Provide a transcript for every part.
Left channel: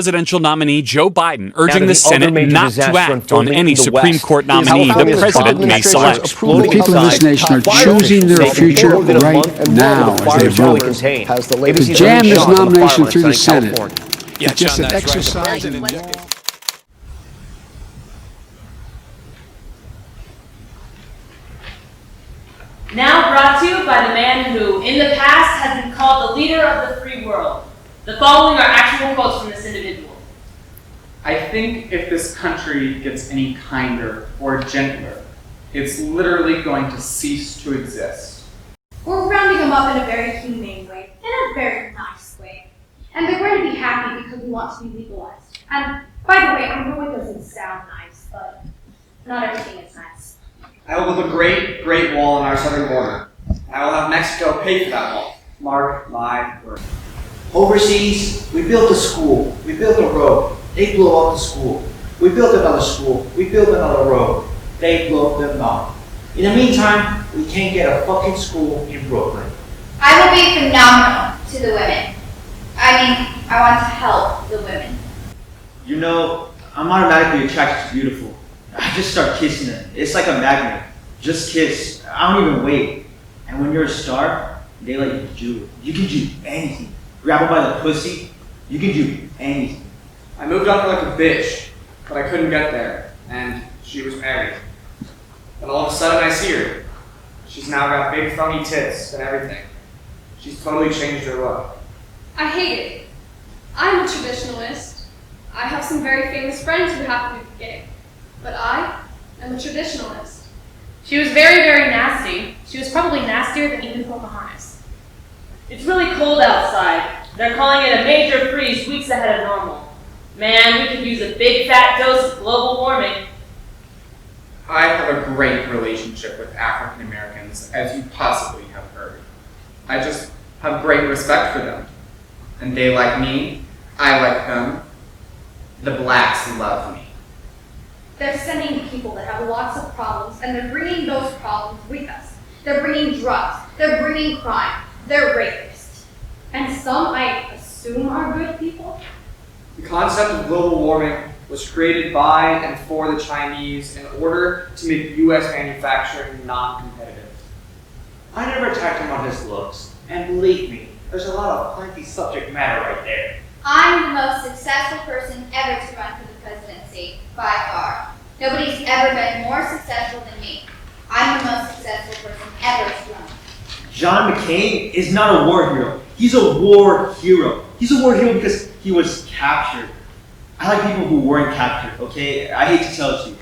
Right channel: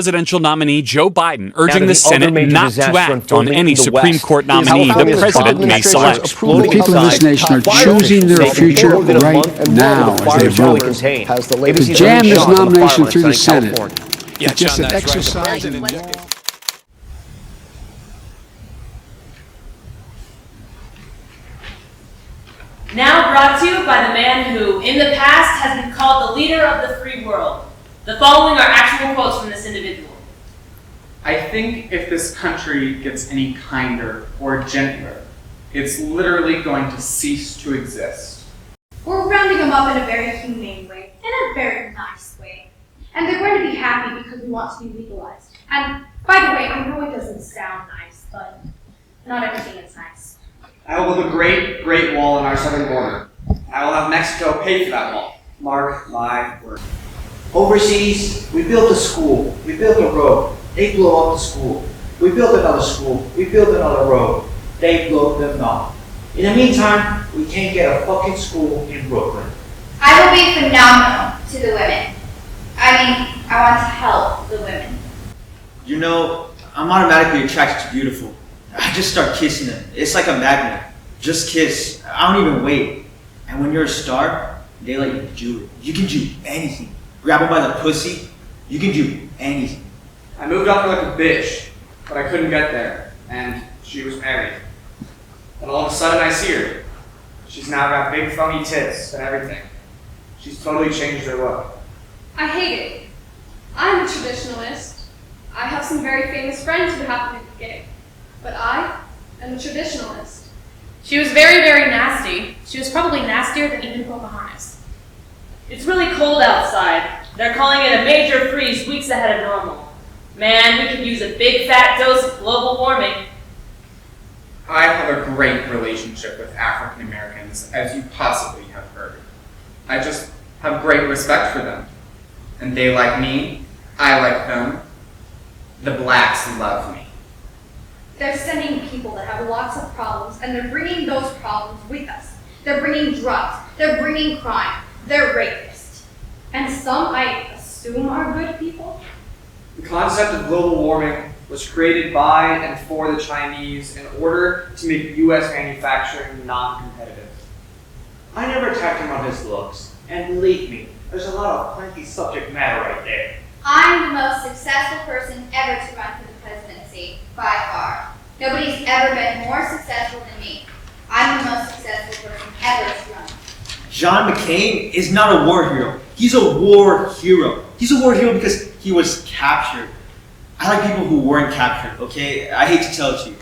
Presidential nominee Joe Biden urging the Senate not to act on any Supreme Court nominee the president may select. The people of this nation are choosing their future right now as they vote. To jam this nomination through the Senate is just an exercise in injustice. Now brought to you by the man who, in the past, has been called the leader of the free world. The following are actual quotes from this individual. I think if this country gets any kinder or gentler, it's literally going to cease to exist. We're rounding them up in a very humane way, in a very nice way. And they're going to be happy because we want to be legalized. And by the way, I know it doesn't sound nice, but not everything is nice. I will build a great, great wall on our southern border. I will have Mexico pay for that wall. Mark my word. Overseas, we built a school, we built a road, they blew up the school. We built another school, we built another road, they blew them up. In the meantime, we can't get a fucking school in Brooklyn. I will be phenomenal to the women. I want to help the women. You know, I'm automatically attracted to beautiful. I just start kissing them. It's like a magnet. Just kiss. I don't even wait. And when you're a star, they let you do it. You can do anything. Grab her by the pussy, you can do anything. I moved up like a bitch, but I couldn't get there, and she was married. Then all of a sudden I see her. She's now got big funny tits and everything. She's totally changed her look. I hate it. I'm a traditionalist. I have some very famous friends who happen to be gay. But I am a traditionalist. She was very, very nasty. She was probably nastier than even Pocahontas. It's really cold outside. They're calling it a major freeze weeks ahead of normal. Man, we could use a big fat dose of global warming. I have a great relationship with African Americans, as you possibly have heard. I just have great respect for them. And they like me, I like them. The blacks love me. They're sending people that have lots of problems, and they're bringing those problems with us. They're bringing drugs. They're bringing crime. They're rapists. And some, I assume, are good people? The concept of global warming was created by and for the Chinese in order to make U.S. manufacturing non-competitive. I never attacked him on his looks. And believe me, there's a lot of plenty subject matter right there. I'm the most successful person ever to run for the presidency, by far. Nobody's ever been more successful than me. I'm the most successful person ever to run. John McCain is not a war hero. He's a war hero. He's a war hero because he was captured. I like people who weren't captured, okay? I hate to tell it to you.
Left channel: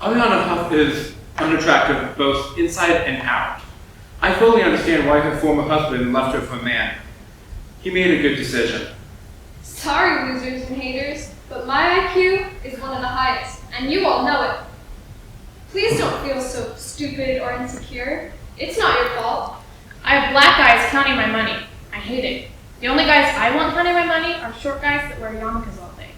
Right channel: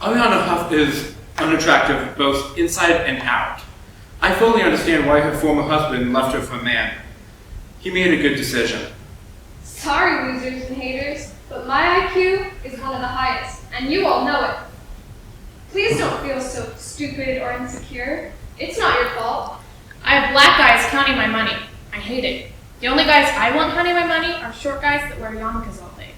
Aviana Huff is unattractive both inside and out. I fully understand why her former husband left her for a man. He made a good decision. Sorry, losers and haters, but my IQ is one of the highest, and you all know it. Please don't feel so stupid or insecure. It's not your fault. I have black guys counting my money. I hate it. The only guys I want counting my money are short guys that wear yarmulkes all day.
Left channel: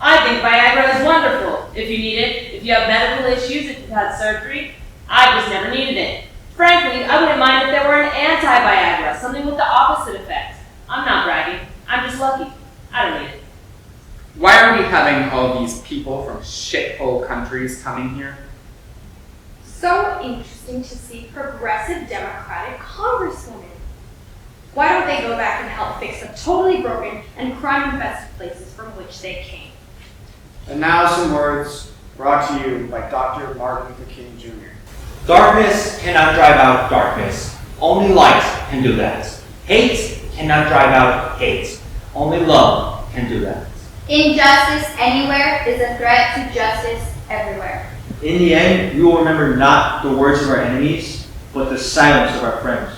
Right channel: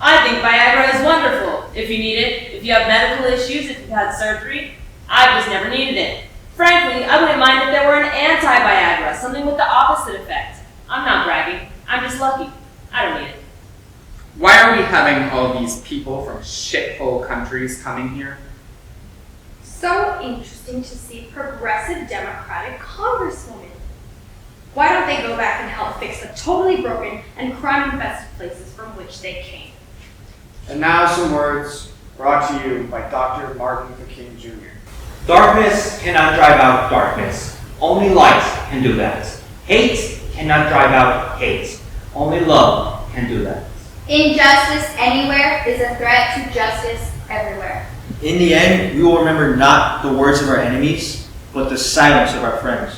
I think Viagra is wonderful. If you need it, if you have medical issues, if you've had surgery, I've just never needed it. Frankly, I wouldn't mind if there were an anti-Viagra, something with the opposite effect. I'm not bragging. I'm just lucky. I don't need it. Why are we having all these people from shithole countries coming here? So interesting to see progressive Democratic congresswomen. Why don't they go back and help fix the totally broken and crime-infested places from which they came? And now some words brought to you by Dr. Martin Luther King Jr. Darkness cannot drive out darkness. Only light can do that. Hate cannot drive out hate. Only love can do that. Injustice anywhere is a threat to justice everywhere. In the end, we will remember not the words of our enemies, but the silence of our friends.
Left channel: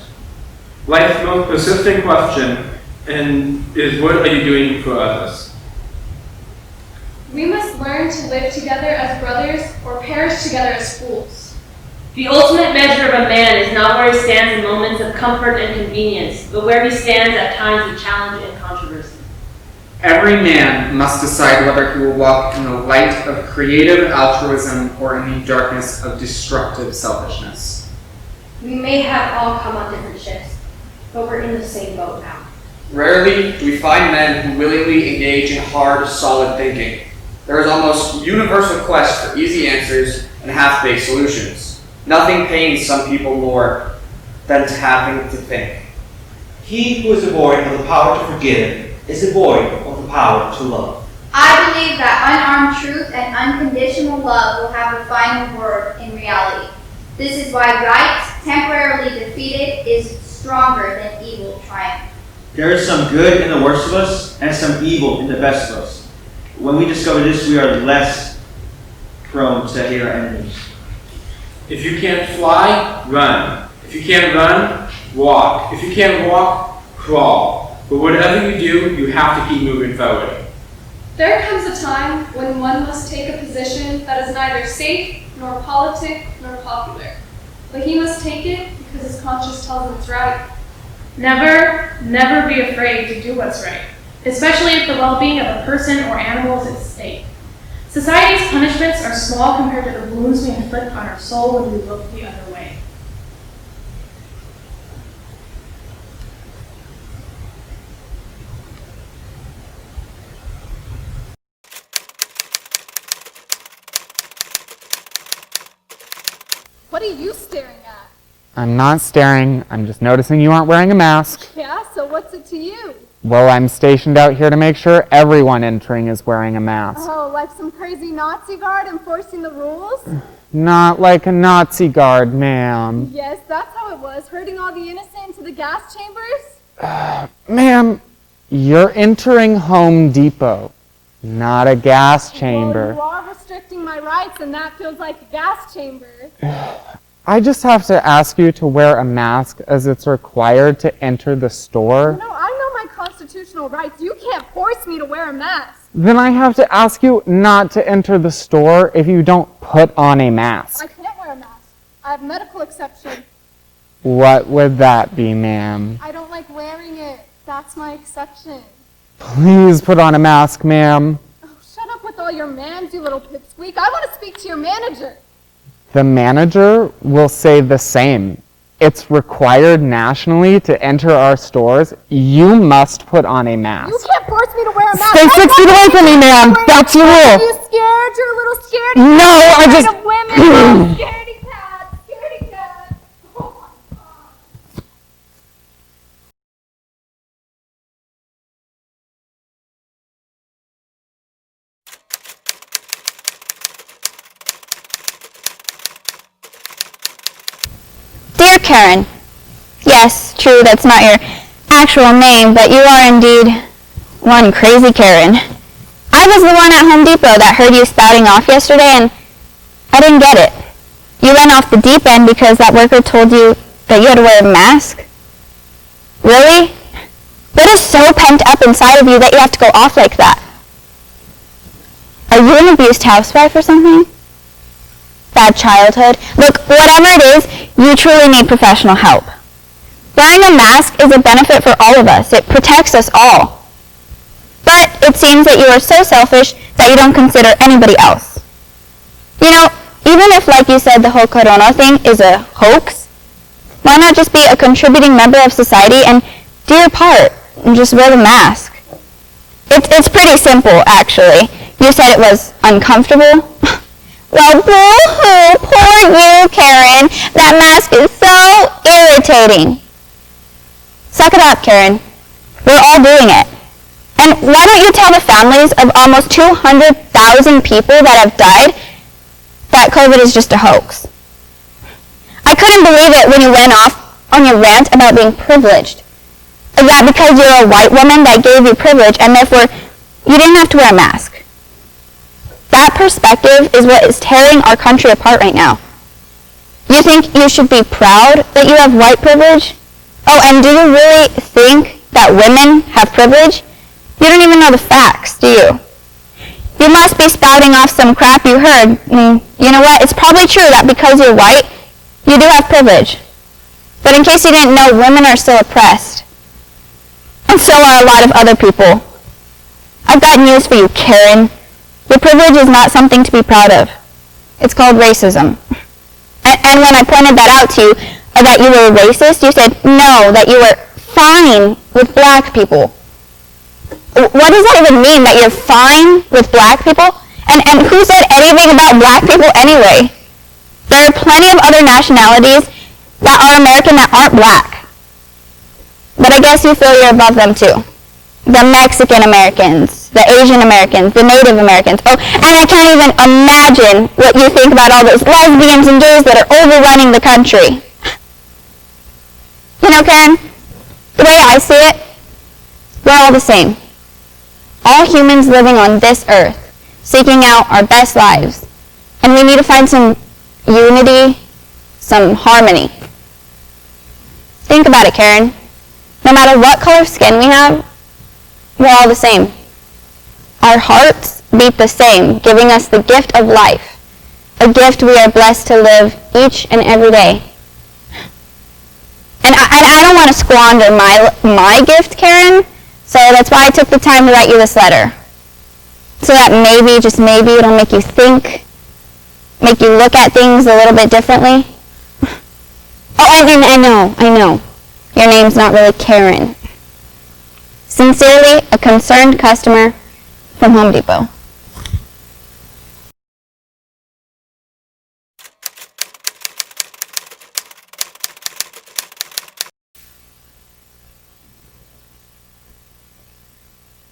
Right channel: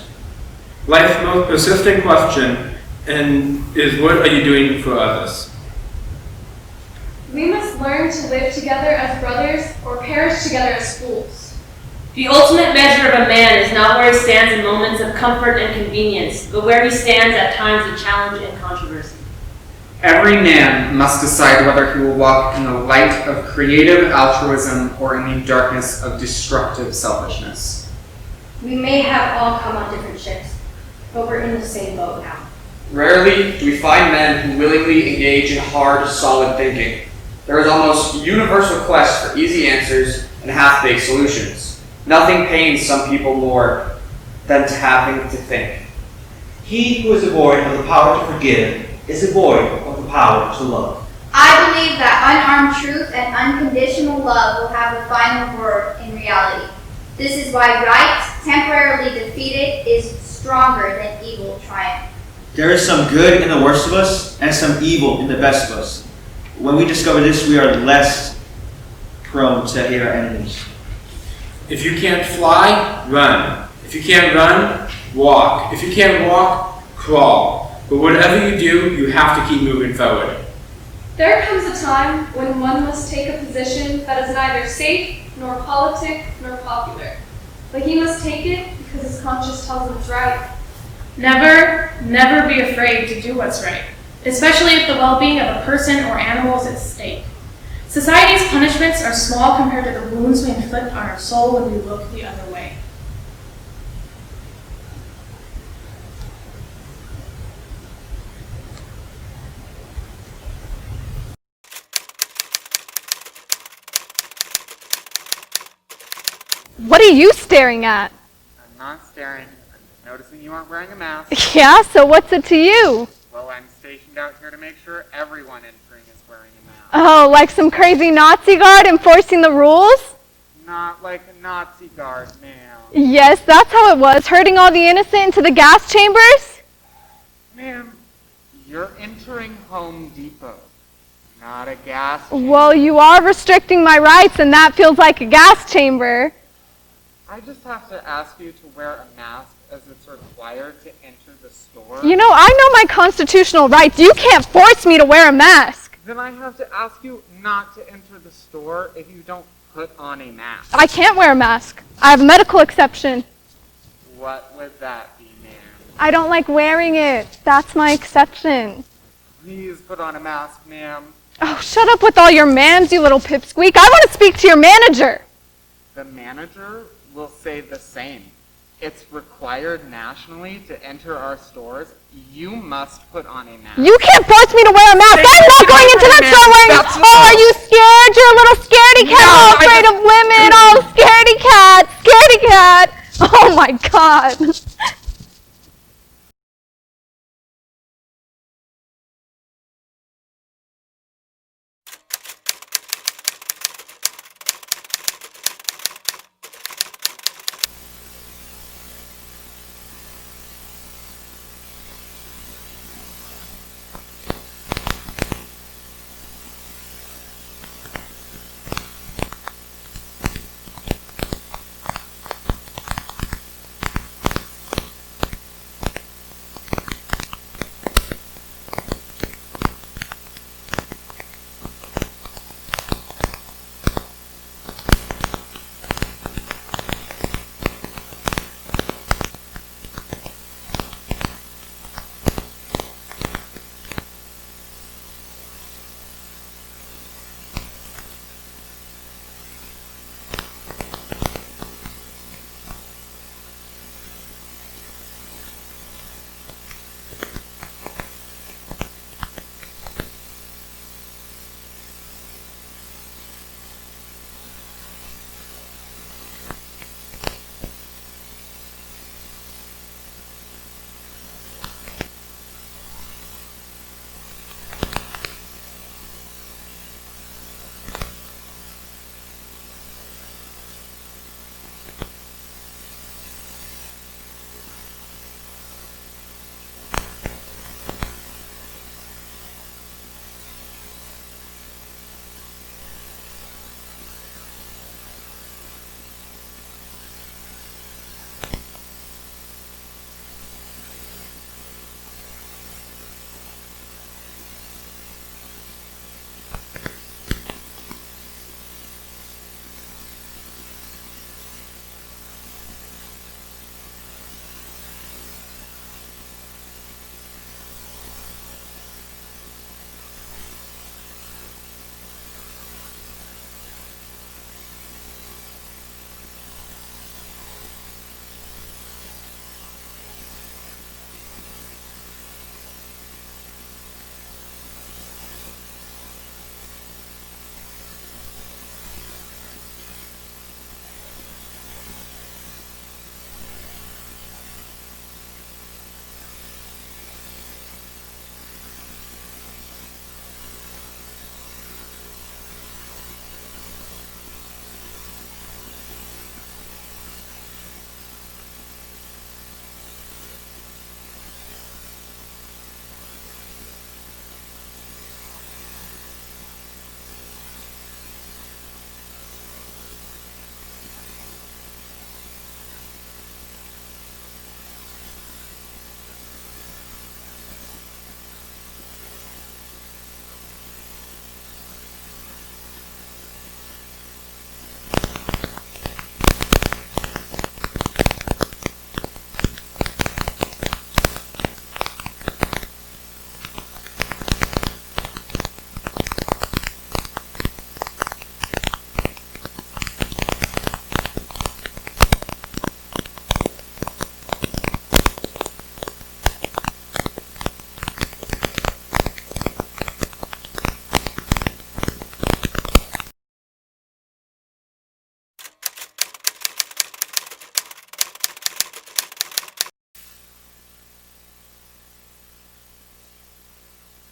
Life's most persistent question is what are you doing for others? We must learn to live together as brothers or perish together as fools. The ultimate measure of a man is not where he stands in moments of comfort and convenience, but where he stands at times of challenge and controversy. Every man must decide whether he will walk in the light of creative altruism or in the darkness of destructive selfishness. We may have all come on different ships, but we're in the same boat now. Rarely do we find men who willingly engage in hard, solid thinking. There is almost universal quest for easy answers and half-baked solutions. Nothing pains some people more than having to think. He who is devoid of the power to forgive is devoid of the power to love. I believe that unarmed truth and unconditional love will have the final word in reality. This is why right, temporarily defeated, is stronger than evil triumph. There is some good in the worst of us and some evil in the best of us. When we discover this, we are less prone to hate our enemies. If you can't fly, run. If you can't run, walk. If you can't walk, crawl. But whatever you do, you have to keep moving forward. There comes a time when one must take a position that is neither safe, nor politic, nor popular. But he must take it because his conscience tells him it's right. Never, never be afraid to do what's right, especially if the well-being of a person or animal is at stake. Society's punishments are small compared to the wounds we inflict on our soul when we look the other way. What are you staring at? I'm not staring, I'm just noticing you aren't wearing a mask. Yeah, so what's it to you? Well, I'm stationed out here to make sure everyone entering is wearing a mask. Oh, like some crazy Nazi guard enforcing the rules? Not like a Nazi guard, ma'am. Yes, that's how it was, herding all the innocent into the gas chambers? Ma'am, you're entering Home Depot, not a gas chamber. Well, you are restricting my rights, and that feels like a gas chamber. I just have to ask you to wear a mask as it's required to enter the store. You know, I know my constitutional rights. You can't force me to wear a mask. Then I have to ask you not to enter the store if you don't put on a mask. I can't wear a mask. I have a medical exception. What would that be, ma'am? I don't like wearing it. That's my exception. Please put on a mask, ma'am. Oh, shut up with all your ma'ams, you little pipsqueak. I want to speak to your manager. The manager will say the same. It's required nationally to enter our stores. You must put on a mask. You can't force me to wear a mask. Stay 6 feet away from me, ma'am. That's the rule. Are you scared? You're a little scaredy cat. No, You're afraid of women. Oh, scaredy cat. Scaredy cat. Oh my God. Dear Karen, yes, true, that's not your actual name, but you are indeed one crazy Karen. I was the one at Home Depot that heard you spouting off yesterday, and I didn't get it. You went off the deep end because that worker told you that you had to wear a mask? Really? What is so pent up inside of you that you have to go off like that? Are you an abused housewife or something? Bad childhood? Look, whatever it is, you truly need professional help. Wearing a mask is a benefit for all of us. It protects us all. But it seems that you are so selfish that you don't consider anybody else. You know, even if, like you said, the whole Corona thing is a hoax, why not just be a contributing member of society and do your part and just wear the mask? It's pretty simple, actually. You said it was uncomfortable. Well, boo-hoo, poor you, Karen. That mask is so irritating. Suck it up, Karen. We're all doing it. And why don't you tell the families of almost 200,000 people that have died that COVID is just a hoax? I couldn't believe it when you went off on your rant about being privileged. That because you're a white woman that gave you privilege and therefore you didn't have to wear a mask. That perspective is what is tearing our country apart right now. You think you should be proud that you have white privilege? Oh, and do you really think that women have privilege? You don't even know the facts, do you? You must be spouting off some crap you heard. You know what? It's probably true that because you're white, you do have privilege. But in case you didn't know, women are still oppressed. And so are a lot of other people. I've got news for you, Karen. Your privilege is not something to be proud of. It's called racism. And when I pointed that out to you, that you were racist, you said, no, that you were fine with black people. What does that even mean, that you're fine with black people? And who said anything about black people anyway? There are plenty of other nationalities that are American that aren't black. But I guess you feel you're above them too. The Mexican Americans, the Asian Americans, the Native Americans. Oh, and I can't even imagine what you think about all those lesbians and gays that are overrunning the country. You know, Karen, the way I see it, we're all the same. All humans living on this earth, seeking out our best lives. And we need to find some unity, some harmony. Think about it, Karen. No matter what color skin we have, we're all the same. Our hearts beat the same, giving us the gift of life, a gift we are blessed to live each and every day. And I don't want to squander my gift, Karen, so that's why I took the time to write you this letter. So that maybe, just maybe, it'll make you think, make you look at things a little bit differently. Oh, and I know. Your name's not really Karen. Sincerely, a concerned customer from Home Depot.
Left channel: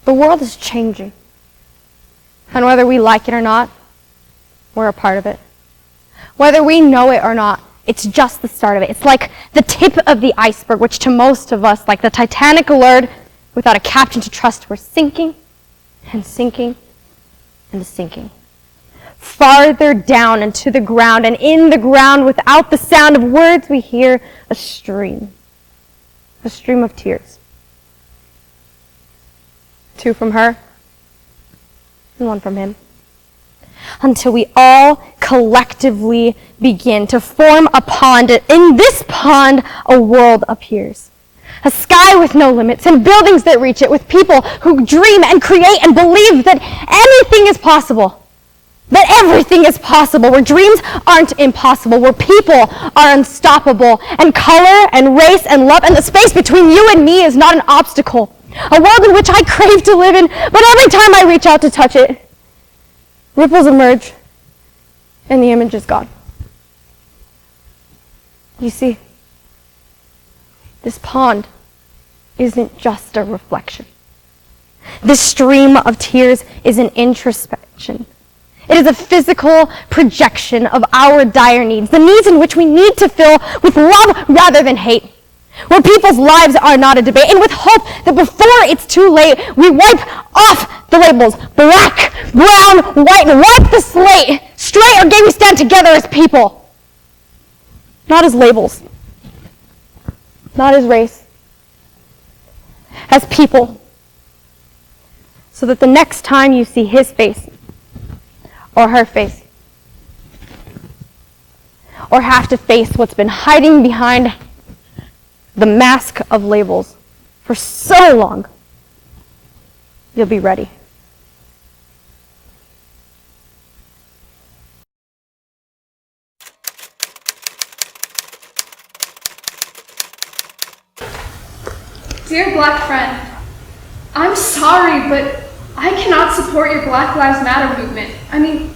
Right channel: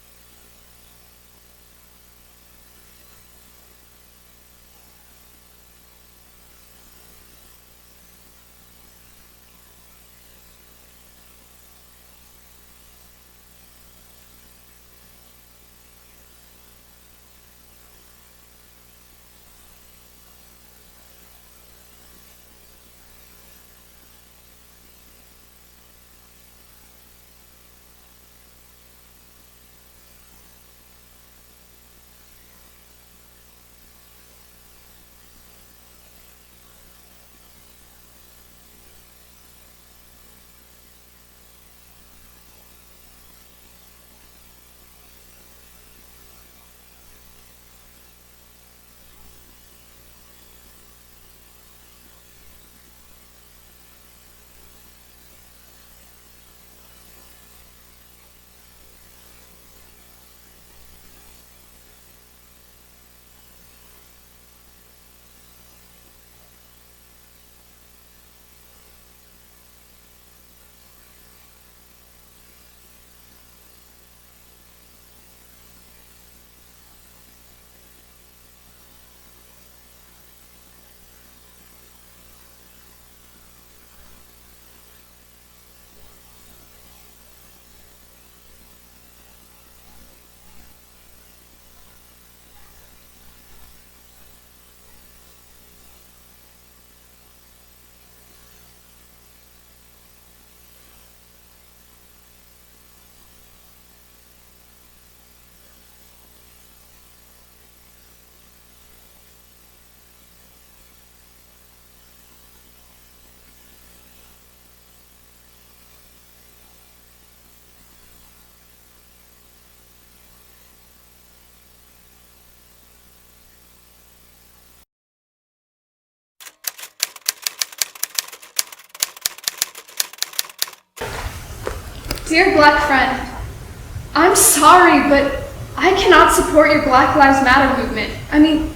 The world is changing. And whether we like it or not, we're a part of it. Whether we know it or not, it's just the start of it. It's like the tip of the iceberg, which to most of us, like the Titanic alert, without a captain to trust, we're sinking and sinking and sinking. Farther down into the ground, and in the ground, without the sound of words, we hear a stream of tears. 2 from her, and 1 from him. Until we all collectively begin to form a pond. In this pond, a world appears. A sky with no limits, and buildings that reach it, with people who dream and create and believe that anything is possible. That everything is possible, where dreams aren't impossible, where people are unstoppable, and color and race and love and the space between you and me is not an obstacle. A world in which I crave to live in, but every time I reach out to touch it, ripples emerge, and the image is gone. You see, this pond isn't just a reflection. This stream of tears is an introspection. It is a physical projection of our dire needs, the needs in which we need to fill with love rather than hate. Where people's lives are not a debate, and with hope that before it's too late, we wipe off the labels, black, brown, white, and wipe the slate. Straight or gay, we stand together as people. Not as labels. Not as race. As people. So that the next time you see his face, or her face, or have to face what's been hiding behind the mask of labels for so long, you'll be ready. Dear black friend, I'm sorry, but I cannot support your Black Lives Matter movement. I mean,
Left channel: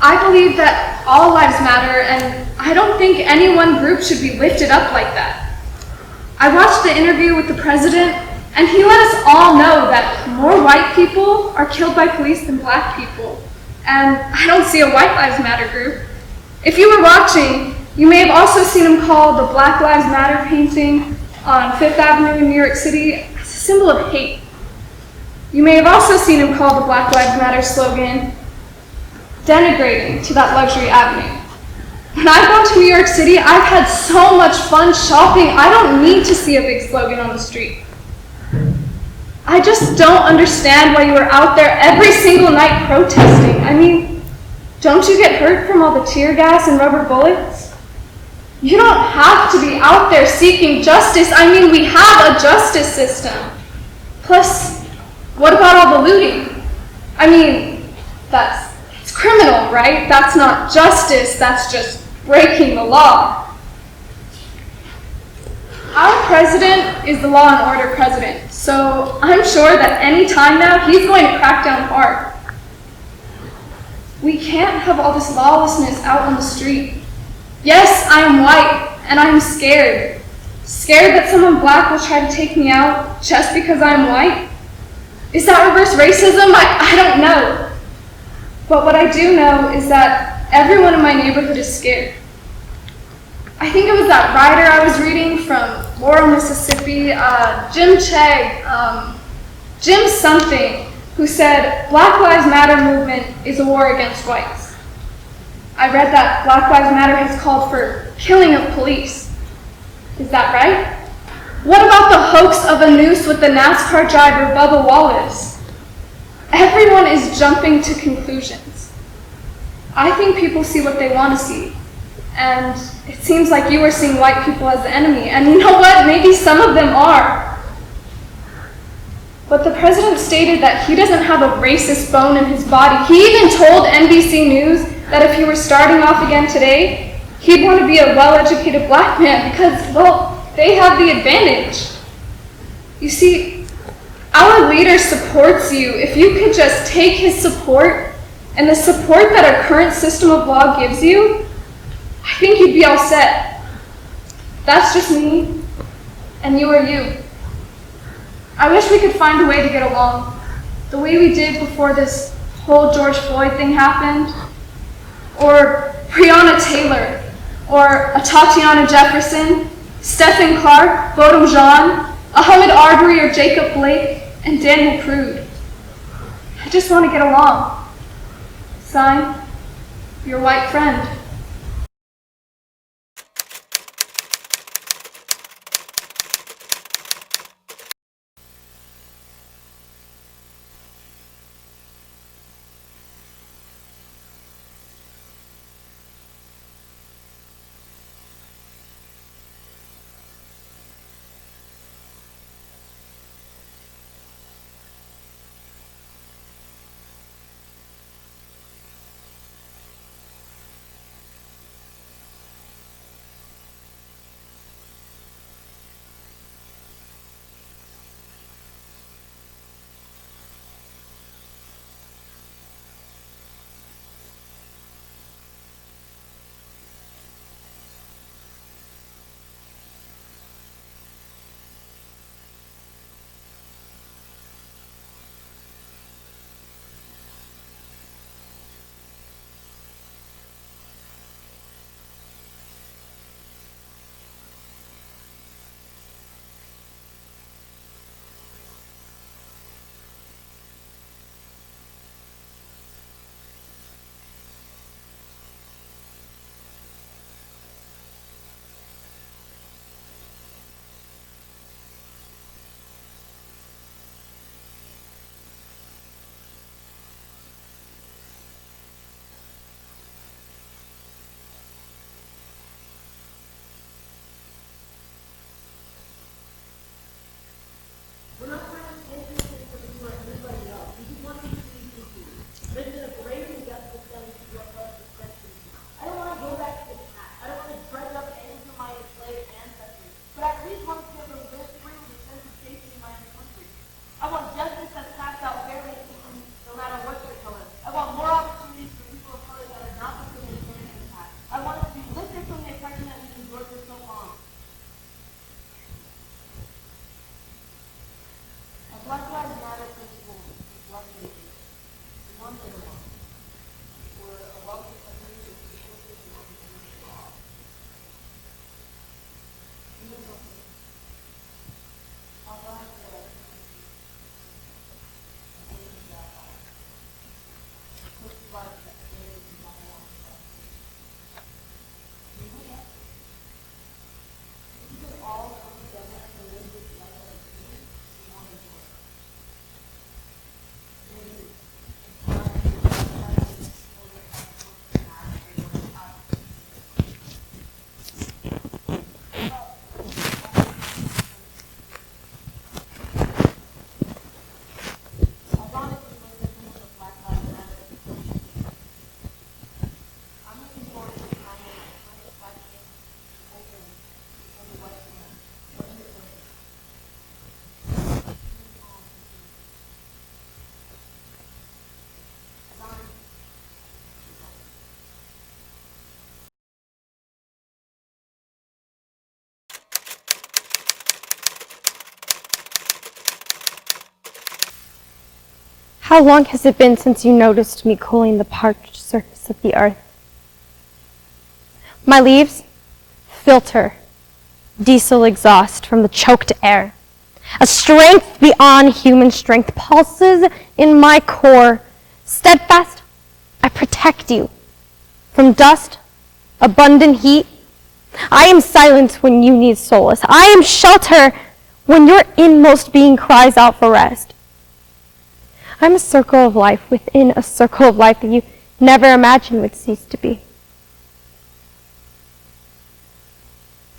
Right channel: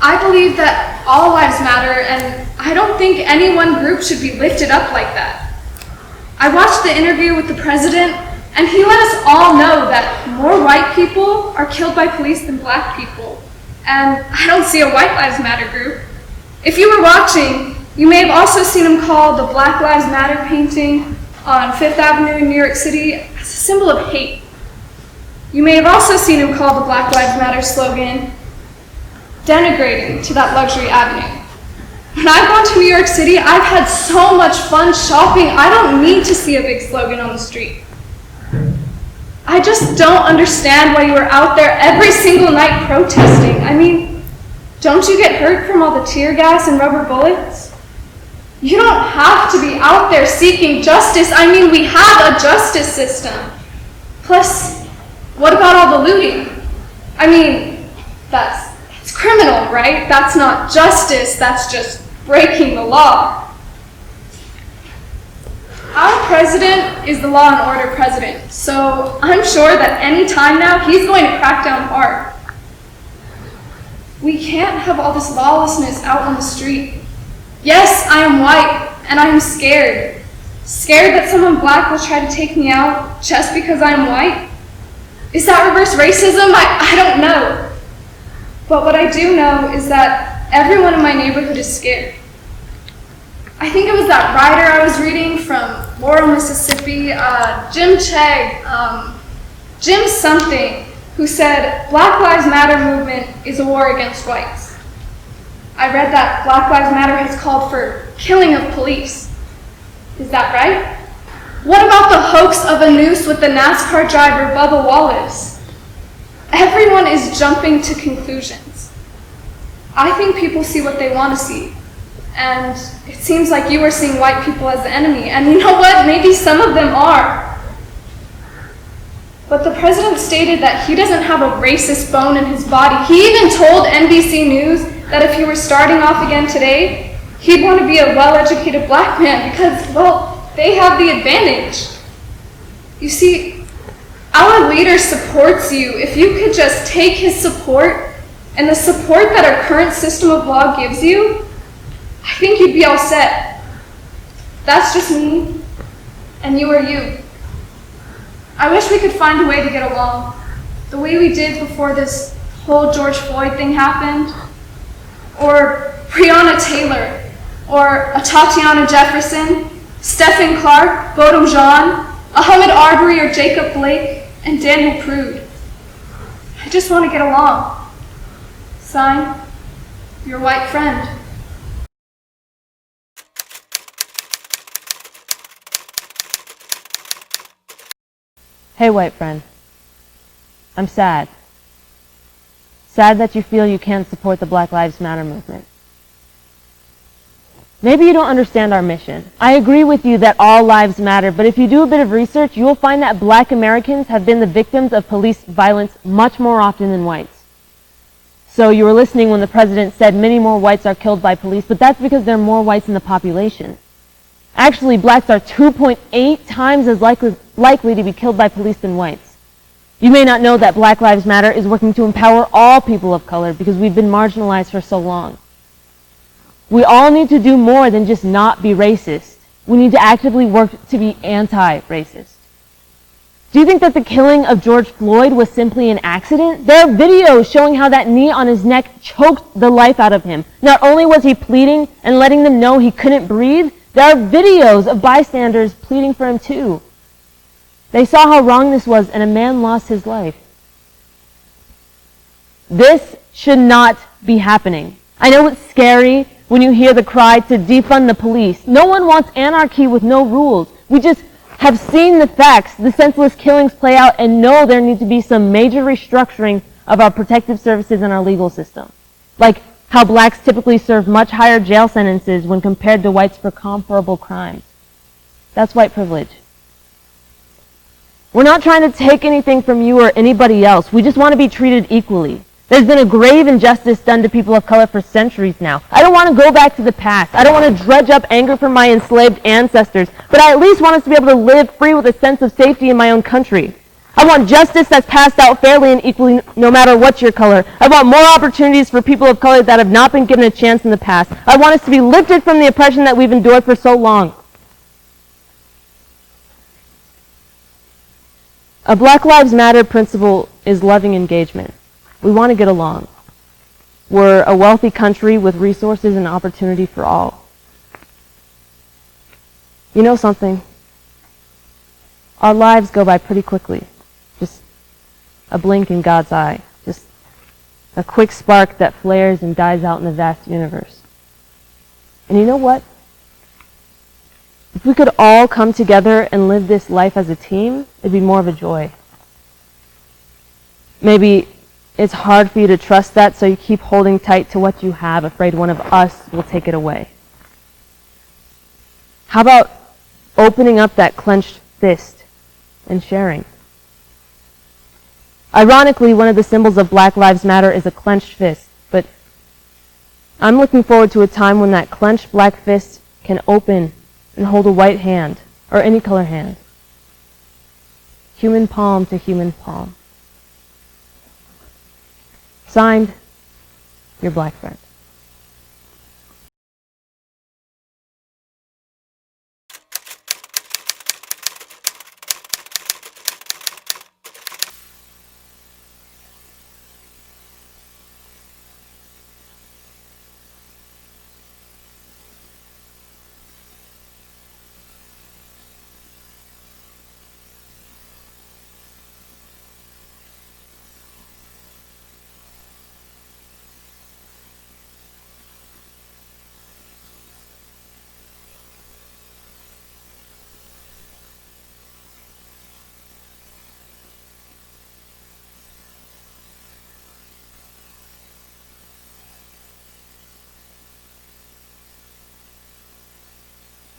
I believe that all lives matter, and I don't think any one group should be lifted up like that. I watched the interview with the president, and he let us all know that more white people are killed by police than black people. And I don't see a White Lives Matter group. If you were watching, you may have also seen him call the Black Lives Matter painting on Fifth Avenue in New York City as a symbol of hate. You may have also seen him call the Black Lives Matter slogan denigrating to that luxury avenue. When I've gone to New York City, I've had so much fun shopping, I don't need to see a big slogan on the street. I just don't understand why you are out there every single night protesting. I mean, don't you get hurt from all the tear gas and rubber bullets? You don't have to be out there seeking justice. I mean, we have a justice system. Plus, what about all the looting? I mean, that's criminal, right? That's not justice, that's just breaking the law. Our president is the law and order president, so I'm sure that any time now he's going to crack down hard. We can't have all this lawlessness out on the street. Yes, I am white, and I am scared. Scared that someone black will try to take me out just because I am white? Is that reverse racism? I don't know. But what I do know is that everyone in my neighborhood is scared. I think it was that writer I was reading from Laurel, Mississippi, Jim Chegg, Jim something, who said Black Lives Matter movement is a war against whites. I read that Black Lives Matter has called for killing of police. Is that right? What about the hoax of a noose with the NASCAR driver Bubba Wallace? Everyone is jumping to conclusions. I think people see what they want to see. And it seems like you are seeing white people as the enemy. And you know what? Maybe some of them are. But the president stated that he doesn't have a racist bone in his body. He even told NBC News that if he were starting off again today, he'd want to be a well-educated black man because, well, they have the advantage. You see, our leader supports you. If you could just take his support and the support that our current system of law gives you, I think you'd be all set. That's just me, and you are you. I wish we could find a way to get along, the way we did before this whole George Floyd thing happened, or Breonna Taylor, or a Tatiana Jefferson, Stephen Clark, Bodum Jean, Ahmaud Arbery, or Jacob Blake, and Daniel Prude. I just want to get along. Sign, your white friend. Hey, white friend. I'm sad. Sad that you feel you can't support the Black Lives Matter movement. Maybe you don't understand our mission. I agree with you that all lives matter, but if you do a bit of research, you will find that black Americans have been the victims of police violence much more often than whites. So you were listening when the president said many more whites are killed by police, but that's because there are more whites in the population. Actually, blacks are 2.8 times as likely to be killed by police than whites. You may not know that Black Lives Matter is working to empower all people of color because we've been marginalized for so long. We all need to do more than just not be racist. We need to actively work to be anti-racist. Do you think that the killing of George Floyd was simply an accident? There are videos showing how that knee on his neck choked the life out of him. Not only was he pleading and letting them know he couldn't breathe, there are videos of bystanders pleading for him too. They saw how wrong this was, and a man lost his life. This should not be happening. I know it's scary when you hear the cry to defund the police. No one wants anarchy with no rules. We just have seen the facts, the senseless killings play out, and know there needs to be some major restructuring of our protective services and our legal system. Like how blacks typically serve much higher jail sentences when compared to whites for comparable crimes. That's white privilege. We're not trying to take anything from you or anybody else. We just want to be treated equally. There's been a grave injustice done to people of color for centuries now. I don't want to go back to the past. I don't want to dredge up anger from my enslaved ancestors, but I at least want us to be able to live free with a sense of safety in my own country. I want justice that's passed out fairly and equally no matter what your color. I want more opportunities for people of color that have not been given a chance in the past. I want us to be lifted from the oppression that we've endured for so long. A Black Lives Matter principle is loving engagement. We want to get along. We're a wealthy country with resources and opportunity for all. You know something? Our lives go by pretty quickly. Just a blink in God's eye. Just a quick spark that flares and dies out in the vast universe. And you know what? If we could all come together and live this life as a team, it'd be more of a joy. Maybe it's hard for you to trust that, so you keep holding tight to what you have, afraid one of us will take it away. How about opening up that clenched fist and sharing? Ironically, one of the symbols of Black Lives Matter is a clenched fist, but I'm looking forward to a time when that clenched black fist can open and hold a white hand, or any color hand. Human palm to human palm. Signed, your black friend. How long has it been since you noticed me cooling the parched surface of the earth? My leaves filter diesel exhaust from the choked air. A strength beyond human strength pulses in my core. Steadfast, I protect you from dust, abundant heat. I am silence when you need solace. I am shelter when your inmost being cries out for rest. I'm a circle of life within a circle of life that you never imagined would cease to be.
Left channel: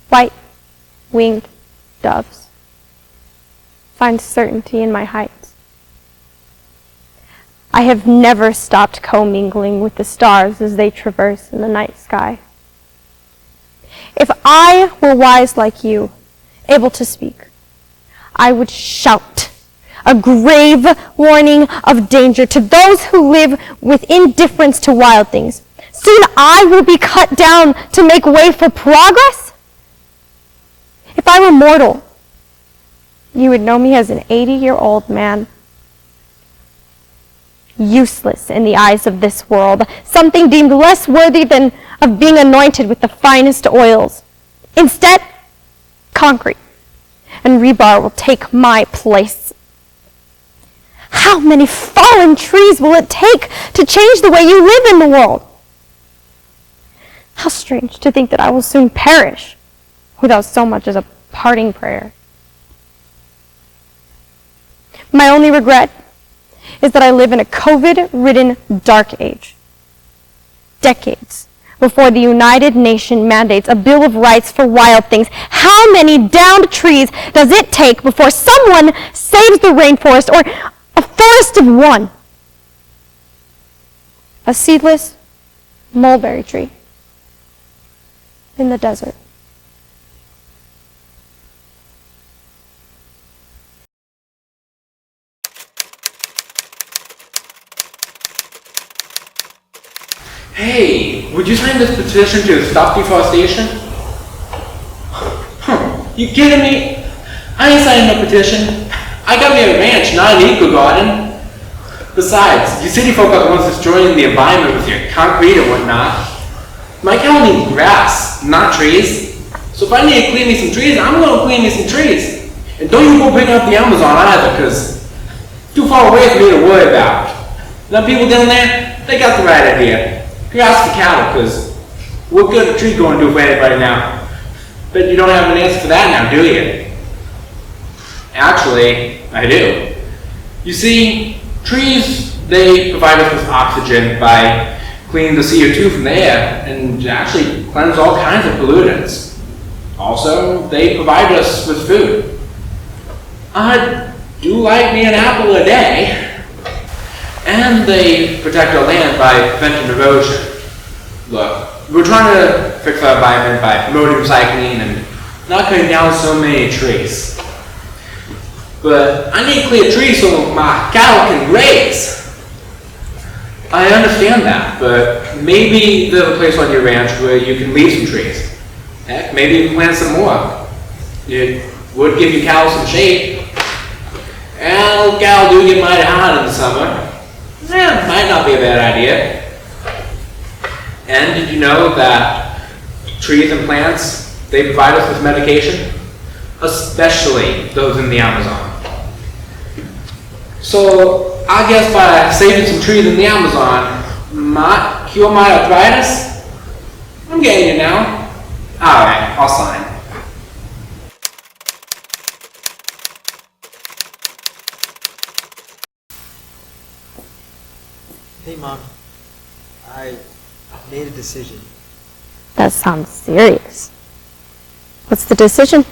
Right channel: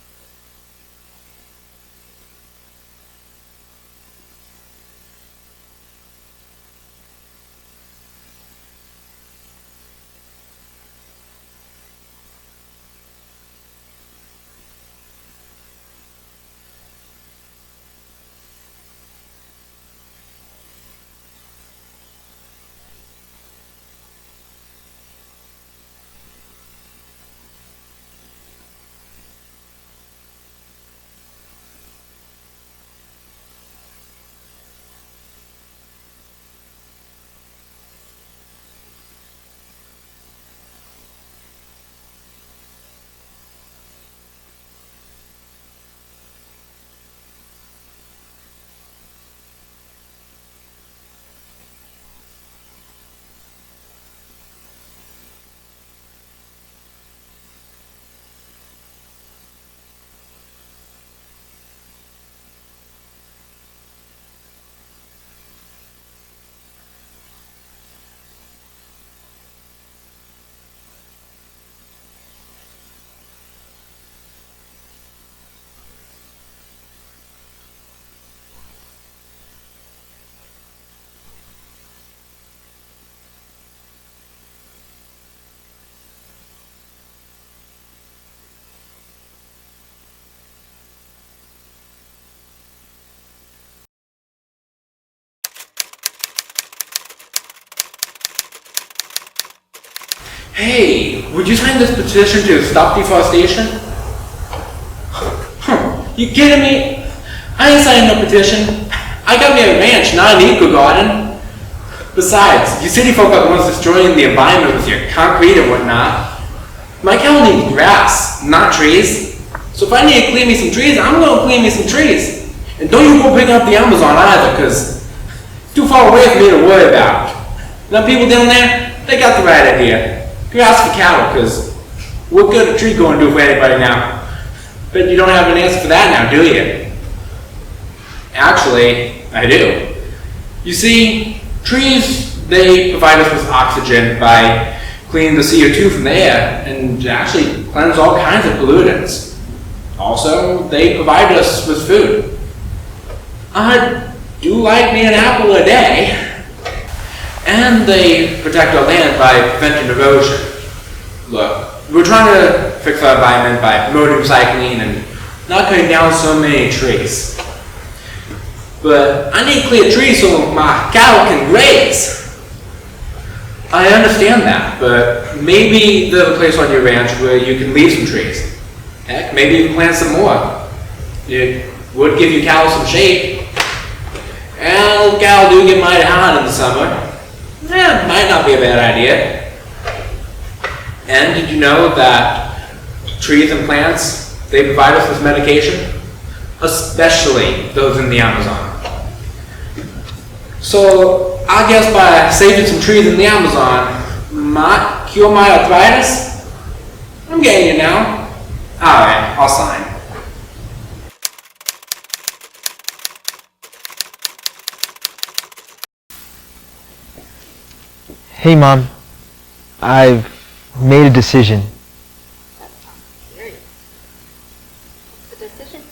White-winged doves find certainty in my heights. I have never stopped commingling with the stars as they traverse in the night sky. If I were wise like you, able to speak, I would shout a grave warning of danger to those who live with indifference to wild things. Soon I will be cut down to make way for progress. If I were mortal, you would know me as an 80-year-old man. Useless in the eyes of this world, something deemed less worthy than of being anointed with the finest oils. Instead, concrete and rebar will take my place. How many fallen trees will it take to change the way you live in the world? How strange to think that I will soon perish without so much as a parting prayer. My only regret is that I live in a COVID-ridden dark age. Decades before the United Nations mandates a Bill of Rights for wild things. How many downed trees does it take before someone saves the rainforest or a forest of one? A seedless mulberry tree in the desert. Hey, would you sign this petition to stop deforestation? You kidding me? I ain't signing no petition. I got me a ranch, not an eco garden. Besides, you city folk are the ones destroying the environment with your concrete and whatnot. My cow needs grass, not trees. So if I need to clean me some trees, I'm going to clean me some trees. And don't you go picking up the Amazon either, because it's too far away for me to worry about. Now people down there, they got the right idea. Grass for cattle, because what good a tree going to do for anybody now? Bet you don't have an answer for that now, do you? Actually, I do. You see, trees, they provide us with oxygen by cleaning the CO2 from the air and actually cleanse all kinds of pollutants. Also, they provide us with food. I do like me an apple a day. And they protect our land by preventing erosion. Look, we're trying to fix our environment by promoting recycling and not cutting down so many trees. But I need clear trees so my cattle can graze. I understand that, but maybe there's a place on your ranch where you can leave some trees. Heck, maybe you can plant some more. It would give your cattle some shade. And cattle do get mighty hot in the summer. Might not be a bad idea. And did you know that trees and plants, they provide us with medication? Especially those in the Amazon. So I guess by saving some trees in the Amazon might cure my arthritis? I'm getting you now. Alright, I'll sign. Hey Mom, I've made a decision. That sounds serious. What's the decision?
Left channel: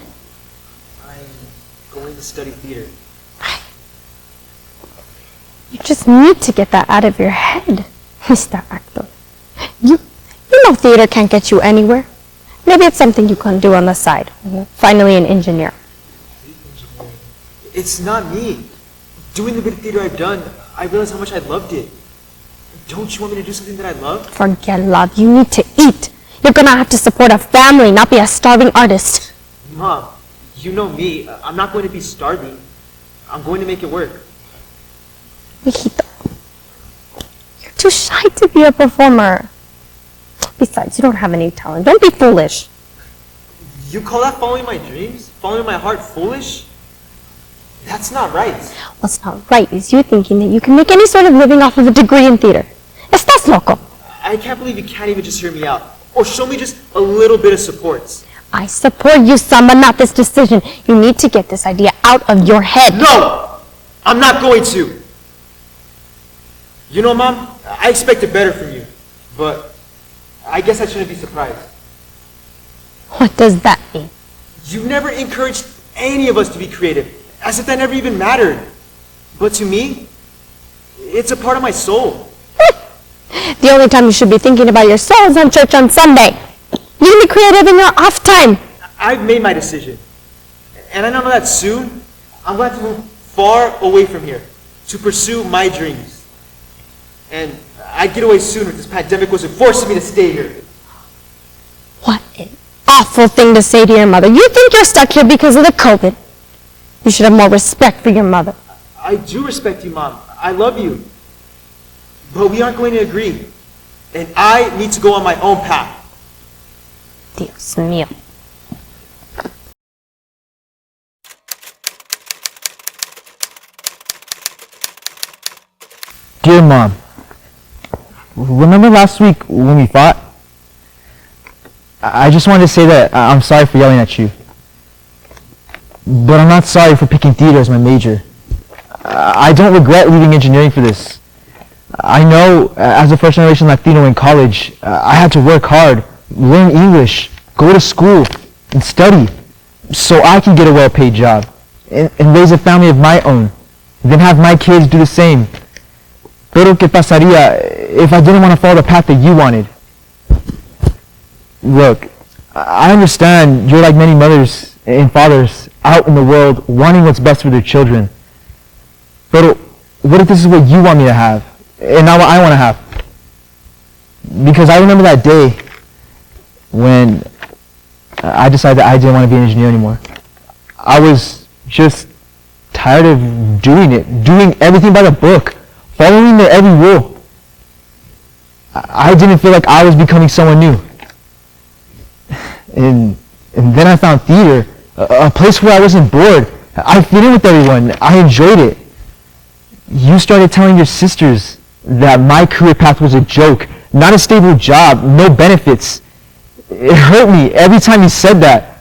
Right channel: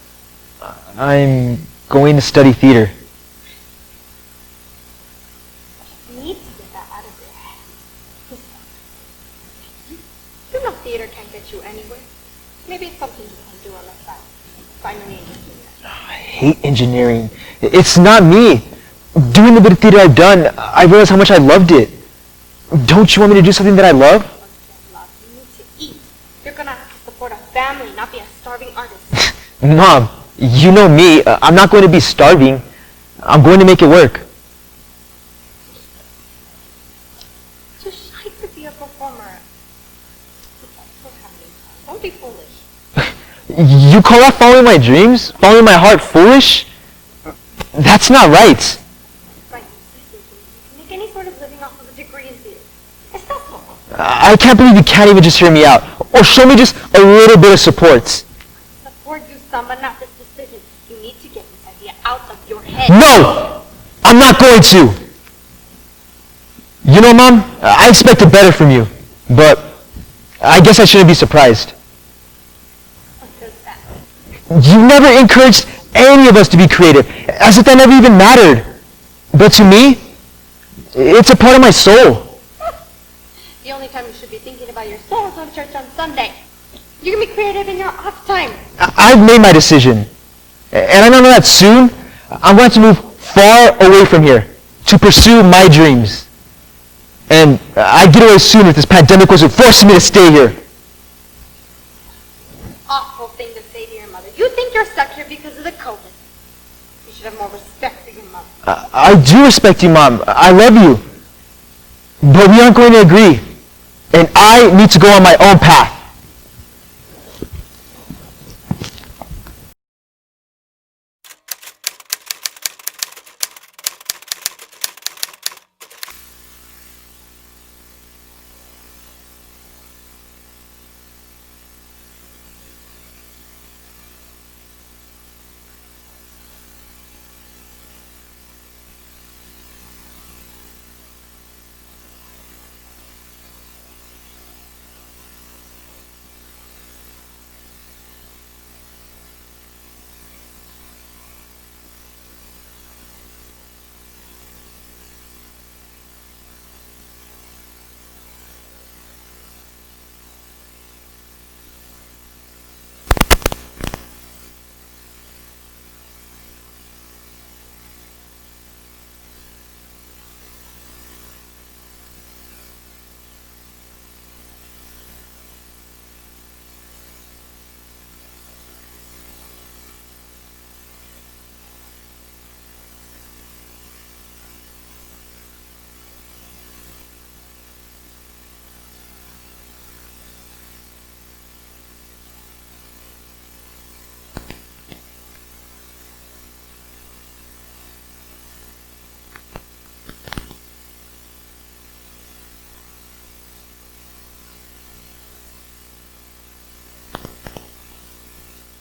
I'm going to study theater. You just need to get that out of your head, Mr. Actor. You know theater can't get you anywhere. Maybe it's something you can do on the side. Finally an engineer. I hate engineering. It's not me. Doing the bit of theater I've done, I realized how much I loved it. Don't you want me to do something that I love? Forget love. You need to eat. You're gonna have to support a family, not be a starving artist. Mom, you know me. I'm not going to be starving. I'm going to make it work. Mijito, you're too shy to be a performer. Besides, you don't have any talent. Don't be foolish. You call that following my dreams? Following my heart foolish? That's not right. What's not right is you thinking that you can make any sort of living off of a degree in theater. Estás loco. I can't believe you can't even just hear me out. Or show me just a little bit of support. I support you, son, but not this decision. You need to get this idea out of your head. No! I'm not going to. You know, Mom, I expected better from you. But I guess I shouldn't be surprised. What does that mean? You never encouraged any of us to be creative, as if that never even mattered. But to me, it's a part of my soul. The only time you should be thinking about your soul is on church on Sunday. You can be creative in your off time. I've made my decision. And I know that soon, I'm going to move far away from here to pursue my dreams. And I'd get away soon if this pandemic wasn't forcing me to stay here. What an awful thing to say to your mother. You think you're stuck here because of the COVID. You should have more respect for your mother. I do respect you, Mom. I love you. But we aren't going to agree. And I need to go on my own path. Dios mío. Dear Mom, remember last week when we fought? I just wanted to say that I'm sorry for yelling at you. But I'm not sorry for picking theater as my major. I don't regret leaving engineering for this. I know, as a first-generation Latino in college, I had to work hard, learn English, go to school, and study, so I can get a well-paid job, and raise a family of my own, then have my kids do the same. Pero ¿qué pasaría if I didn't want to follow the path that you wanted? Look, I understand you're like many mothers and fathers out in the world wanting what's best for their children. But what if this is what you want me to have, and not what I want to have? Because I remember that day when I decided that I didn't want to be an engineer anymore. I was just tired of doing it, doing everything by the book, following their every rule. I didn't feel like I was becoming someone new. And then I found theater, a place where I wasn't bored. I fit in with everyone. I enjoyed it. You started telling your sisters that my career path was a joke, not a stable job, no benefits. It hurt me every time you said that.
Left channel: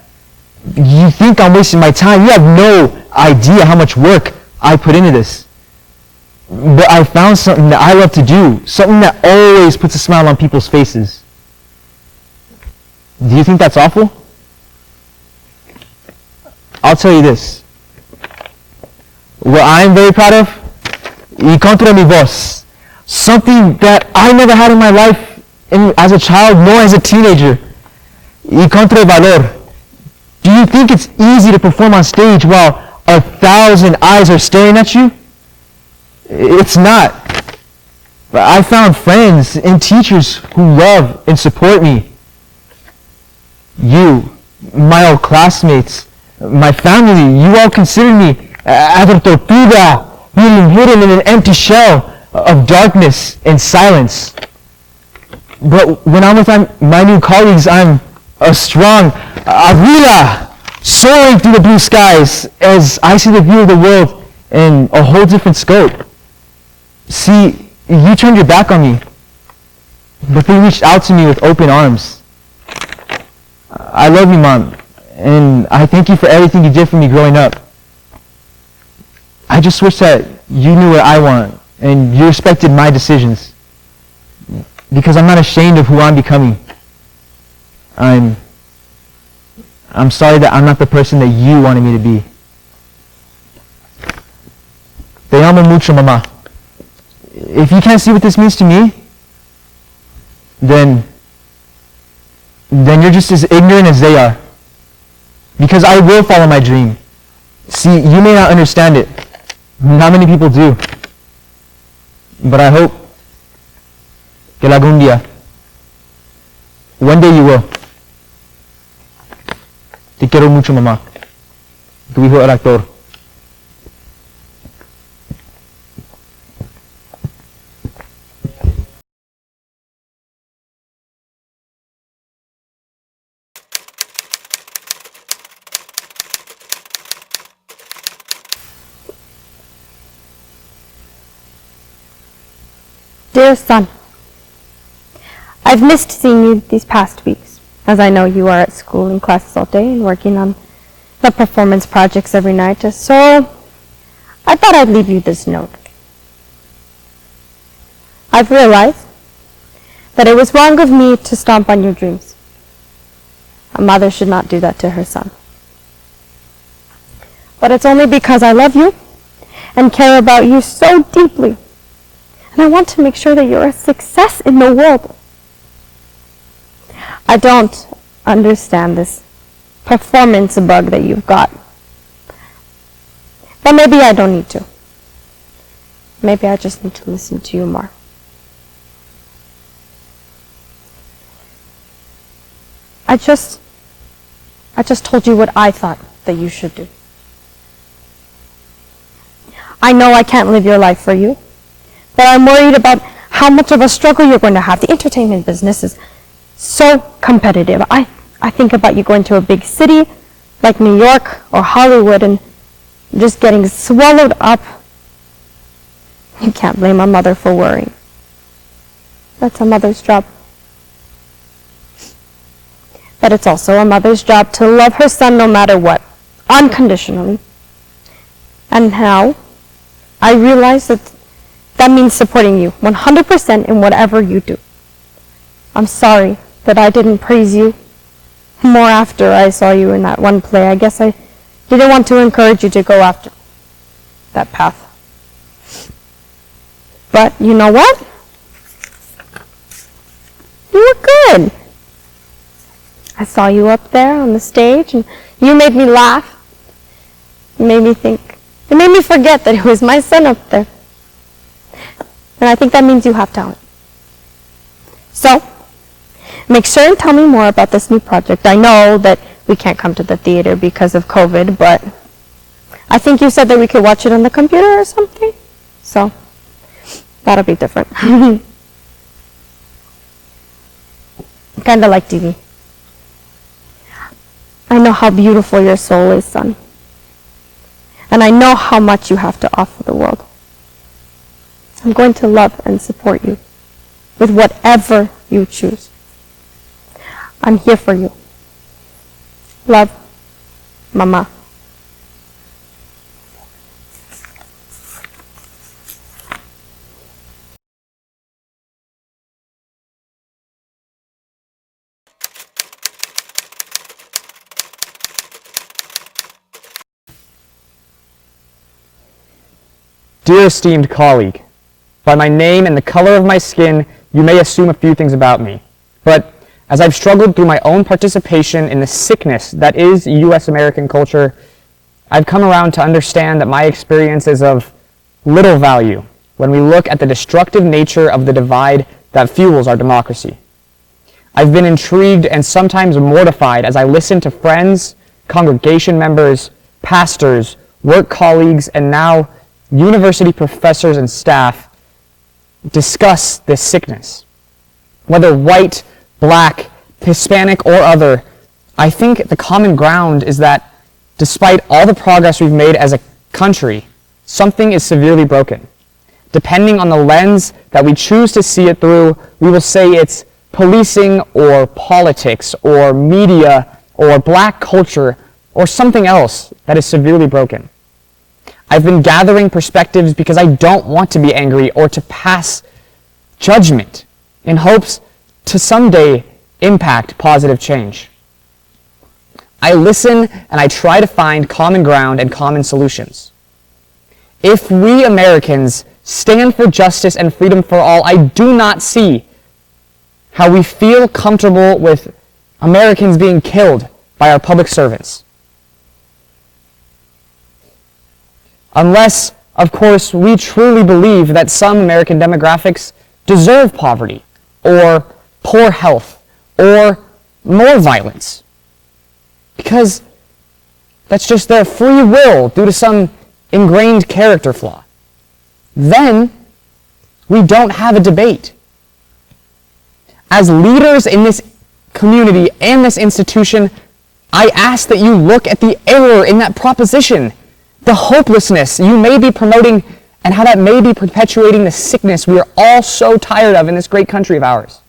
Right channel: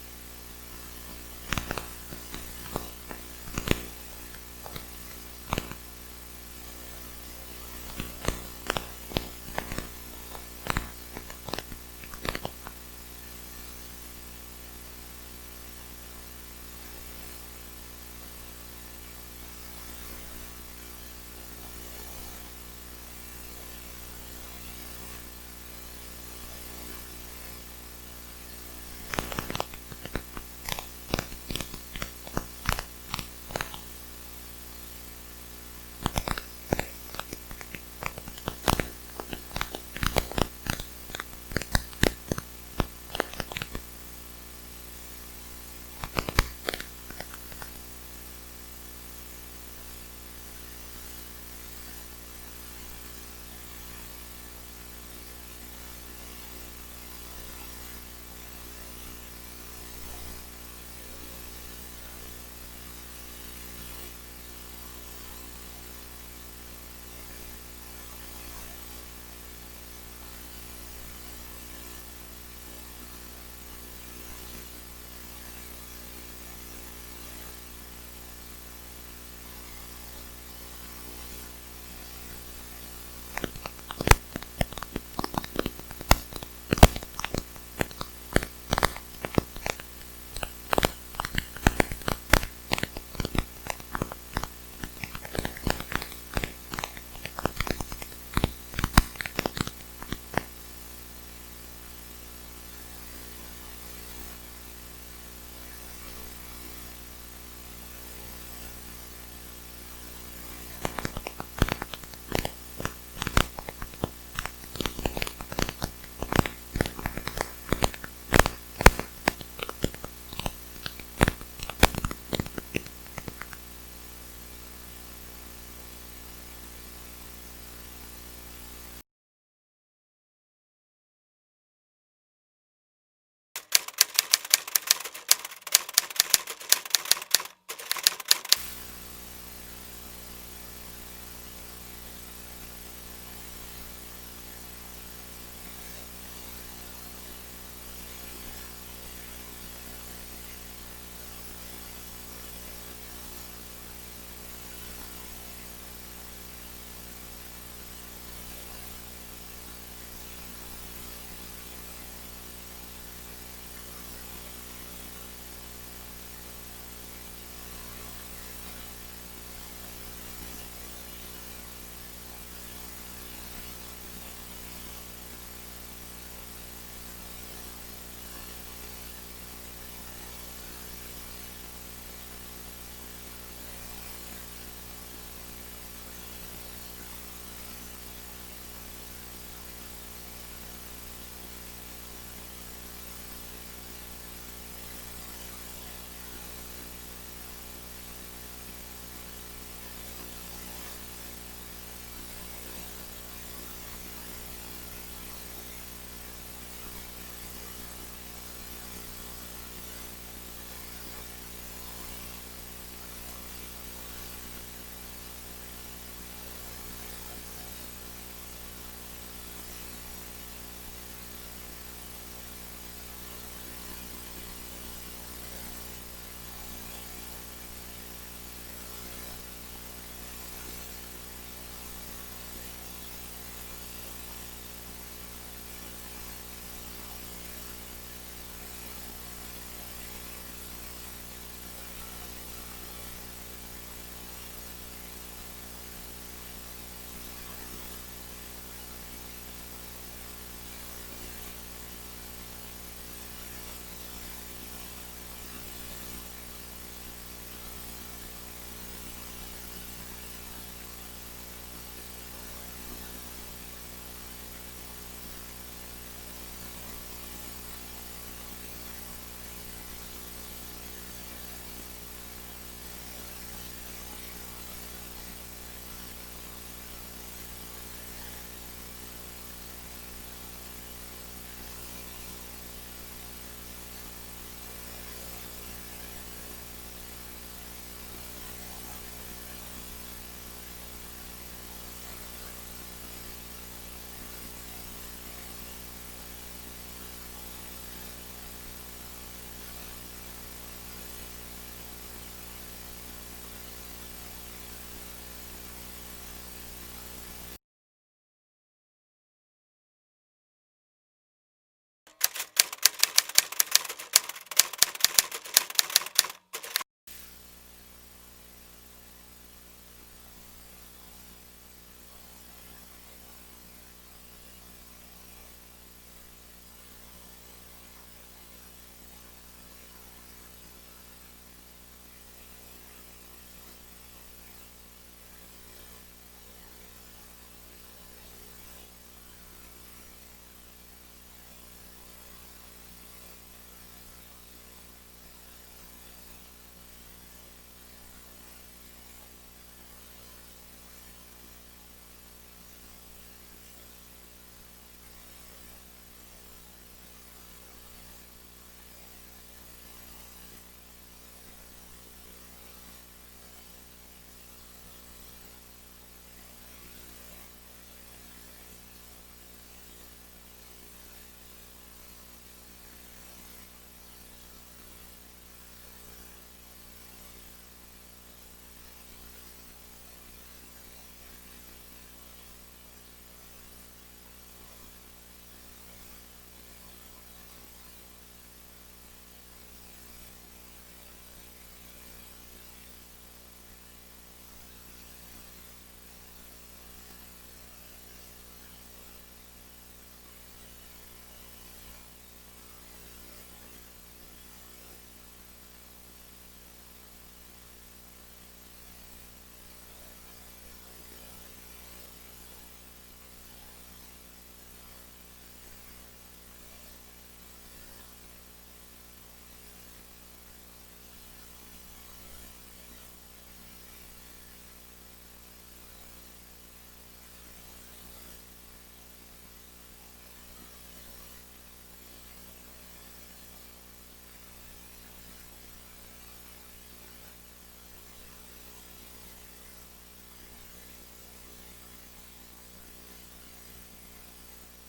You think I'm wasting my time. You have no idea how much work I put into this. But I found something that I love to do, something that always puts a smile on people's faces. Do you think that's awful? I'll tell you this. What I'm very proud of, y contra mi voz, something that I never had in my life as a child nor as a teenager, y contra valor. Do you think it's easy to perform on stage while 1,000 eyes are staring at you? It's not. I found friends and teachers who love and support me. You, my old classmates, my family, you all consider me as a tortuga, being hidden in an empty shell of darkness and silence. But when I'm with my new colleagues, I'm a strong Avila, soaring through the blue skies as I see the view of the world in a whole different scope. See, you turned your back on me, but they reached out to me with open arms. I love you, Mom, and I thank you for everything you did for me growing up. I just wish that you knew what I want, and you respected my decisions, because I'm not ashamed of who I'm becoming. I'm sorry that I'm not the person that you wanted me to be. Te amo mucho, Mama. If you can't see what this means to me, then then you're just as ignorant as they are. Because I will follow my dream. See, you may not understand it. Not many people do. But I hope que algún día, one day you will. Te quiero mucho, mamá. Tu hijo el actor. Dear son, I've missed seeing you these past weeks, as I know you are at school and classes all day and working on the performance projects every night, so I thought I'd leave you this note. I've realized that it was wrong of me to stomp on your dreams. A mother should not do that to her son. But it's only because I love you and care about you so deeply. And I want to make sure that you're a success in the world. I don't understand this performance bug that you've got. But maybe I don't need to. Maybe I just need to listen to you more. I just told you what I thought that you should do. I know I can't live your life for you, but I'm worried about how much of a struggle you're going to have. The entertainment business is so competitive. I think about you going to a big city like New York or Hollywood and just getting swallowed up. You can't blame a mother for worrying. That's a mother's job. But it's also a mother's job to love her son no matter what, unconditionally. And now, I realize that that means supporting you 100% in whatever you do. I'm sorry that I didn't praise you more after I saw you in that one play. I guess I didn't want to encourage you to go after that path. But you know what? You were good. I saw you up there on the stage, and you made me laugh. You made me think. It made me forget that it was my son up there. And I think that means you have talent. So, make sure and tell me more about this new project. I know that we can't come to the theater because of COVID, but I think you said that we could watch it on the computer or something. So, that'll be different. Kind of like TV. I know how beautiful your soul is, son. And I know how much you have to offer the world. I'm going to love and support you with whatever you choose. I'm here for you. Love, Mama. Dear esteemed colleague, by my name and the color of my skin, you may assume a few things about me. But as I've struggled through my own participation in the sickness that is U.S. American culture, I've come around to understand that my experience is of little value when we look at the destructive nature of the divide that fuels our democracy. I've been intrigued and sometimes mortified as I listen to friends, congregation members, pastors, work colleagues, and now university professors and staff discuss this sickness. Whether white, black, Hispanic, or other, I think the common ground is that despite all the progress we've made as a country, something is severely broken. Depending on the lens that we choose to see it through, we will say it's policing or politics or media or black culture or something else that is severely broken. I've been gathering perspectives because I don't want to be angry or to pass judgment in hopes to someday impact positive change. I listen and I try to find common ground and common solutions. If we Americans stand for justice and freedom for all, I do not see how we feel comfortable with Americans being killed by our public servants. Unless, of course, we truly believe that some American demographics deserve poverty, or poor health, or more violence. Because that's just their free will due to some ingrained character flaw. Then we don't have a debate. As leaders in this community and this institution, I ask that you look at the error in that proposition, the hopelessness you may be promoting, and how that may be perpetuating the sickness we are all so tired of in this great country of ours.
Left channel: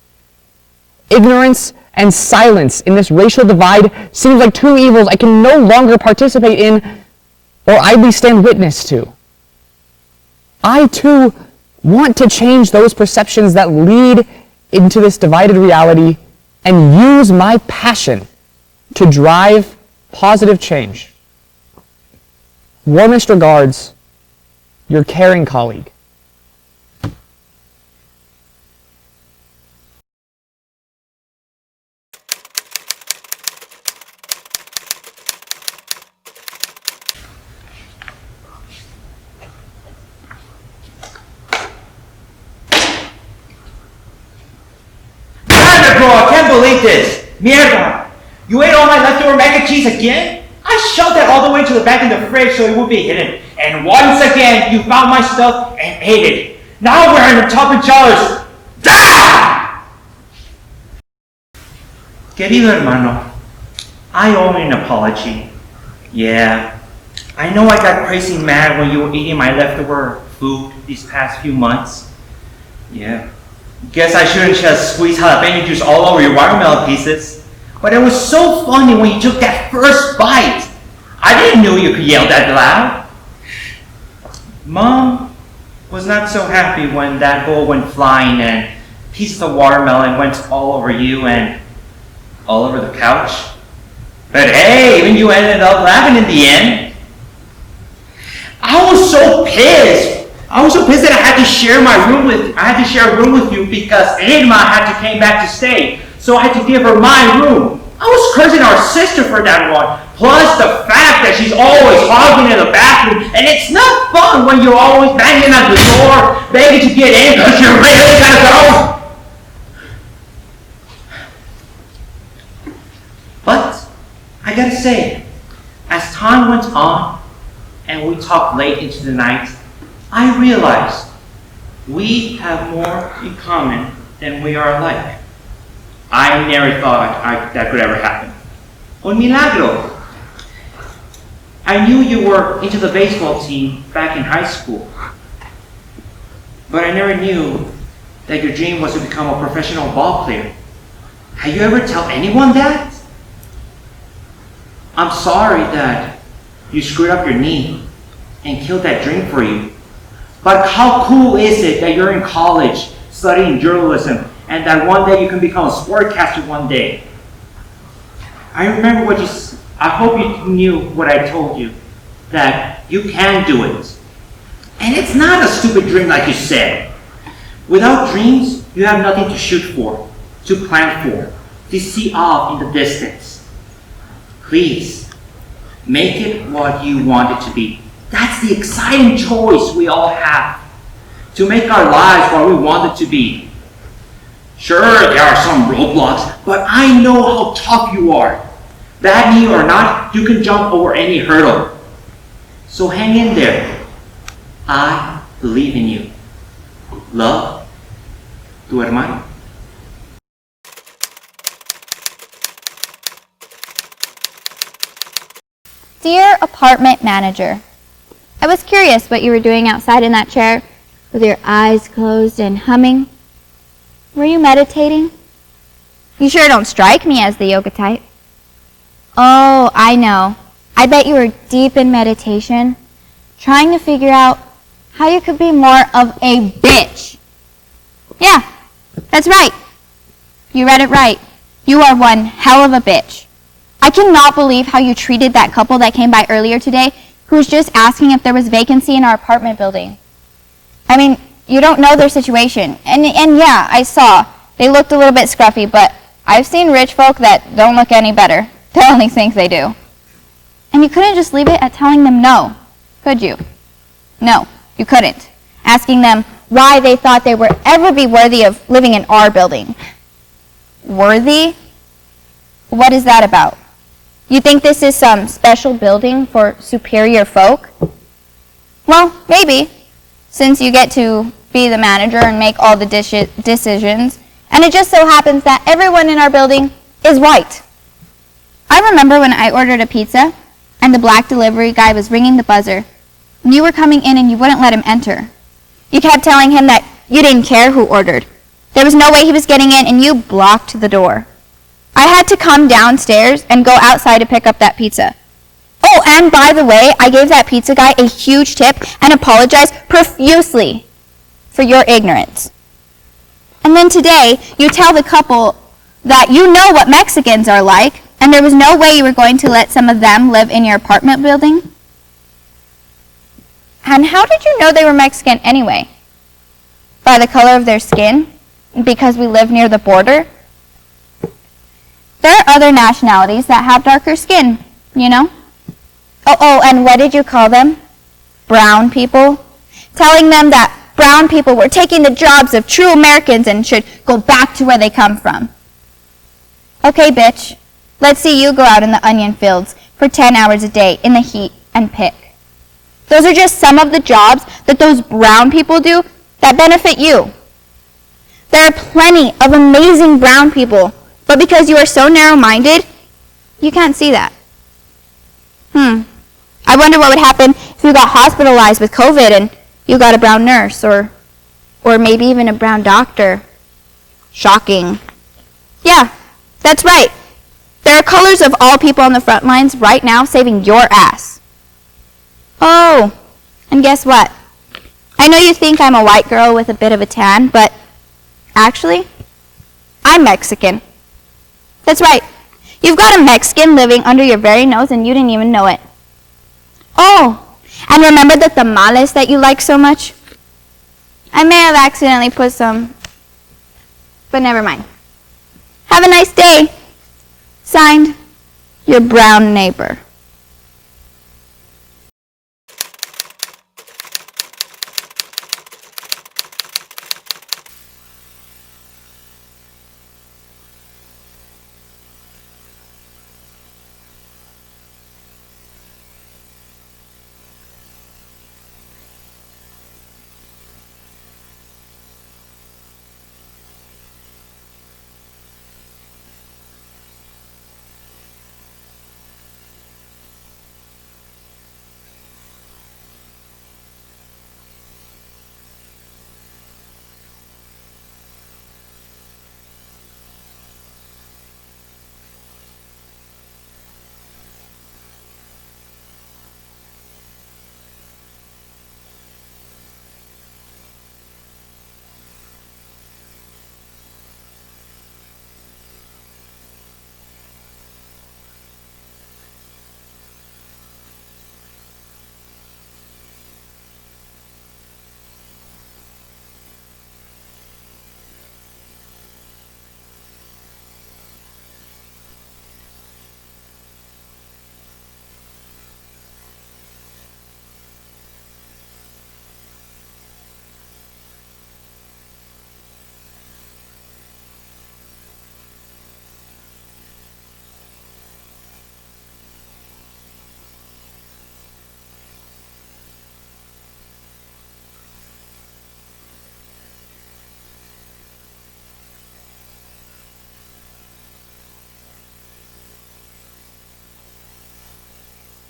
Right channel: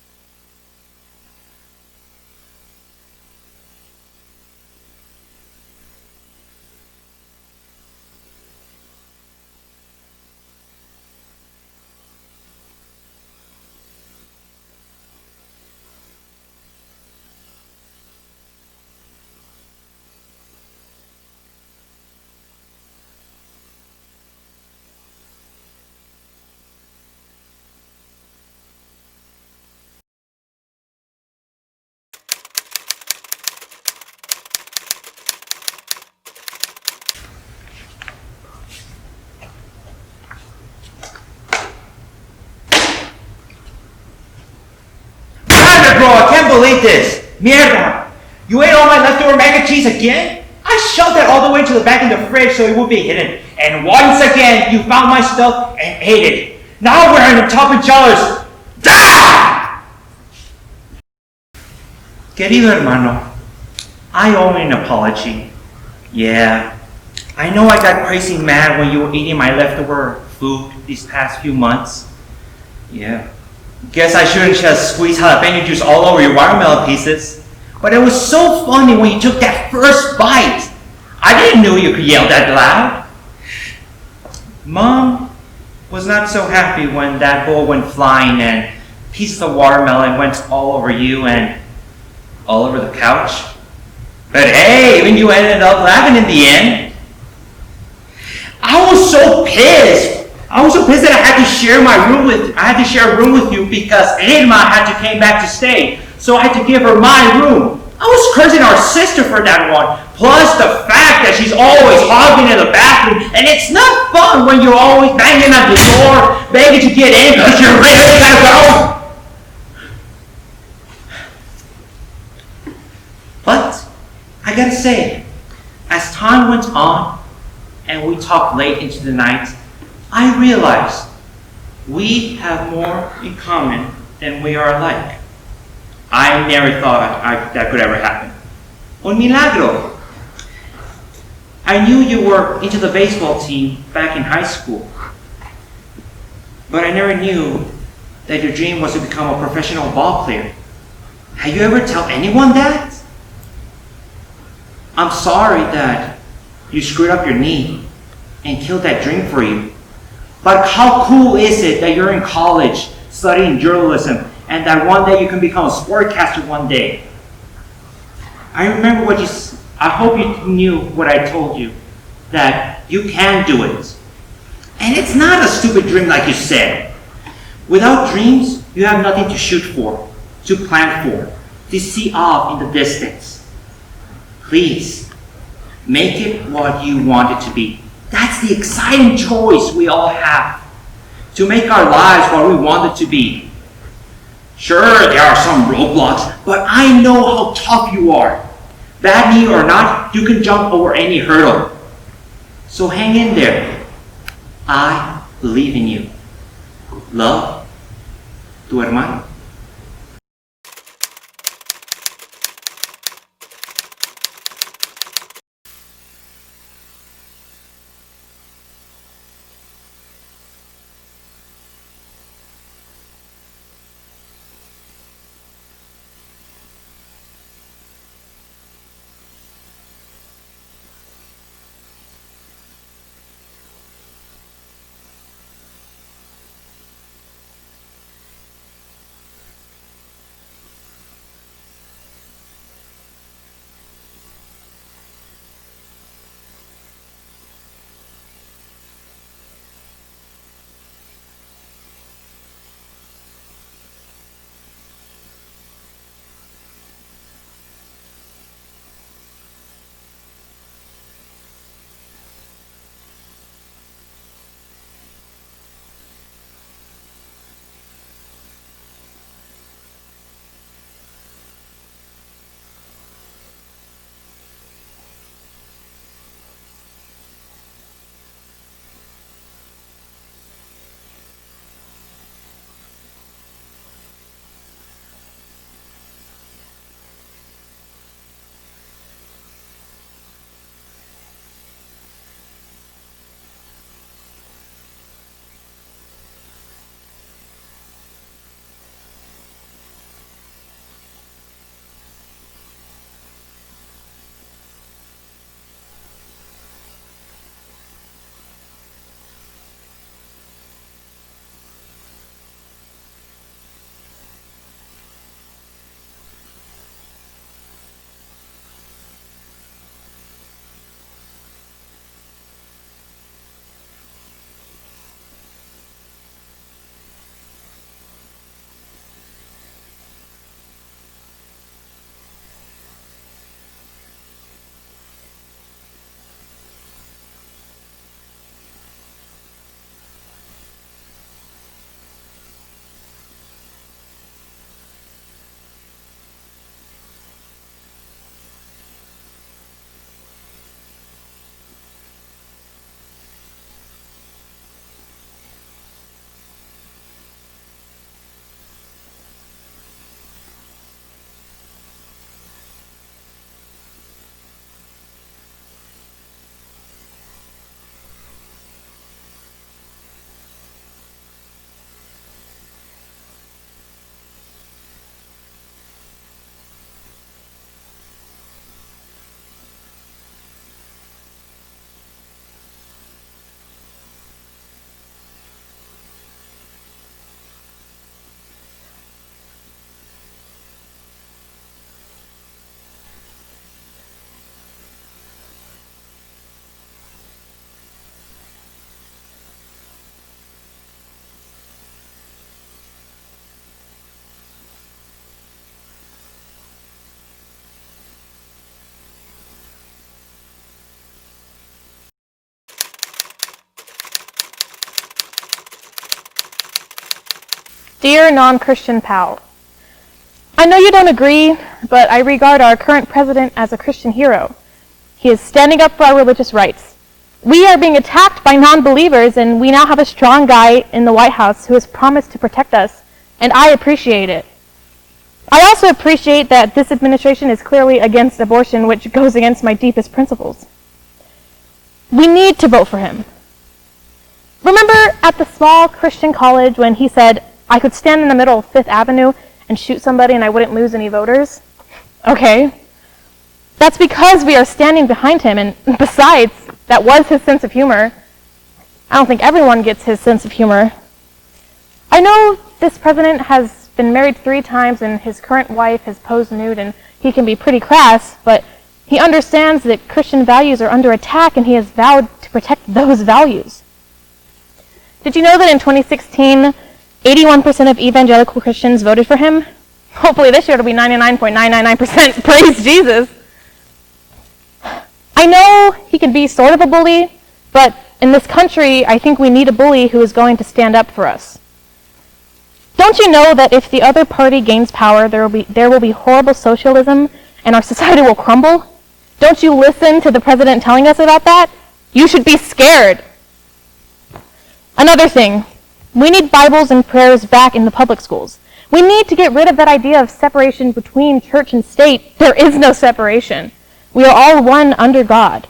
Ignorance and silence in this racial divide seems like two evils I can no longer participate in or idly stand witness to. I, too, want to change those perceptions that lead into this divided reality and use my passion to drive positive change. Warmest regards, your caring colleague. Bro, I can't believe this. Mierda. You ate all my leftover mac and cheese again? I shoved that all the way to the back in the fridge so it would be hidden. And once again, you found my stuff and ate it. Now we're in the top and jealous. Da! Querido hermano, I owe you an apology. Yeah, I know I got crazy mad when you were eating my leftover food these past few months. Yeah. Guess I shouldn't just squeeze jalapeno juice all over your watermelon pieces. But it was so funny when you took that first bite. I didn't know you could yell that loud. Mom was not so happy when that bowl went flying and pieces of watermelon went all over you and all over the couch. But hey, even you ended up laughing in the end. I was so pissed. I was so pissed that I had to share a room with you because Irma had to came back to stay. So I had to give her my room. I was cursing our sister for that one. Plus the fact that she's always hogging in the bathroom, and it's not fun when you're always banging on the door, begging to get in because you really gotta go. But I gotta say, as time went on and we talked late into the night, I realized we have more in common than we are alike. I never thought that could ever happen. Un milagro. I knew you were into the baseball team back in high school, but I never knew that your dream was to become a professional ball player. Have you ever told anyone that? I'm sorry that you screwed up your knee and killed that dream for you. But how cool is it that you're in college studying journalism and that one day you can become a sportcaster one day? I remember I hope you knew what I told you, that you can do it. And it's not a stupid dream like you said. Without dreams, you have nothing to shoot for, to plan for, to see off in the distance. Please, make it what you want it to be. That's the exciting choice we all have, to make our lives what we want it to be. Sure, there are some roadblocks, but I know how tough you are. Bad knee or not, you can jump over any hurdle. So hang in there. I believe in you. Love, tu hermano. Dear apartment manager, I was curious what you were doing outside in that chair with your eyes closed and humming. Were you meditating? You sure don't strike me as the yoga type. Oh, I know. I bet you were deep in meditation, trying to figure out how you could be more of a bitch. Yeah, that's right. You read it right. You are one hell of a bitch. I cannot believe how you treated that couple that came by earlier today who was just asking if there was vacancy in our apartment building. I mean, you don't know their situation. And yeah, I saw. They looked a little bit scruffy, but I've seen rich folk that don't look any better. They only think they do. And you couldn't just leave it at telling them no, could you? No, you couldn't. Asking them why they thought they would ever be worthy of living in our building. Worthy? What is that about? You think this is some special building for superior folk? Well, maybe, since you get to be the manager and make all the decisions, and it just so happens that everyone in our building is white. I remember when I ordered a pizza, and the black delivery guy was ringing the buzzer, and you were coming in and you wouldn't let him enter. You kept telling him that you didn't care who ordered. There was no way he was getting in, and you blocked the door. I had to come downstairs and go outside to pick up that pizza. Oh, and by the way, I gave that pizza guy a huge tip and apologized profusely for your ignorance. And then today, you tell the couple that you know what Mexicans are like, and there was no way you were going to let some of them live in your apartment building? And how did you know they were Mexican anyway? By the color of their skin? Because we live near the border? There are other nationalities that have darker skin, you know? Oh, and what did you call them? Brown people? Telling them that brown people were taking the jobs of true Americans and should go back to where they come from. Okay, bitch. Let's see you go out in the onion fields for 10 hours a day in the heat and pick. Those are just some of the jobs that those brown people do that benefit you. There are plenty of amazing brown people, but because you are so narrow-minded, you can't see that. I wonder what would happen if you got hospitalized with COVID and you got a brown nurse or maybe even a brown doctor. Shocking. Yeah, that's right. There are colors of all people on the front lines right now saving your ass. Oh, and guess what? I know you think I'm a white girl with a bit of a tan, but actually, I'm Mexican. That's right. You've got a Mexican living under your very nose and you didn't even know it. Oh, and remember the tamales that you like so much? I may have accidentally put some, but never mind. Have a nice day. Signed, your brown neighbor. Dear non-Christian pal, I know you don't agree, but I regard our current president as a Christian hero. He is standing up for our religious rights. We are being attacked by non-believers, and we now have a strong guy in the White House who has promised to protect us, and I appreciate it. I also appreciate that this administration is clearly against abortion, which goes against my deepest principles. We need to vote for him. Remember at the small Christian college when he said, I could stand in the middle of Fifth Avenue and shoot somebody and I wouldn't lose any voters? Okay. That's because we are standing behind him, and besides, that was his sense of humor. I don't think everyone gets his sense of humor. I know this president has been married 3 times and his current wife has posed nude, and he can be pretty crass, but he understands that Christian values are under attack and he has vowed to protect those values. Did you know that in 2016, 81% of evangelical Christians voted for him? Hopefully this year it'll be 99.999%. Praise Jesus. I know he can be sort of a bully, but in this country, I think we need a bully who is going to stand up for us. Don't you know that if the other party gains power, there will be horrible socialism and our society will crumble? Don't you listen to the president telling us about that? You should be scared. Another thing, we need Bibles and prayers back in the public schools. We need to get rid of that idea of separation between church and state. There is no separation. We are all one under God.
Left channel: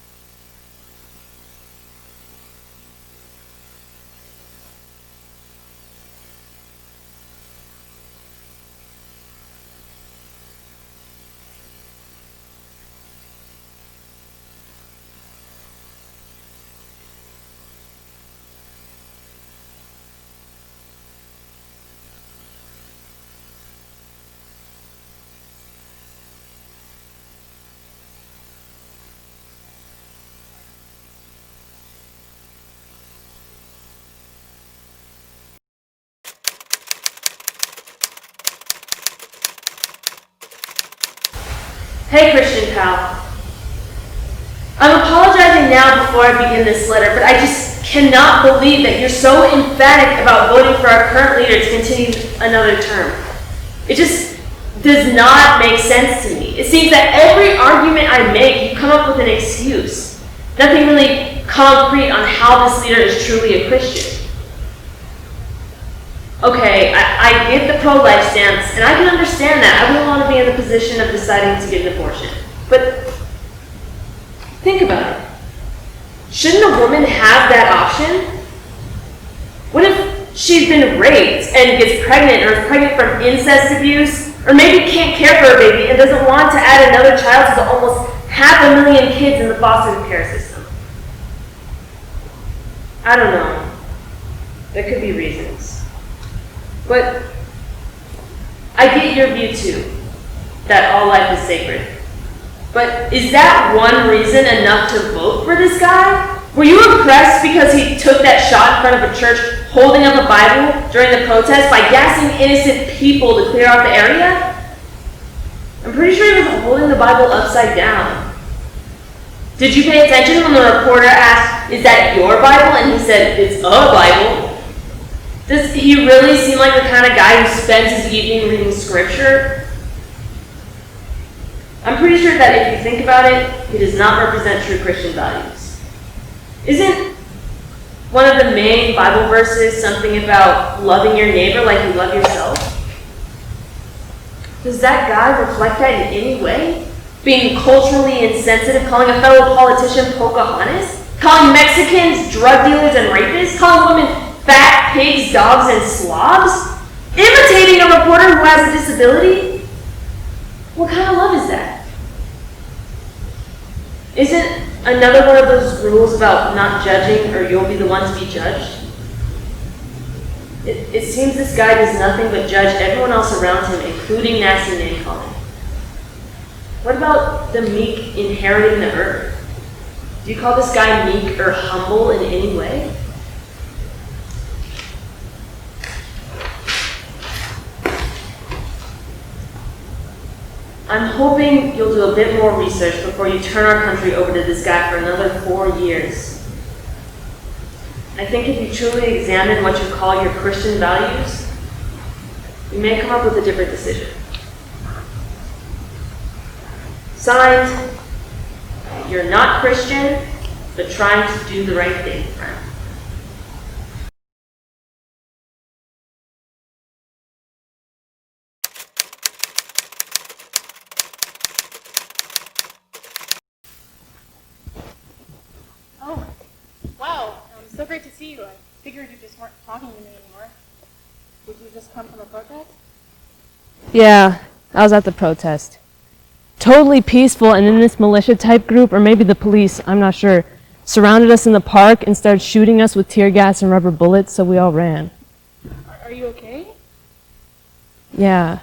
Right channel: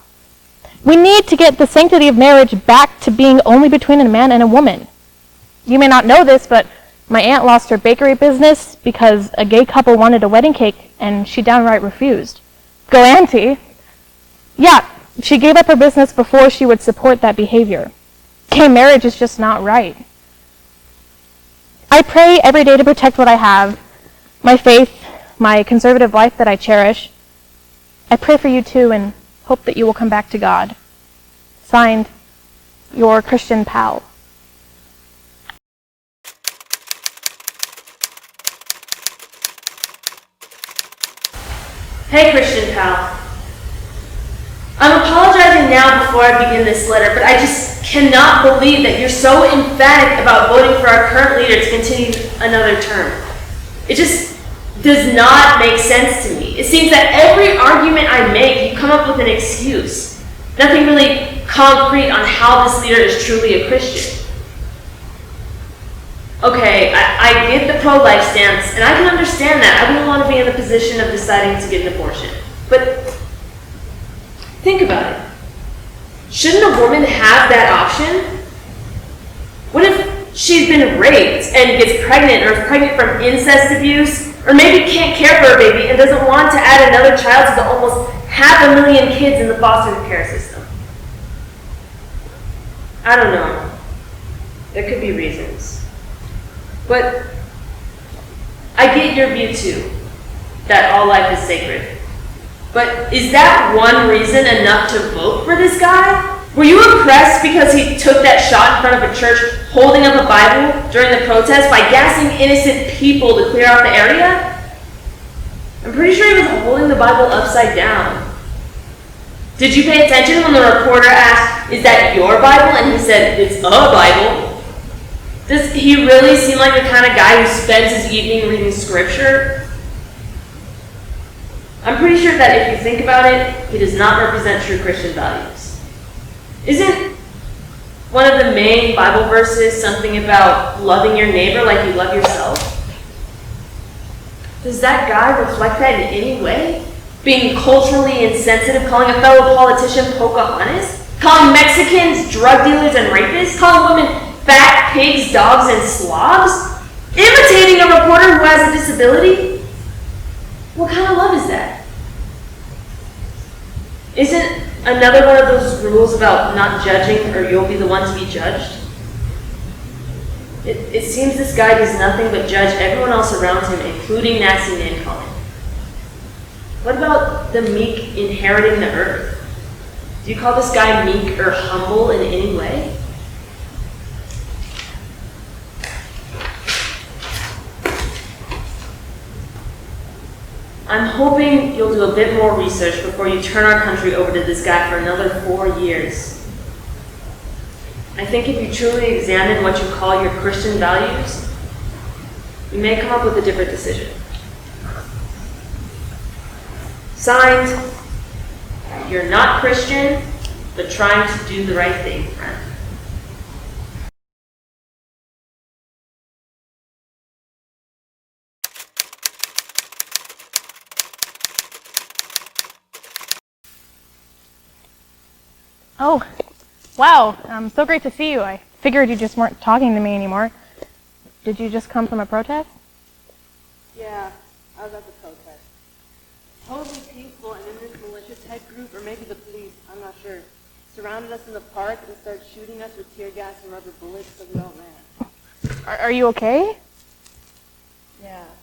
We need to get the sanctity of marriage back to being only between a man and a woman. You may not know this, but my aunt lost her bakery business because a gay couple wanted a wedding cake and she downright refused. Go auntie. Yeah, she gave up her business before she would support that behavior. Gay marriage is just not right. I pray every day to protect what I have, my faith, my conservative life that I cherish. I pray for you too and hope that you will come back to God. Signed, your Christian pal. Hey, Christian pal. I'm apologizing now before I begin this letter, but I just cannot believe that you're so emphatic about voting for our current leader to continue another term. It just does not make sense to me. It seems that every argument I make, you come up with an excuse. Nothing really concrete on how this leader is truly a Christian. Okay, I get the pro-life stance, and I can understand that. I wouldn't want to be in the position of deciding to get an abortion. But think about it. Shouldn't a woman have that option? What if she's been raped and gets pregnant, or is pregnant from incest abuse, or maybe can't care for her baby and doesn't want to add another child to the almost 500,000 kids in the foster care system? I don't know. There could be reasons. But I get your view too, that all life is sacred. But is that one reason enough to vote for this guy? Were you impressed because he took that shot in front of a church holding up a Bible during the protest by gassing innocent people to clear out the area? I'm pretty sure he was holding the Bible upside down. Did you pay attention when the reporter asked, "Is that your Bible?" And he said, "It's a Bible." Does he really seem like the kind of guy who spends his evening reading scripture? I'm pretty sure that if you think about it, he does not represent true Christian values. Isn't one of the main Bible verses something about loving your neighbor like you love yourself? Does that guy reflect that in any way? Being culturally insensitive, calling a fellow politician Pocahontas? Calling Mexicans drug dealers and rapists? Calling women fat pigs, dogs, and slobs? Imitating a reporter who has a disability? What kind of love is that? Isn't another one of those rules about not judging or you'll be the one to be judged? It seems this guy does nothing but judge everyone else around him, including nasty name calling. What about the meek inheriting the earth? Do you call this guy meek or humble in any way? I'm hoping you'll do a bit more research before you turn our country over to this guy for another 4 years. I think if you truly examine what you call your Christian values, you may come up with a different decision. Signed, you're not Christian, but trying to do the right thing, friend. Oh, wow. So great to see you. I figured you just weren't talking to me anymore. Did you just come from a protest? Yeah, I was at the protest. Totally peaceful, and then this militia type group, or maybe the police, I'm not sure, surrounded us in the park and started shooting us with tear gas and rubber bullets, so we all ran. Are you okay? Yeah.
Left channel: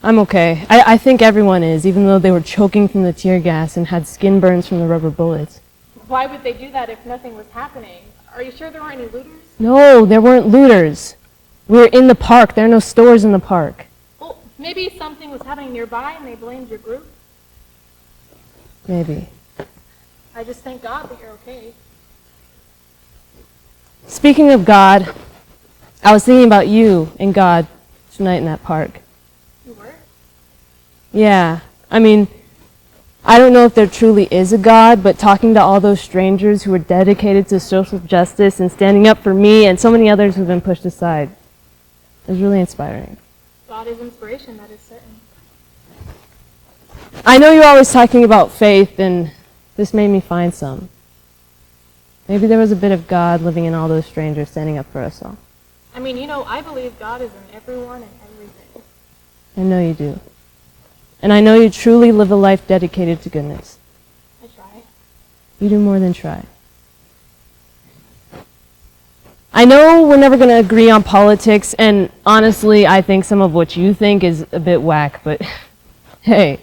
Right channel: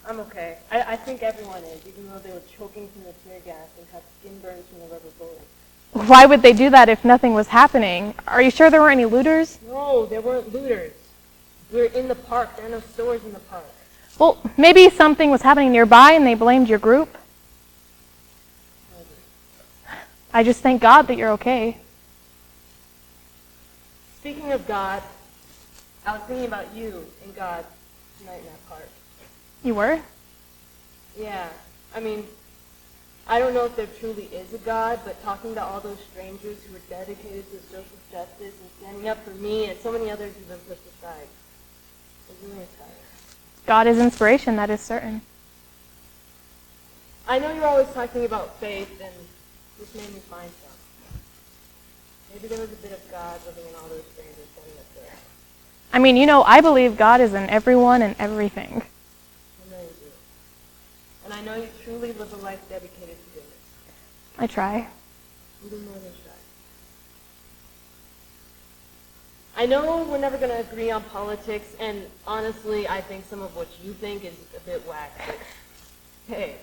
I'm okay. I think everyone is, even though they were choking from the tear gas and had skin burns from the rubber bullets. Why would they do that if nothing was happening? Are you sure there weren't any looters? No, there weren't looters. We were in the park. There are no stores in the park. Well, maybe something was happening nearby and they blamed your group. Maybe. I just thank God that you're okay. Speaking of God, I was thinking about you and God tonight in that park. You were? Yeah. I mean, I don't know if there truly is a God, but talking to all those strangers who were dedicated to social justice and standing up for me and so many others who've been pushed aside, it was really inspiring. God is inspiration, that is certain. I know you're always talking about faith, and this made me find some. Maybe there was a bit of God living in all those strangers standing up for us all. I mean, you know, I believe God is in everyone and everything. I know you do. And I know you truly live a life dedicated to goodness. I try. You do more than try. I know we're never going to agree on politics, and honestly, I think some of what you think is a bit whack, but hey,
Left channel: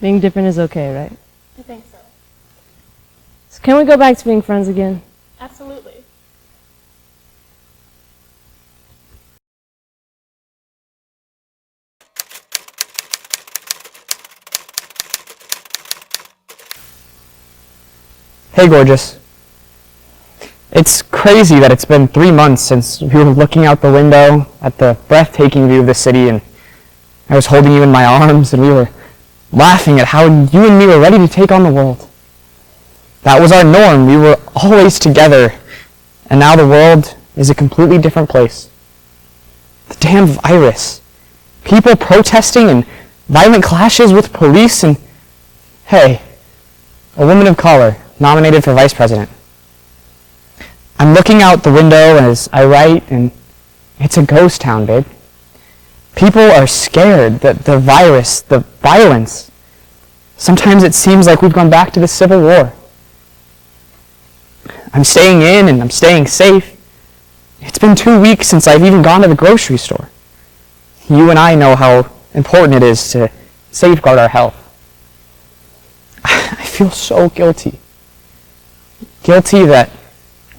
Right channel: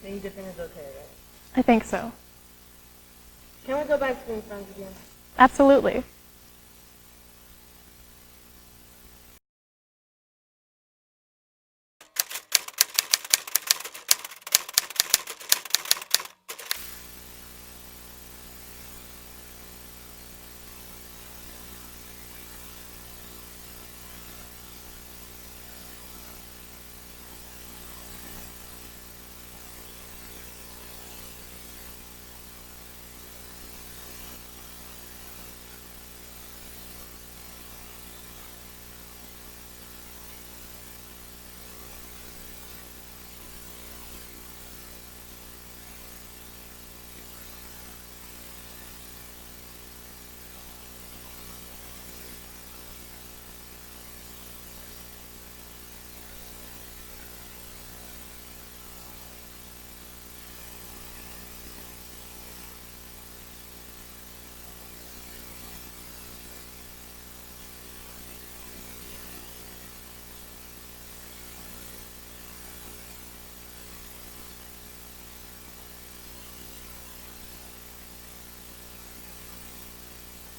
being different is okay, right? I think so. So can we go back to being friends again? Absolutely. Hey, gorgeous. It's crazy that it's been 3 months since we were looking out the window at the breathtaking view of the city, and I was holding you in my arms, and we were laughing at how you and me were ready to take on the world. That was our norm. We were always together, and now the world is a completely different place. The damn virus. People protesting and violent clashes with police, and hey, a woman of color nominated for vice president. I'm looking out the window as I write, and it's a ghost town, babe. People are scared that the virus, the violence, sometimes it seems like we've gone back to the Civil War. I'm staying in and I'm staying safe. It's been 2 weeks since I've even gone to the grocery store. You and I know how important it is to safeguard our health. I feel so guilty. Guilty that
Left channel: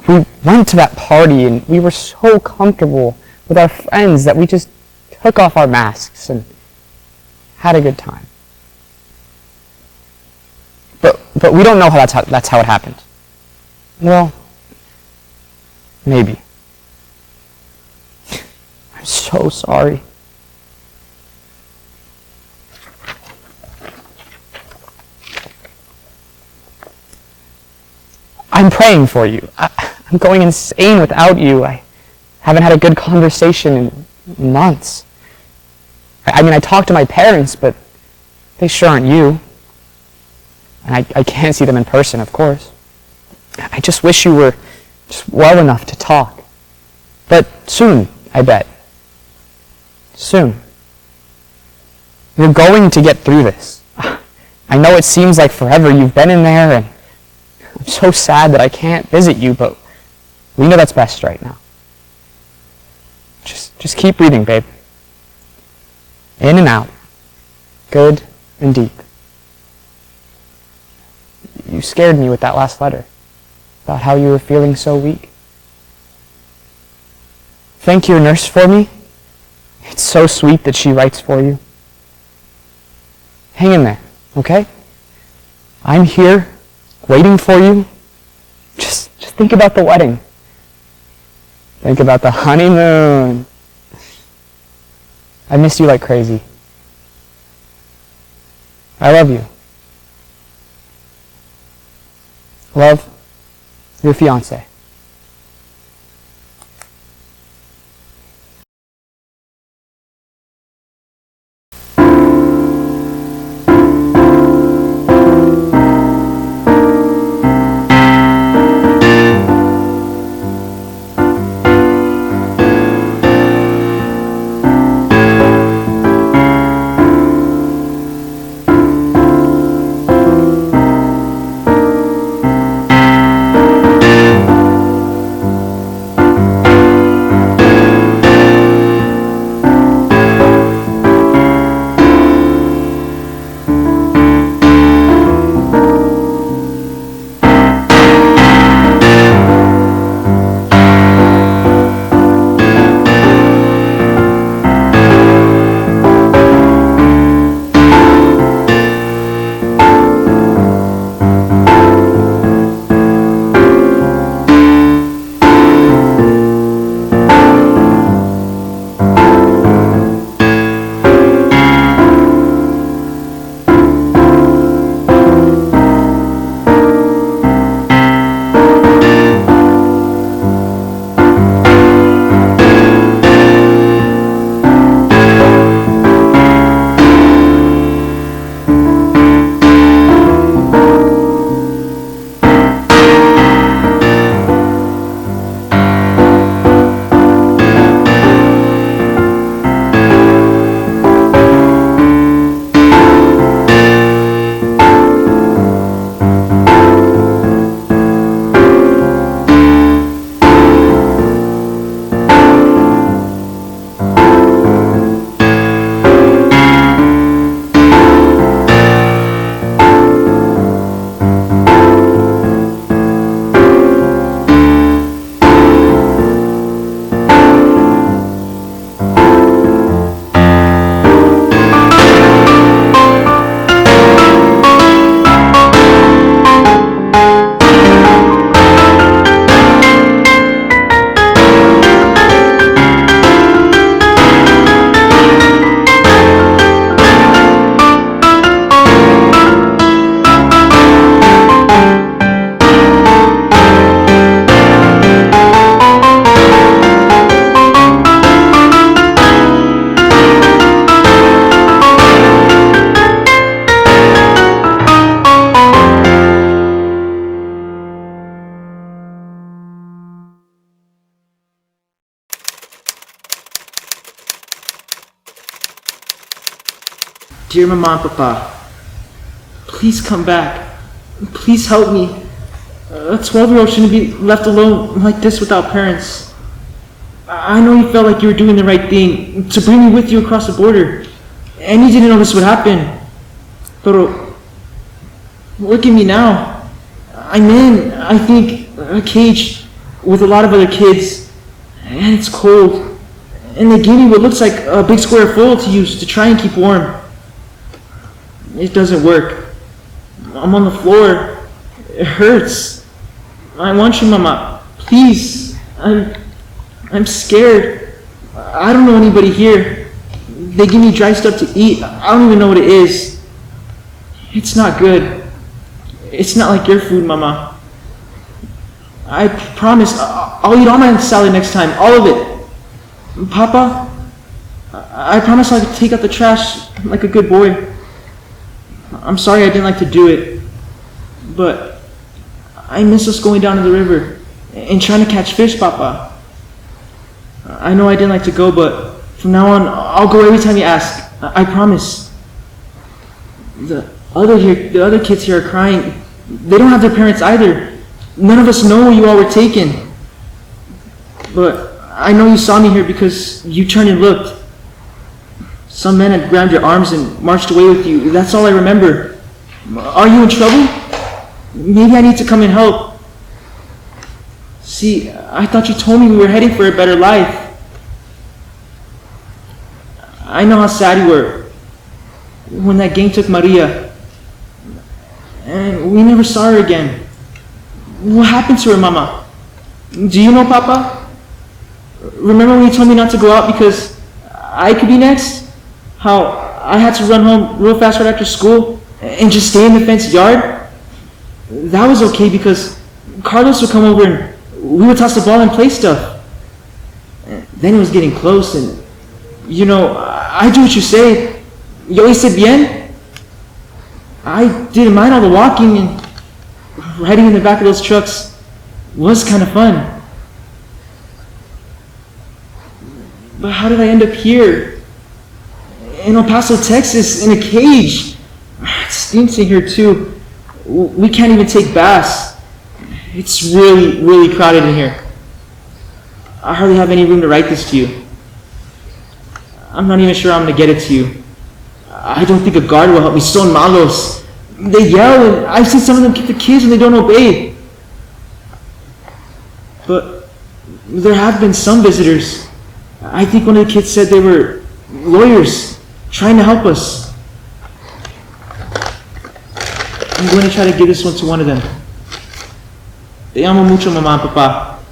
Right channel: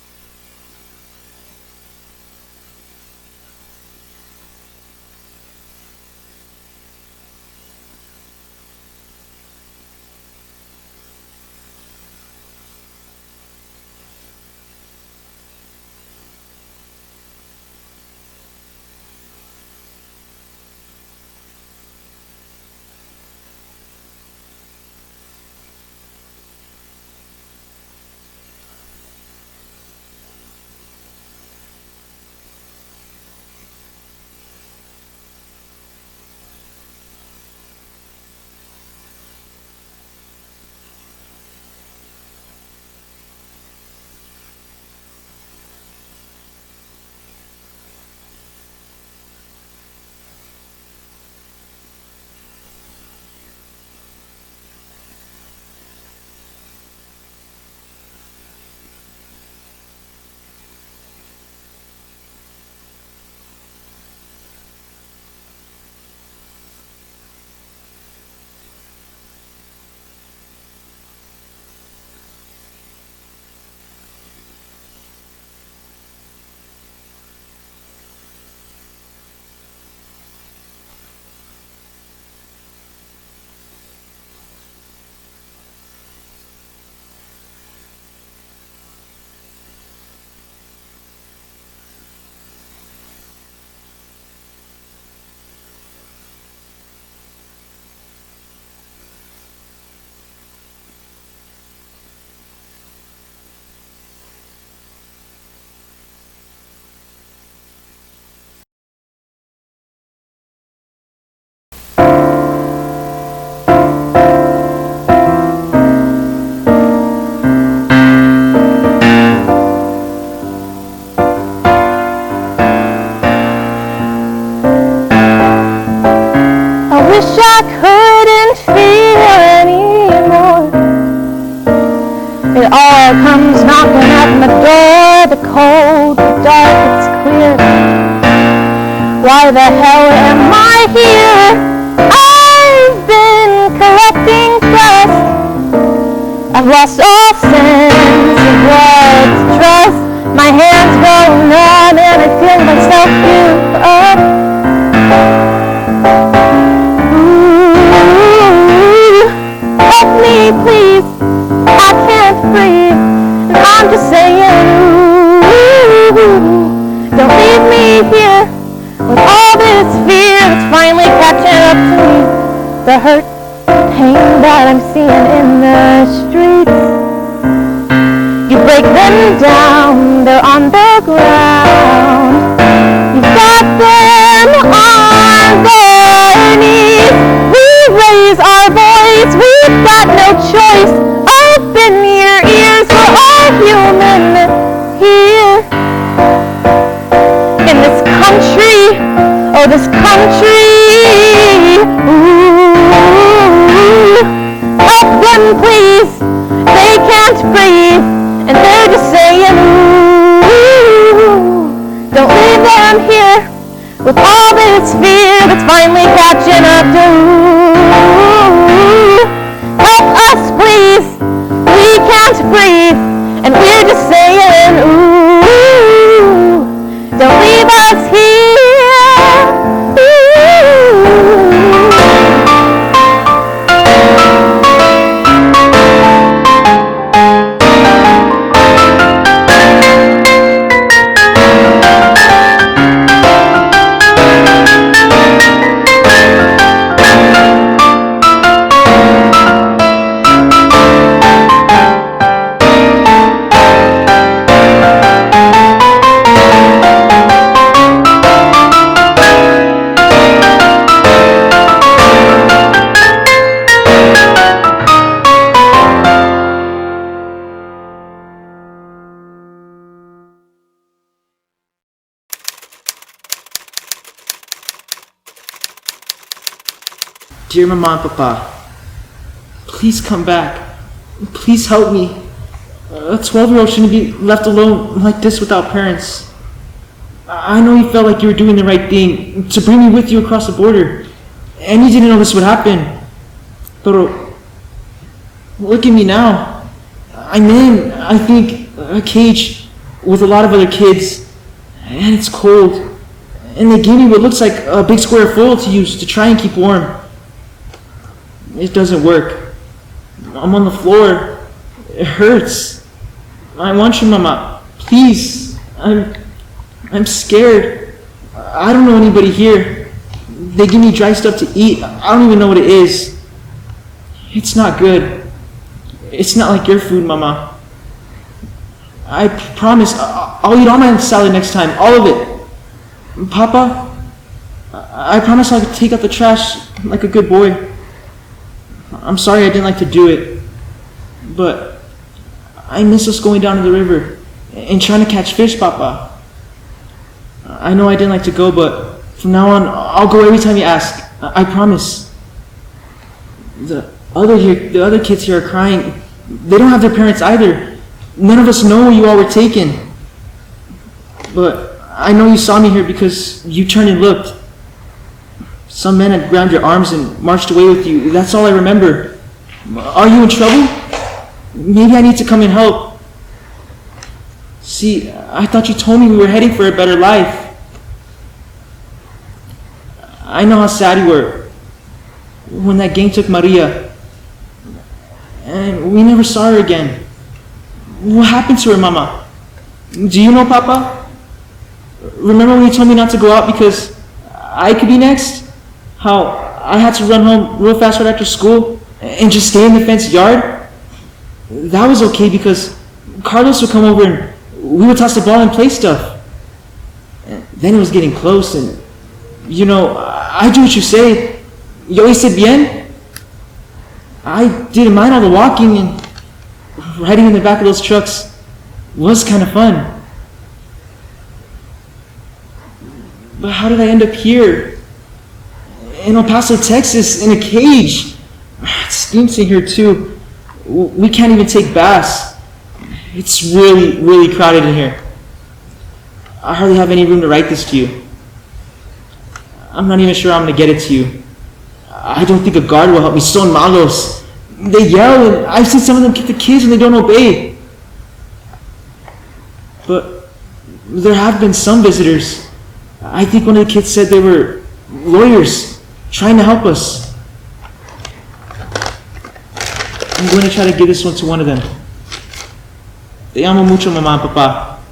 we went to that party and we were so comfortable with our friends that we just took off our masks and had a good time. But we don't know how that's how it happened. Well, maybe. I'm so sorry. I'm praying for you. I'm going insane without you. I haven't had a good conversation in months. I mean, I talked to my parents, but they sure aren't you. And I can't see them in person, of course. I just wish you were just well enough to talk. But soon, I bet. Soon. You're going to get through this. I know it seems like forever you've been in there, and I'm so sad that I can't visit you, but we know that's best right now. Just keep breathing, babe. In and out. Good and deep. You scared me with that last letter about how you were feeling so weak. Thank your nurse for me. It's so sweet that she writes for you. Hang in there, okay? I'm here, waiting for you. Just think about the wedding. Think about the honeymoon. I miss you like crazy. I love you. Love, your fiance. It all comes knocking at my door. Dear Mama and Papa, please come back. Please help me. A 12-year-old shouldn't be left alone like this without parents. I know you felt like you were doing the right thing to bring me with you across the border, and you didn't know this would happen. But look at me now. I'm in, I think, a cage with a lot of other kids, and it's cold. And they gave me what looks like a big square foil to use to try and keep warm. It doesn't work. I'm on the floor. It hurts. I want you, Mama. Please. I'm scared. I don't know anybody here. They give me dry stuff to eat. I don't even know what it is. It's not good. It's not like your food, Mama. I promise I'll eat all my salad next time. All of it. Papa, I promise I'll take out the trash like a good boy. I'm sorry I didn't like to do it, but I miss us going down to the river and trying to catch fish, Papa. I know I didn't like to go, but from now on, I'll go every time you ask. I promise. The other kids here are crying. They don't have their parents either. None of us know where you all were taken. But I know you saw me here because you turned and looked. Some men had grabbed your arms and marched away with you. That's all I remember. Are you in trouble? Maybe I need to come and help. See, I thought you told me we were heading for a better life. I know how sad you were when that gang took Maria. And we never saw her again. What happened to her, Mama? Do you know, Papa? Remember when you told me not to go out because I could be next? How I had to run home real fast right after school and just stay in the fenced yard? That was okay because Carlos would come over and we would toss the ball and play stuff. And then it was getting close and, you know, I do what you say. Yo hice bien. I didn't mind all the walking, and riding in the back of those trucks was kind of fun. But how did I end up here? In El Paso, Texas, in a cage. It stinks in here too. We can't even take baths. It's really, really crowded in here. I hardly have any room to write this to you. I'm not even sure I'm going to get it to you. I don't think a guard will help me. Son malos. They yell, and I've seen some of them kick the kids when they don't obey. But there have been some visitors. I think one of the kids said they were lawyers trying to help us. I'm going to try to give this one to one of them. Te amo mucho, Mama and Papa.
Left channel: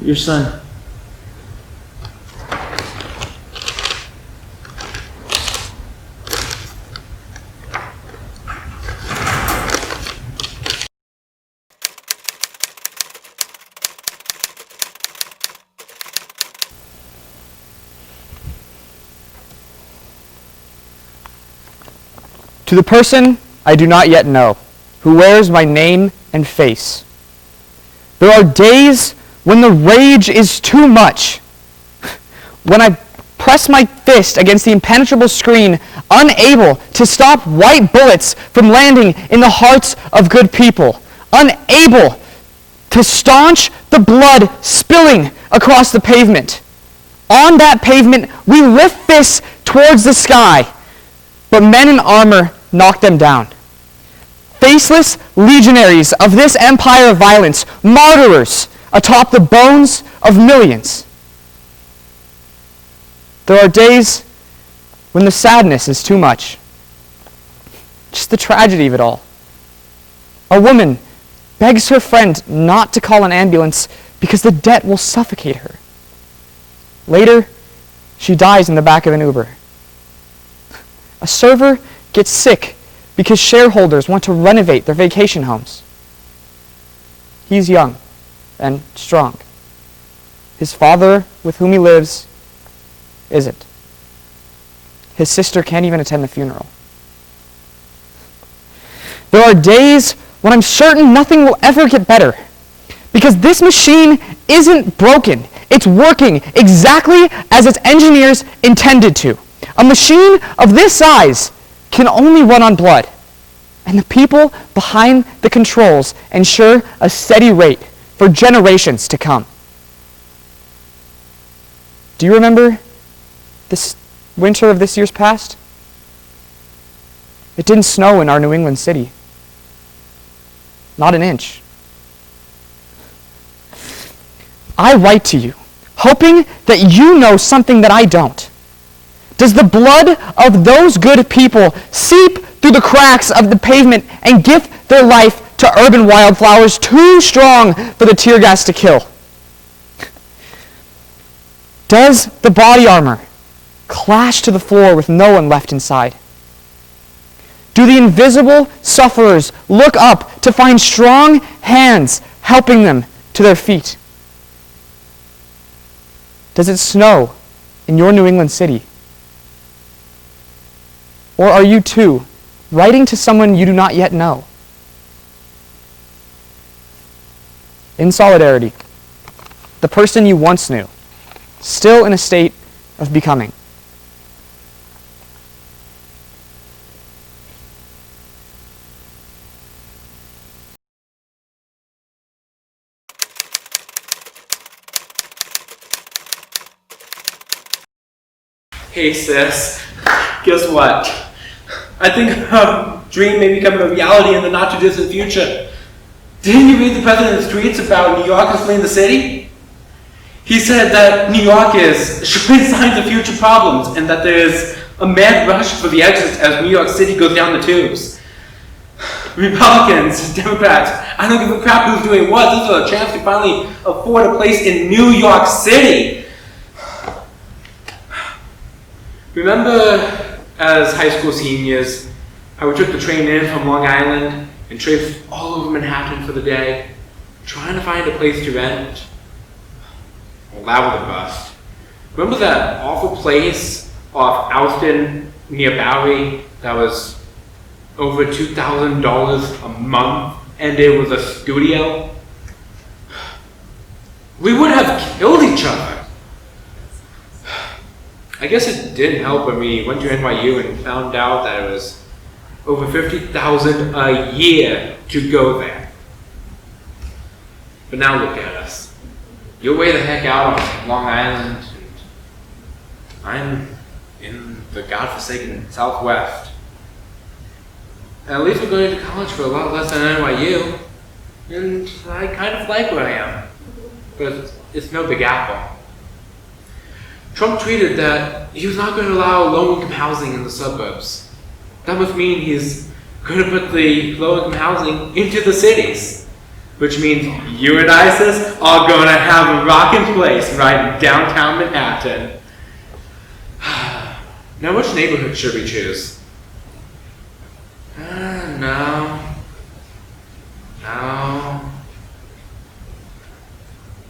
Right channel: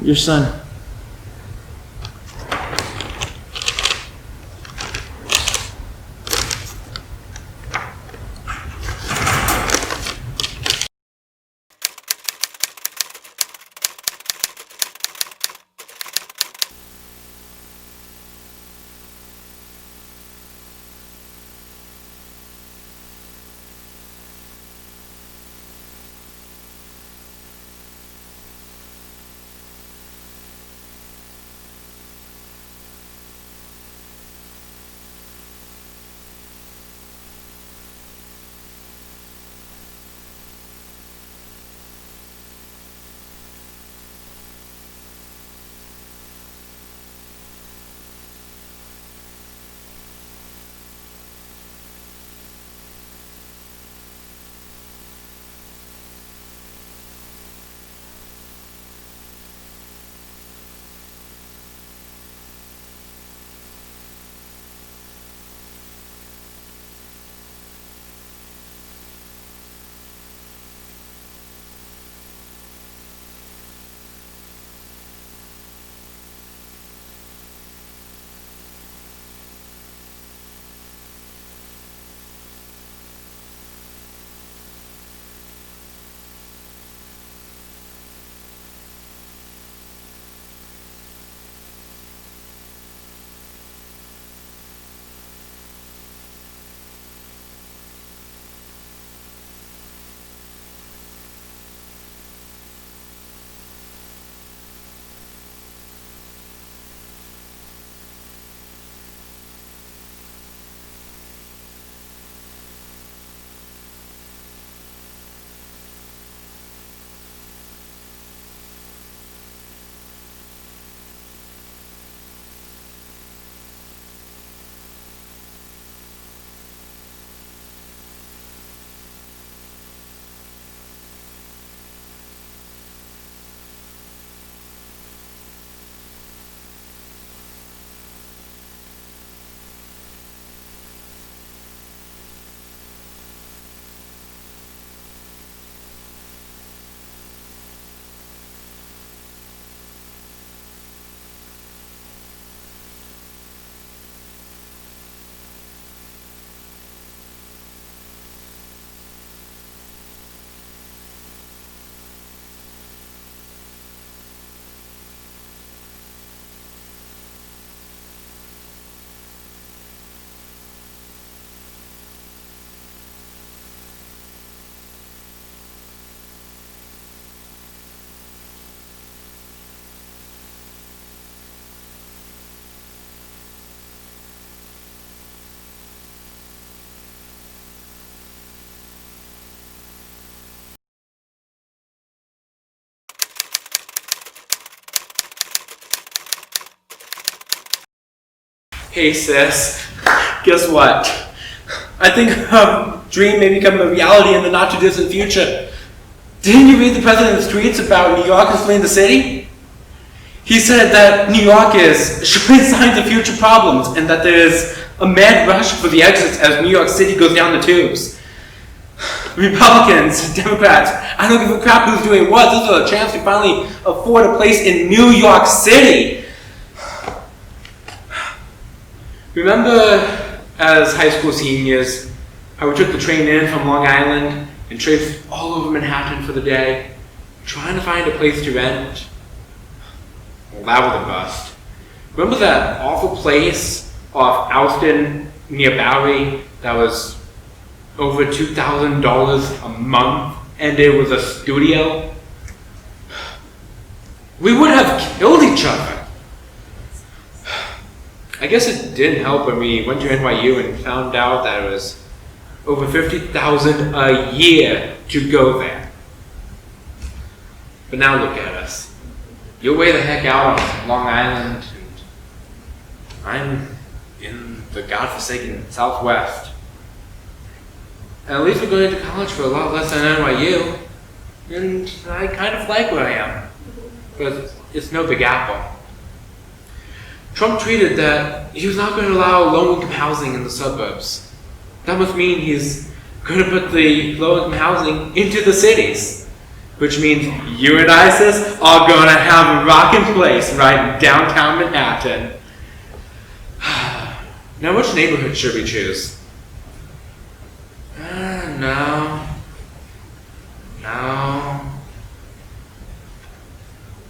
Your son. To the person I do not yet know, who wears my name and face. There are days when the rage is too much, when I press my fist against the impenetrable screen, unable to stop white bullets from landing in the hearts of good people, unable to staunch the blood spilling across the pavement. On that pavement, we lift fists towards the sky, but men in armor knock them down. Faceless legionaries of this empire of violence, martyrs atop the bones of millions. There are days when the sadness is too much. Just the tragedy of it all. A woman begs her friend not to call an ambulance because the debt will suffocate her. Later, she dies in the back of an Uber. A server gets sick because shareholders want to renovate their vacation homes. He's young and strong. His father, with whom he lives, isn't. His sister can't even attend the funeral. There are days when I'm certain nothing will ever get better, because this machine isn't broken. It's working exactly as its engineers intended to. A machine of this size can only run on blood, and the people behind the controls ensure a steady rate for generations to come. Do you remember this winter of this year's past? It didn't snow in our New England city. Not an inch. I write to you, hoping that you know something that I don't. Does the blood of those good people seep through the cracks of the pavement and gift their life to urban wildflowers too strong for the tear gas to kill? Does the body armor clash to the floor with no one left inside? Do the invisible sufferers look up to find strong hands helping them to their feet? Does it snow in your New England city? Or are you too writing to someone you do not yet know? In solidarity, the person you once knew, still in a state of becoming. Hey sis, guess what? I think a dream may become a reality in the not too distant future. Didn't you read the president's tweets about New York is fleeing the city? He said that New York is showing signs of future problems and that there is a mad rush for the exits as New York City goes down the tubes. Republicans, Democrats, I don't give a crap who's doing what. This is a chance to finally afford a place in New York City. Remember as high school seniors, how we took the train in from Long Island and traced all over Manhattan for the day, trying to find a place to rent? Well, that was a bust. Remember that awful place off Alston near Bowery that was over $2,000 a month and it was a studio? We would have killed each other. I guess it didn't help when we went to NYU and found out that it was over $50,000 a year to go there. But now look at us. You're way the heck out on Long Island, and I'm in the godforsaken Southwest. And at least we're going to college for a lot less than NYU, and I kind of like where I am. But it's no Big Apple. Trump tweeted that he was not going to allow low-income housing in the suburbs. That must mean he's going to put the low-income housing into the cities, which means you and I, sis, are going to have a rockin' place right in downtown Manhattan. Now, which neighborhood should we choose? No.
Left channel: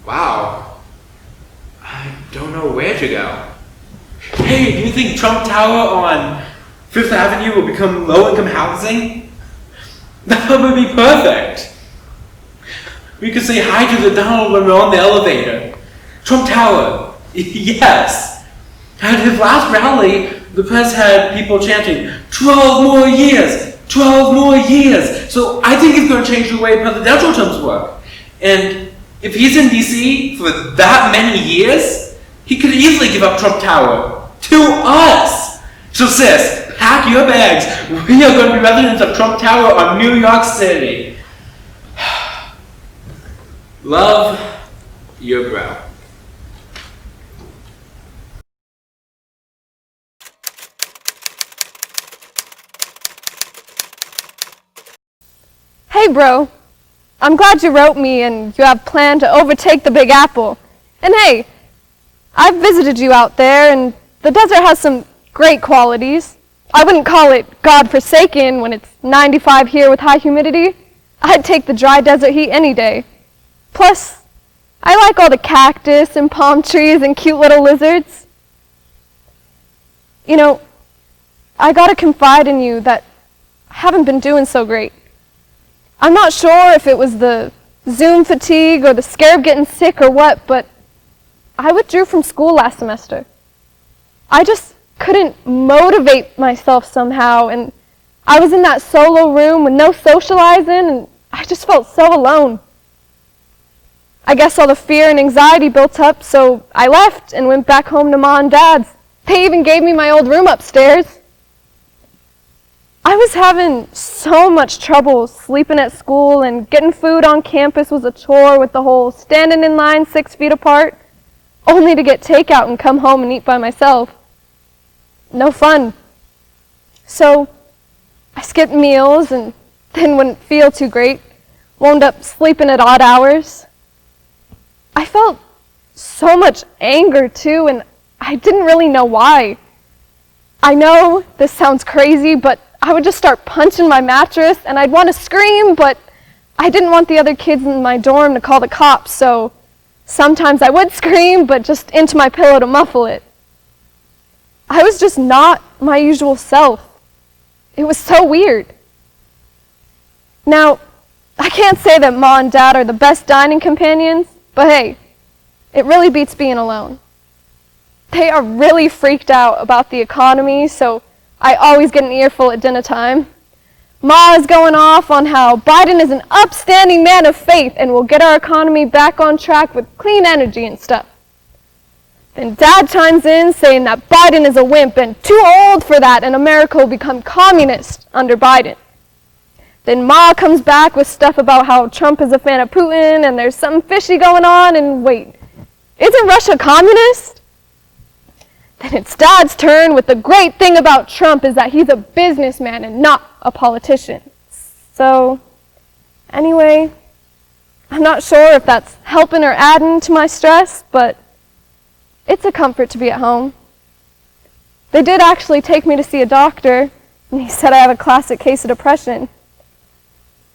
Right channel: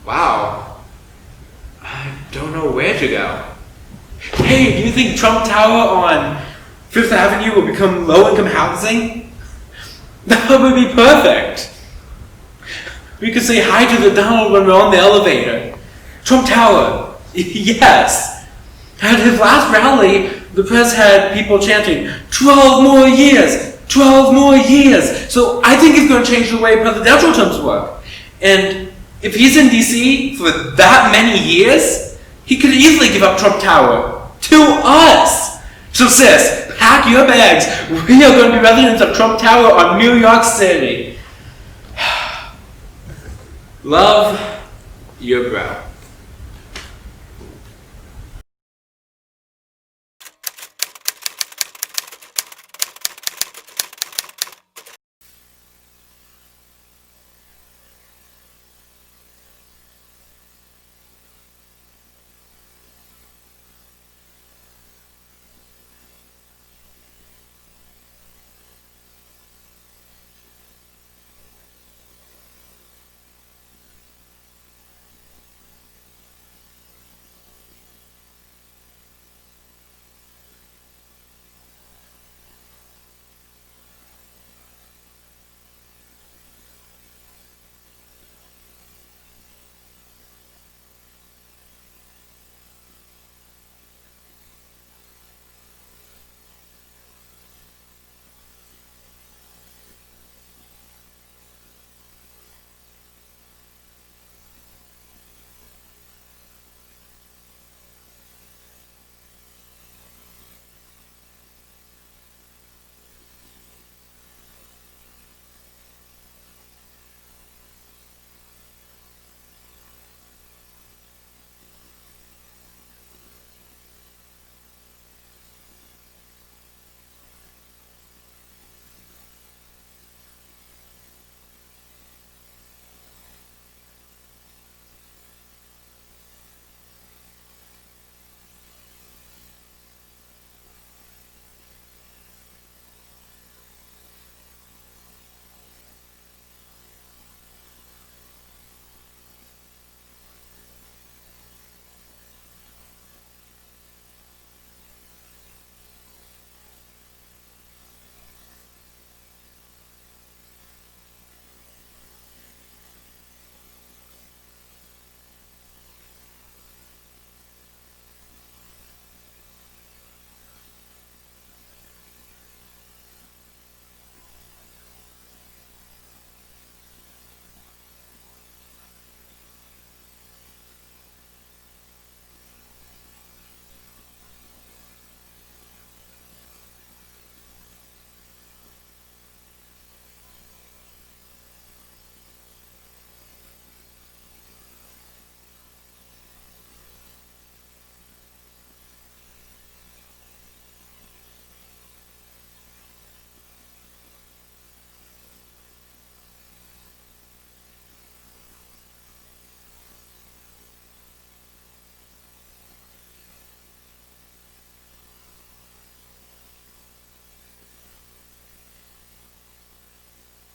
Wow. I don't know where to go. Hey, do you think Trump Tower on Fifth Avenue will become low-income housing? That would be perfect. We could say hi to the Donald when we're on the elevator. Trump Tower, yes. At his last rally, the press had people chanting, 12 more years, 12 more years. So I think he's going to change the way presidential terms work. And if he's in DC for that many years, he could easily give up Trump Tower to us. So sis, pack your bags. We are going to be residents of Trump Tower on New York City. Love, your bro. Hey, bro. I'm glad you wrote me and you have planned to overtake the Big Apple. And hey, I've visited you out there and the desert has some great qualities. I wouldn't call it God-forsaken when it's 95 here with high humidity. I'd take the dry desert heat any day. Plus, I like all the cactus and palm trees and cute little lizards. You know, I gotta confide in you that I haven't been doing so great. I'm not sure if it was the Zoom fatigue or the scare of getting sick or what, but I withdrew from school last semester. I just couldn't motivate myself somehow, and I was in that solo room with no socializing, and I just felt so alone. I guess all the fear and anxiety built up, so I left and went back home to Ma and Dad's. They even gave me my old room upstairs. I was having so much trouble sleeping at school, and getting food on campus was a chore with the whole standing in line 6 feet apart, only to get takeout and come home and eat by myself. No fun. So I skipped meals and then wouldn't feel too great, wound up sleeping at odd hours. I felt so much anger too, and I didn't really know why. I know this sounds crazy, but I would just start punching my mattress, and I'd want to scream, but I didn't want the other kids in my dorm to call the cops, so sometimes I would scream, but just into my pillow to muffle it. I was just not my usual self. It was so weird. Now, I can't say that Ma and Dad are the best dining companions, but hey, it really beats being alone. They are really freaked out about the economy, so I always get an earful at dinner time. Ma is going off on how Biden is an upstanding man of faith and will get our economy back on track with clean energy and stuff. Then Dad chimes in saying that Biden is a wimp and too old for that, and America will become communist under Biden. Then Ma comes back with stuff about how Trump is a fan of Putin and there's something fishy going on, and wait, isn't Russia communist? Then it's Dad's turn with the great thing about Trump is that he's a businessman and not a politician. So, anyway, I'm not sure if that's helping or adding to my stress, but it's a comfort to be at home. They did actually take me to see a doctor, and he said I have a classic case of depression.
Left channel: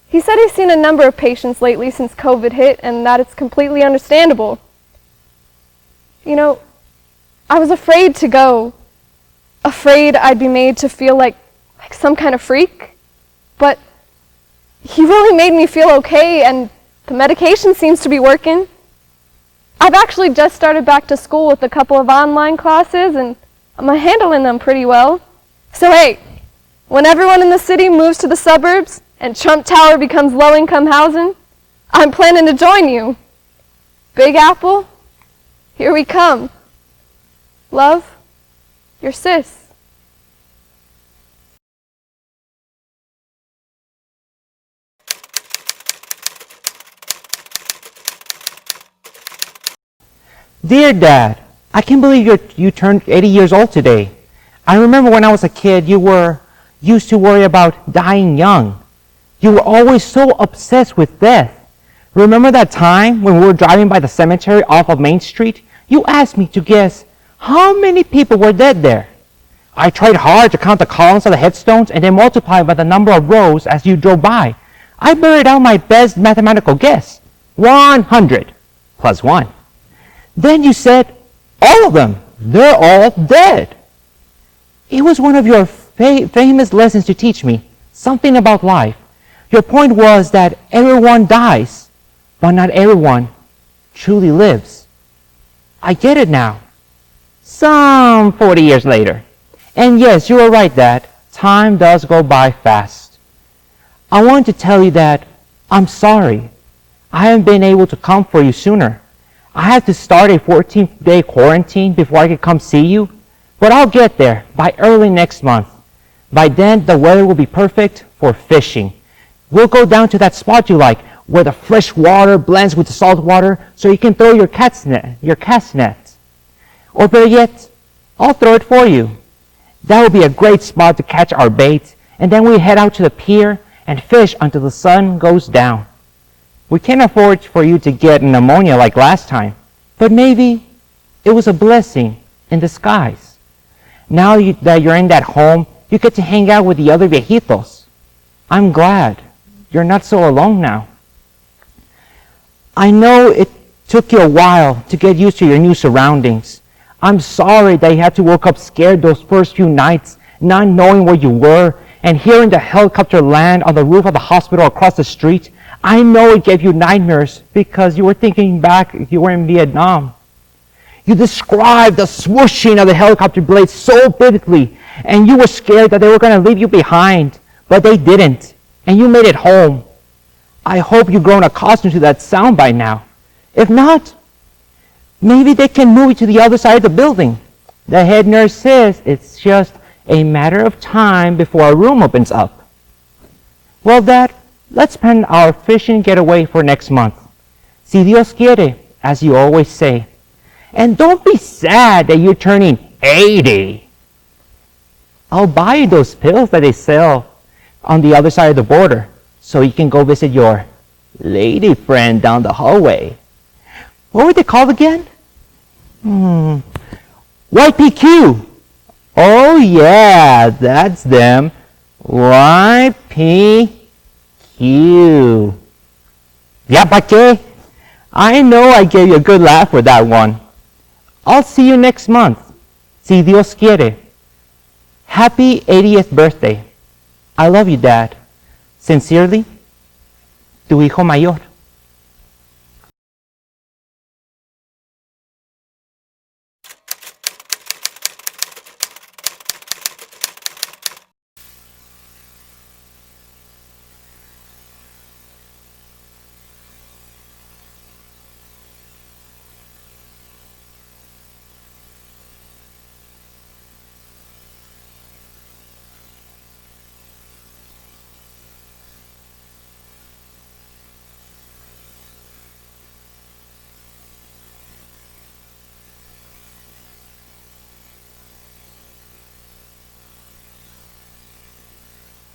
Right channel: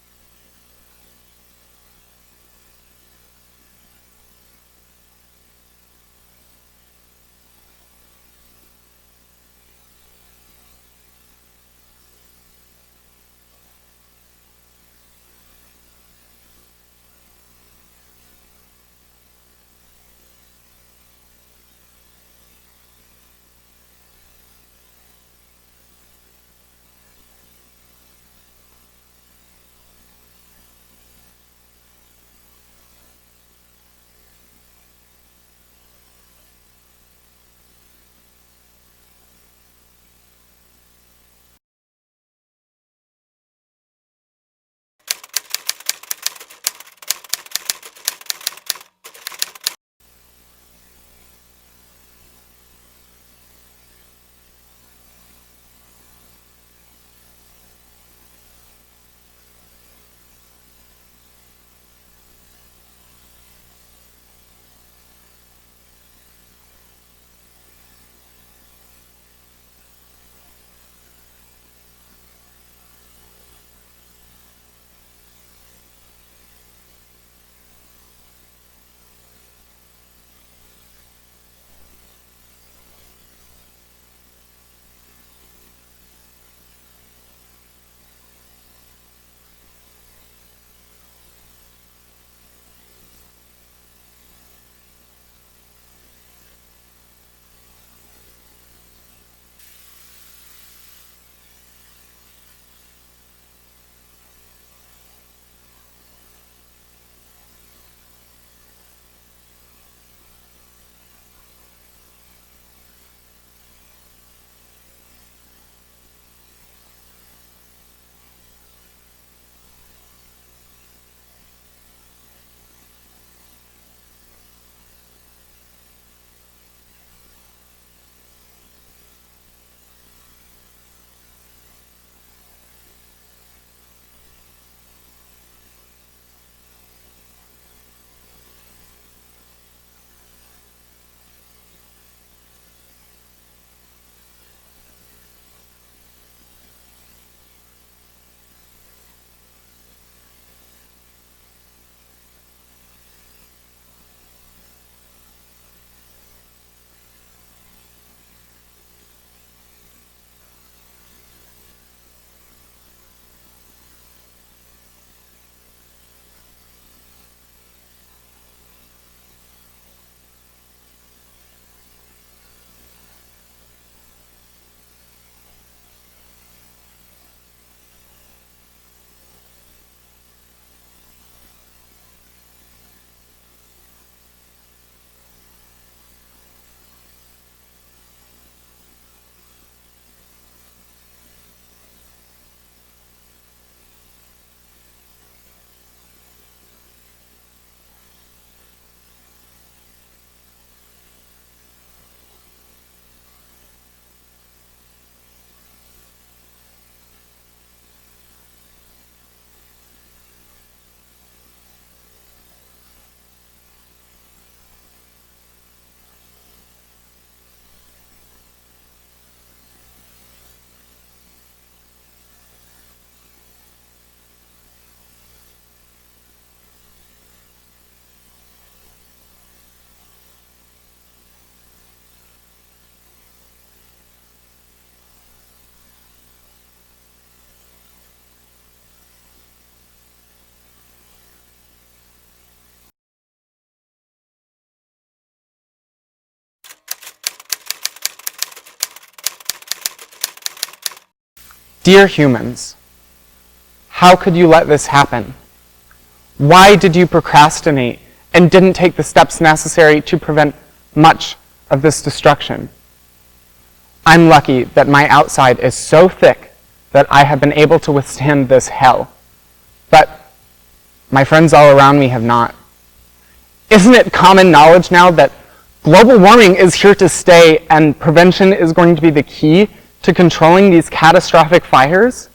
He said he's seen a number of patients lately since COVID hit, and that it's completely understandable. You know, I was afraid to go, afraid I'd be made to feel like some kind of freak, but he really made me feel okay, and the medication seems to be working. I've actually just started back to school with a couple of online classes, and I'm handling them pretty well. So hey, when everyone in the city moves to the suburbs and Trump Tower becomes low-income housing, I'm planning to join you. Big Apple, here we come. Love, your sis. Dear Dad, I can't believe you turned 80 years old today. I remember when I was a kid, you used to worry about dying young. You were always so obsessed with death. Remember that time when we were driving by the cemetery off of Main Street? You asked me to guess how many people were dead there. I tried hard to count the columns of the headstones and then multiply by the number of rows as you drove by. I buried out my best mathematical guess, 100 plus 1. Then you said, all of them, they're all dead. It was one of your famous lessons to teach me, something about life. Your point was that everyone dies, but not everyone truly lives. I get it now. Some 40 years later. And yes, you were right, Dad. Time does go by fast. I wanted to tell you that I'm sorry. I haven't been able to come for you sooner. I had to start a 14-day quarantine before I could come see you, but I'll get there by early next month. By then, the weather will be perfect for fishing. We'll go down to that spot you like, where the fresh water blends with the salt water, so you can throw your cast net. Or better yet, I'll throw it for you. That will be a great spot to catch our bait, and then we head out to the pier and fish until the sun goes down. We can't afford for you to get pneumonia like last time, but maybe it was a blessing in disguise. Now that you're in that home, you get to hang out with the other viejitos. I'm glad you're not so alone now. I know it took you a while to get used to your new surroundings. I'm sorry that you had to wake up scared those first few nights, not knowing where you were, and hearing the helicopter land on the roof of the hospital across the street. I know it gave you nightmares because you were thinking back you were in Vietnam. You described the swooshing of the helicopter blades so vividly, and you were scared that they were going to leave you behind, but they didn't, and you made it home. I hope you've grown accustomed to that sound by now. If not, maybe they can move you to the other side of the building. The head nurse says it's just a matter of time before our room opens up. Well, Dad, let's plan our fishing getaway for next month. Si Dios quiere, as you always say. And don't be sad that you're turning 80. I'll buy you those pills that they sell on the other side of the border so you can go visit your lady friend down the hallway. What were they called again? YPQ. Oh yeah, that's them. YPQ. Ya pa qué? I know I gave you a good laugh with that one. I'll see you next month, si Dios quiere. Happy 80th birthday. I love you, Dad. Sincerely, tu hijo mayor. Dear humans, how could you let this happen? Why did you procrastinate and didn't take the steps necessary to prevent much of this destruction? I'm lucky that my outside is so thick that I have been able to withstand this hell. But my friends all around me have not. Isn't it common knowledge now that global warming is here to stay and prevention is going to be the key to controlling these catastrophic fires?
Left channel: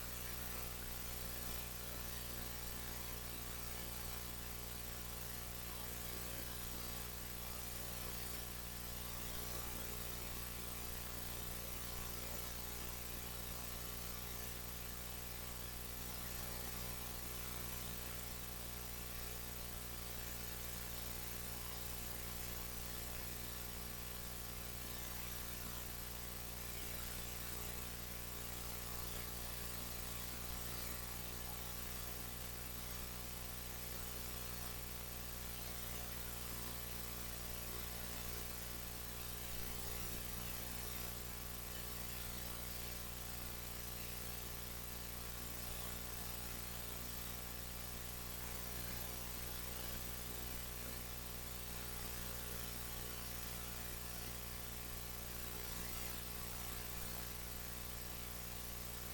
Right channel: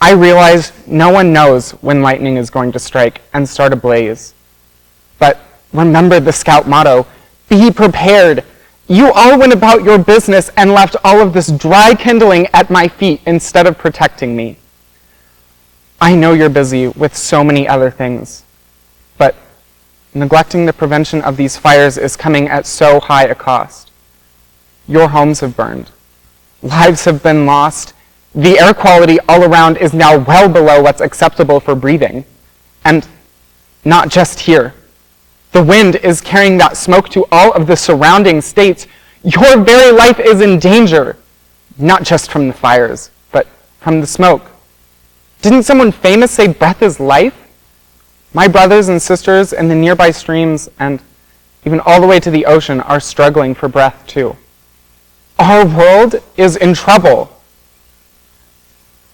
I realize no one knows when lightning is going to strike and start a blaze. But remember the Scout motto, be prepared. You all went about your business and left all of this dry kindling at my feet instead of protecting me. I know you're busy with so many other things, but neglecting the prevention of these fires is coming at so high a cost. Your homes have burned. Lives have been lost. The air quality all around is now well below what's acceptable for breathing. And not just here. The wind is carrying that smoke to all of the surrounding states. Your very life is in danger. Not just from the fires, but from the smoke. Didn't someone famous say breath is life? My brothers and sisters in the nearby streams and even all the way to the ocean are struggling for breath too. Our world is in trouble.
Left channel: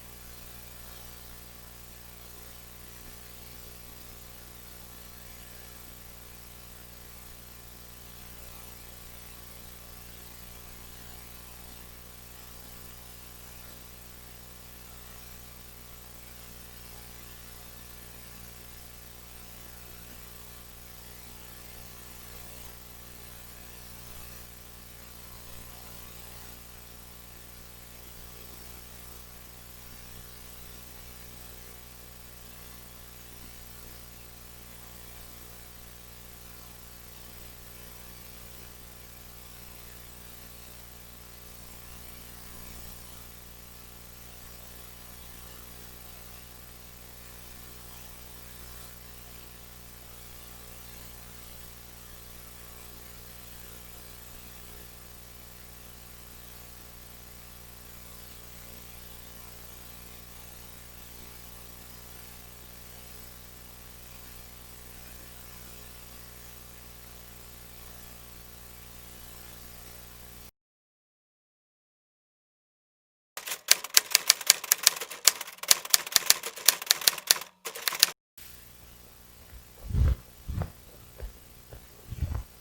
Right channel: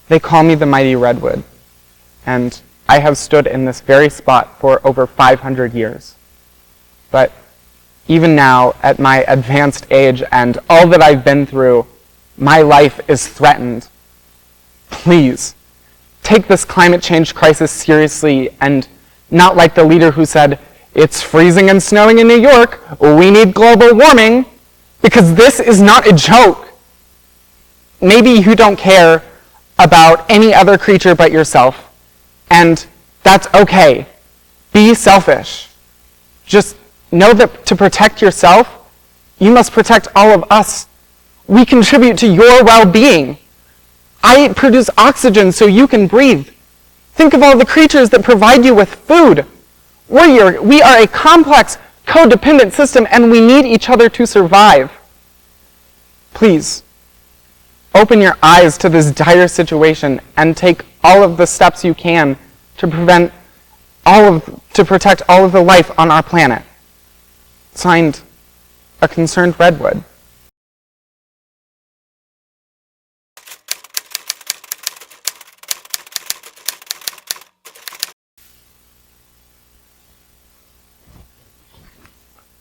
They call me the mighty redwood, and I have stood in this very spot for over 500 years. But even now, at my advanced age and all that I've been through, my life is threatened. Please, take this climate change crisis seriously and not like the leader who said, it's freezing and snowing in New York, we need global warming, because this is not a joke. Maybe you don't care about any other creature but yourself, and that's okay. Be selfish. Just know that to protect yourself, you must protect all of us. We contribute to your well-being. I produce oxygen so you can breathe. Think of all the creatures that provide you with food. We are a complex, codependent system, and we need each other to survive. Please, open your eyes to this dire situation and take all of the steps you can to protect all of the life on our planet. Signed, a concerned redwood.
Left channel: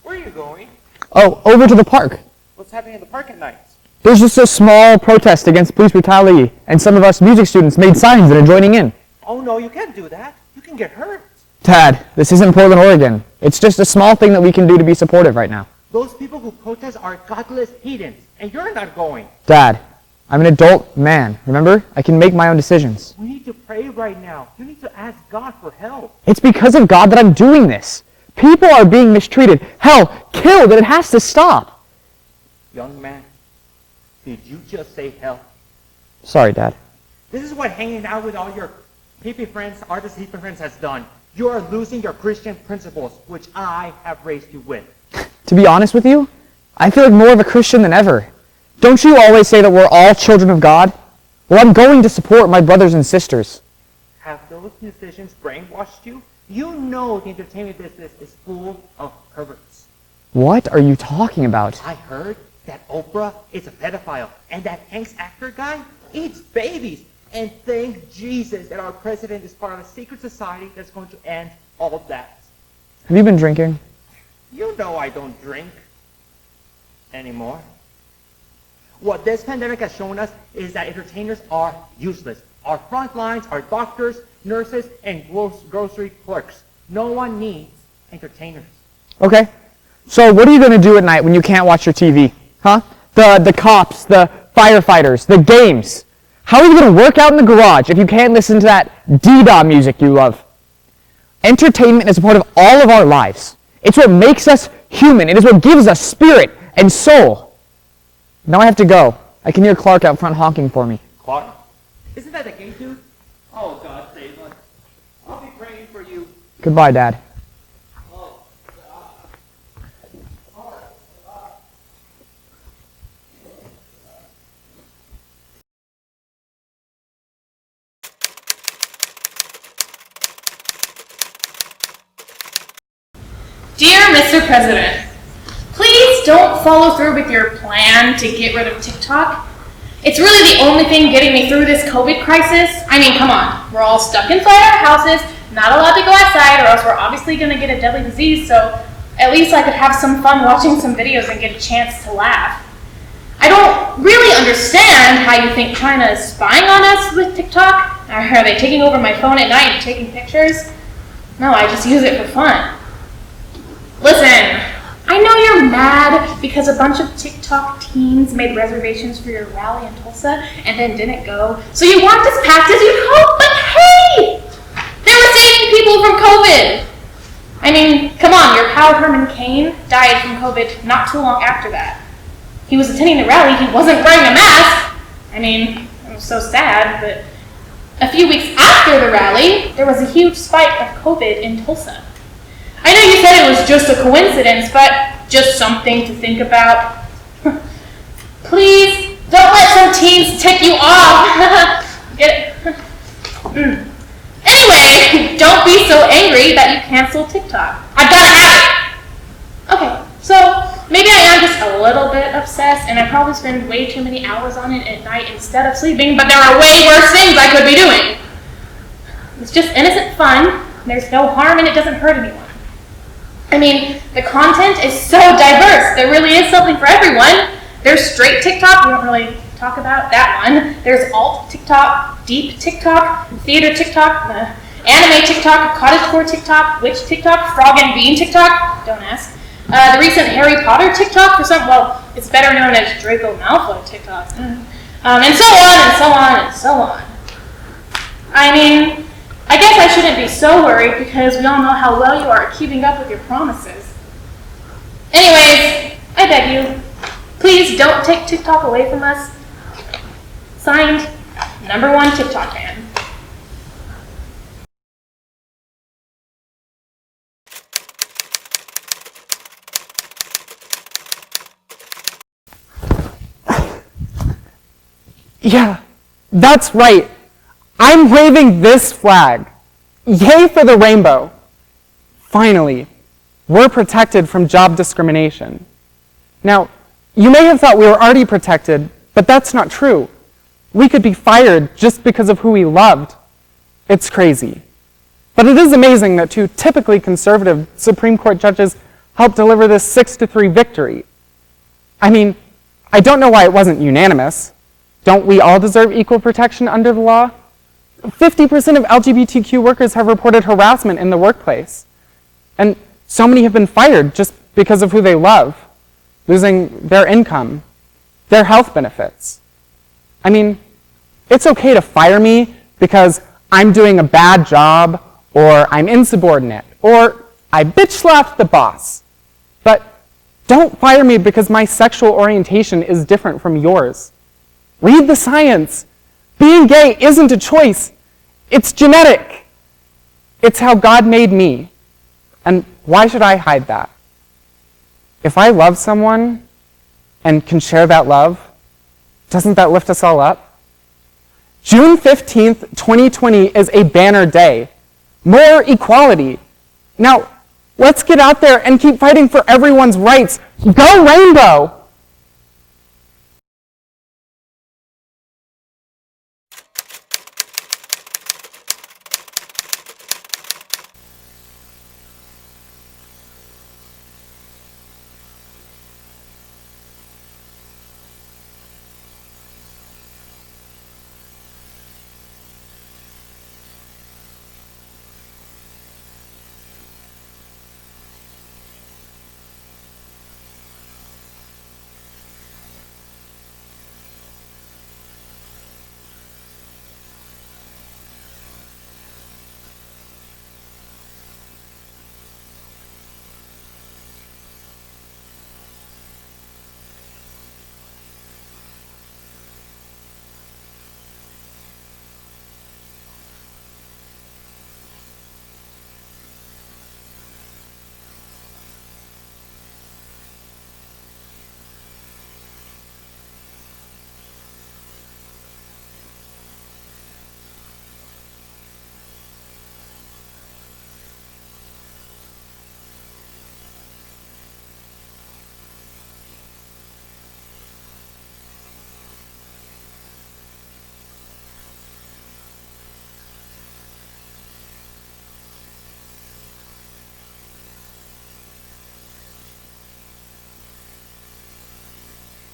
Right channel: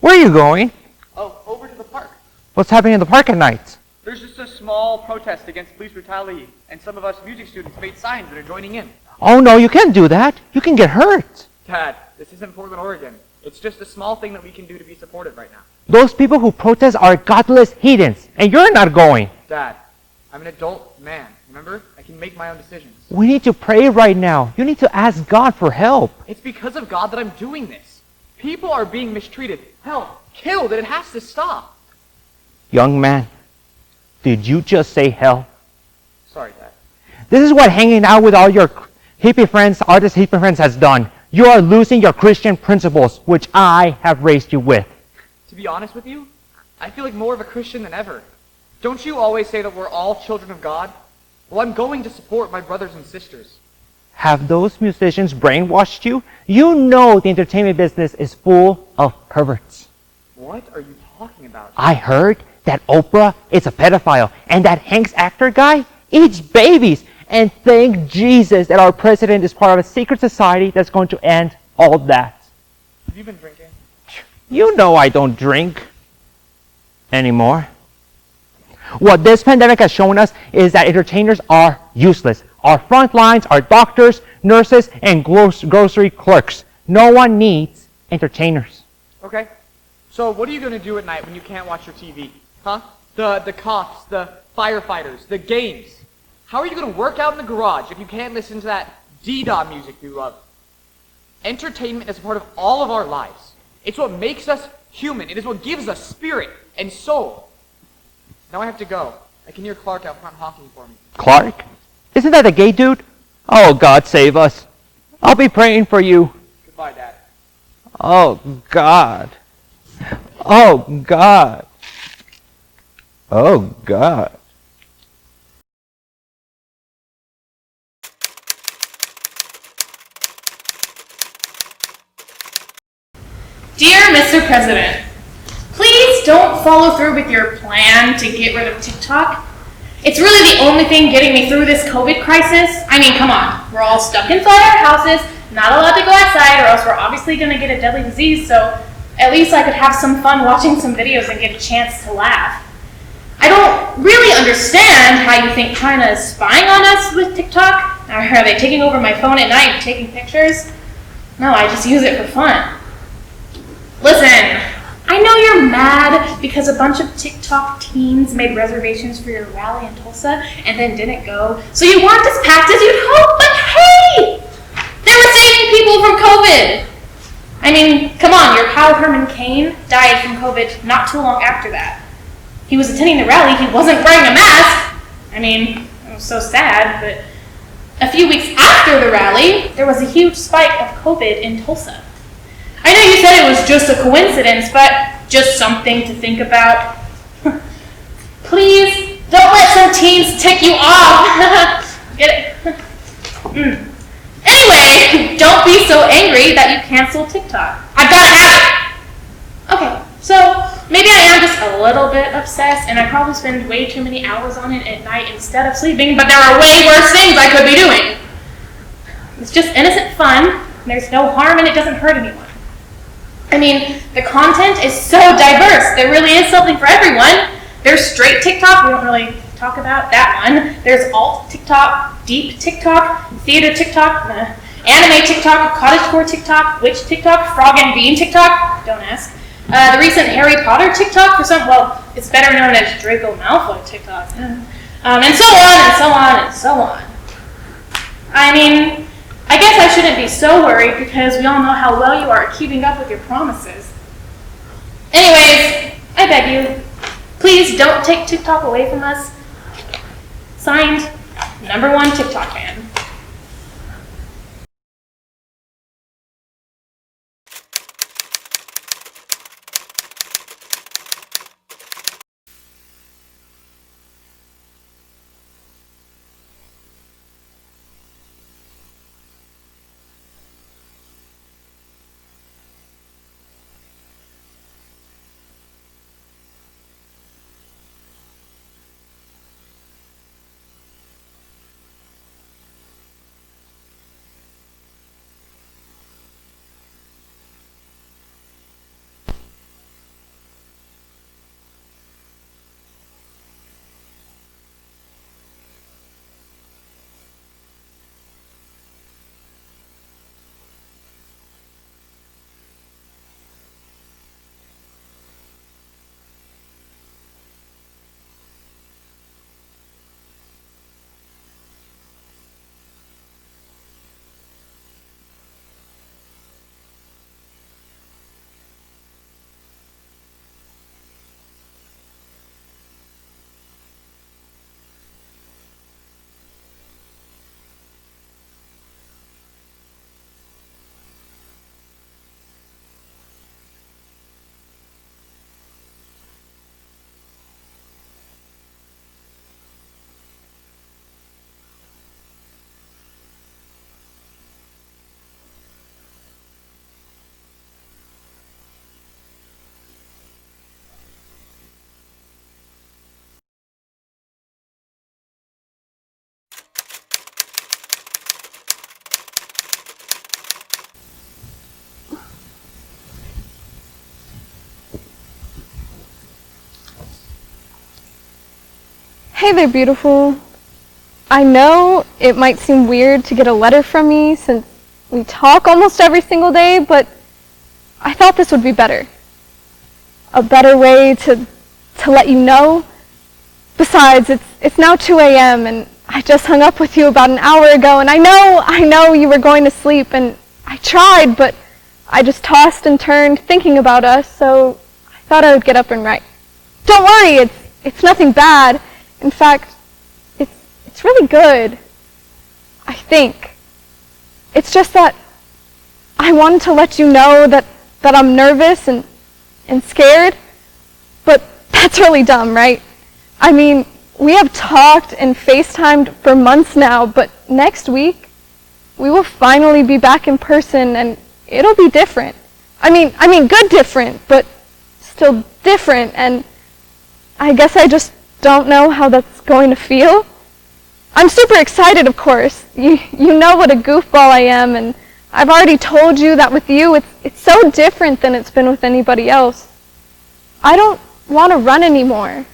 Where are you going? Oh, over to the park. What's happening in the park at night? There's just a small protest against police brutality, and some of us music students made signs and are joining in. Oh no, you can't do that. You can get hurt. Dad, this isn't Portland, Oregon. It's just a small thing that we can do to be supportive right now. Those people who protest are godless heathens, and you're not going. Dad, I'm an adult man, remember? I can make my own decisions. We need to pray right now. You need to ask God for help. It's because of God that I'm doing this. People are being mistreated, hell, killed, and it has to stop. Young man, did you just say hell? Sorry, Dad. This is what hanging out with all your hippie friends, artist hippie friends has done. You are losing your Christian principles, which I have raised you with. To be honest with you, I feel like more of a Christian than ever. Don't you always say that we're all children of God? Well, I'm going to support my brothers and sisters. Have those musicians brainwashed you? You know the entertainment business is full of perverts. What are you talking about? I heard that Oprah is a pedophile and that Hank's actor guy eats babies. And thank Jesus that our president is part of a secret society that's going to end all that. Have you been drinking? You know I don't drink anymore. What this pandemic has shown us is that entertainers are useless. Our front lines are doctors, nurses, and grocery clerks. No one needs entertainers. Okay. So what are you going to do at night when you can't watch your TV? Huh? The cops, the firefighters, the games. How are you going to work out in the garage if you can't listen to that dee-dah music you love? Entertainment is a part of all of our lives. It's what makes us human. It is what gives us spirit and soul. Now I have to go. I can hear Clark out front honking for me. Clark? Isn't that a gay dude? Oh, God save us. I'll be praying for you. Goodbye, Dad. Oh, God. Oh, God. Oh, God. Dear Mr. President, please don't follow through with your plan to get rid of TikTok. It's really the only thing getting me through this COVID crisis. I mean, come on. We're all stuck inside our houses, not allowed to go outside, or else we're obviously going to get a deadly disease, so at least I could have some fun watching some videos and get a chance to laugh. I don't really understand how you think China is spying on us with TikTok. Are they taking over my phone at night and taking pictures? No, I just use it for fun. Listen, I know you're mad because a bunch of TikTok teens made reservations for your rally in Tulsa and then didn't go. So you weren't as packed as you'd hoped, but hey! They were saving people from COVID! I mean, come on, your pal Herman Cain died from COVID not too long after that. He was attending the rally, he wasn't wearing a mask! I mean, it was so sad, but a few weeks after the rally, there was a huge spike of COVID in Tulsa. I know you said it was just a coincidence, but just something to think about. Please, don't let some teens tick you off. Get it? Anyway, don't be so angry that you canceled TikTok. I've got to have it. Okay, so maybe I am just a little bit obsessed, and I probably spend way too many hours on it at night instead of sleeping, but there are way worse things I could be doing. It's just innocent fun. There's no harm, and it doesn't hurt anyone. I mean, the content is so diverse. There really is something for everyone. There's straight TikTok. We don't really talk about that one. There's alt TikTok, deep TikTok, theater TikTok, anime TikTok, cottagecore TikTok, witch TikTok, frog and bean TikTok. Don't ask. The recent Harry Potter TikTok for some, well, it's better known as Draco Malfoy TikTok. And so on and so on and so on. I mean, I guess I shouldn't be so worried because we all know how well you are at keeping up with your promises. Anyways, I beg you, please don't take TikTok away from us. Signed, #1 TikTok fan. Yeah, that's right. I'm waving this flag. Yay for the rainbow. Finally, we're protected from job discrimination. Now, you may have thought we were already protected, but that's not true. We could be fired just because of who we loved. It's crazy. But it is amazing that 2 typically conservative Supreme Court judges helped deliver this 6-3 victory. I mean, I don't know why it wasn't unanimous. Don't we all deserve equal protection under the law? 50% of LGBTQ workers have reported harassment in the workplace. And so many have been fired just because of who they love, losing their income, their health benefits. I mean, it's okay to fire me because I'm doing a bad job, or I'm insubordinate, or I bitch slapped the boss. But don't fire me because my sexual orientation is different from yours. Read the science. Being gay isn't a choice. It's genetic. It's how God made me. And why should I hide that? if I love someone and can share that love, doesn't that lift us all up? June 15th, 2020 is a banner day. More equality. Now, let's get out there and keep fighting for everyone's rights. Go Rainbow! Hey there, beautiful. I know it might seem weird to get a letter from me since we talk almost every single day, but I thought this would be better. A better way to let you know. Besides, it's now 2 a.m. and I just hung up with you about an hour ago, and I know you were going to sleep, and I tried, but I just tossed and turned thinking about us, so I thought I would get up and write. Don't worry, it's nothing bad. In fact, it's really good, I think. It's just that I wanted to let you know that I'm nervous and scared, but that's really dumb, right? I mean, we have talked and FaceTimed for months now, but next week, we will finally be back in person and it'll be different. I mean good different, but still different, and I guess I just don't know how that's going to feel. I'm super excited, of course. You know what a goofball I am, and I've already told you that with you, it's so different than it's been with anybody else. I don't want to run anymore.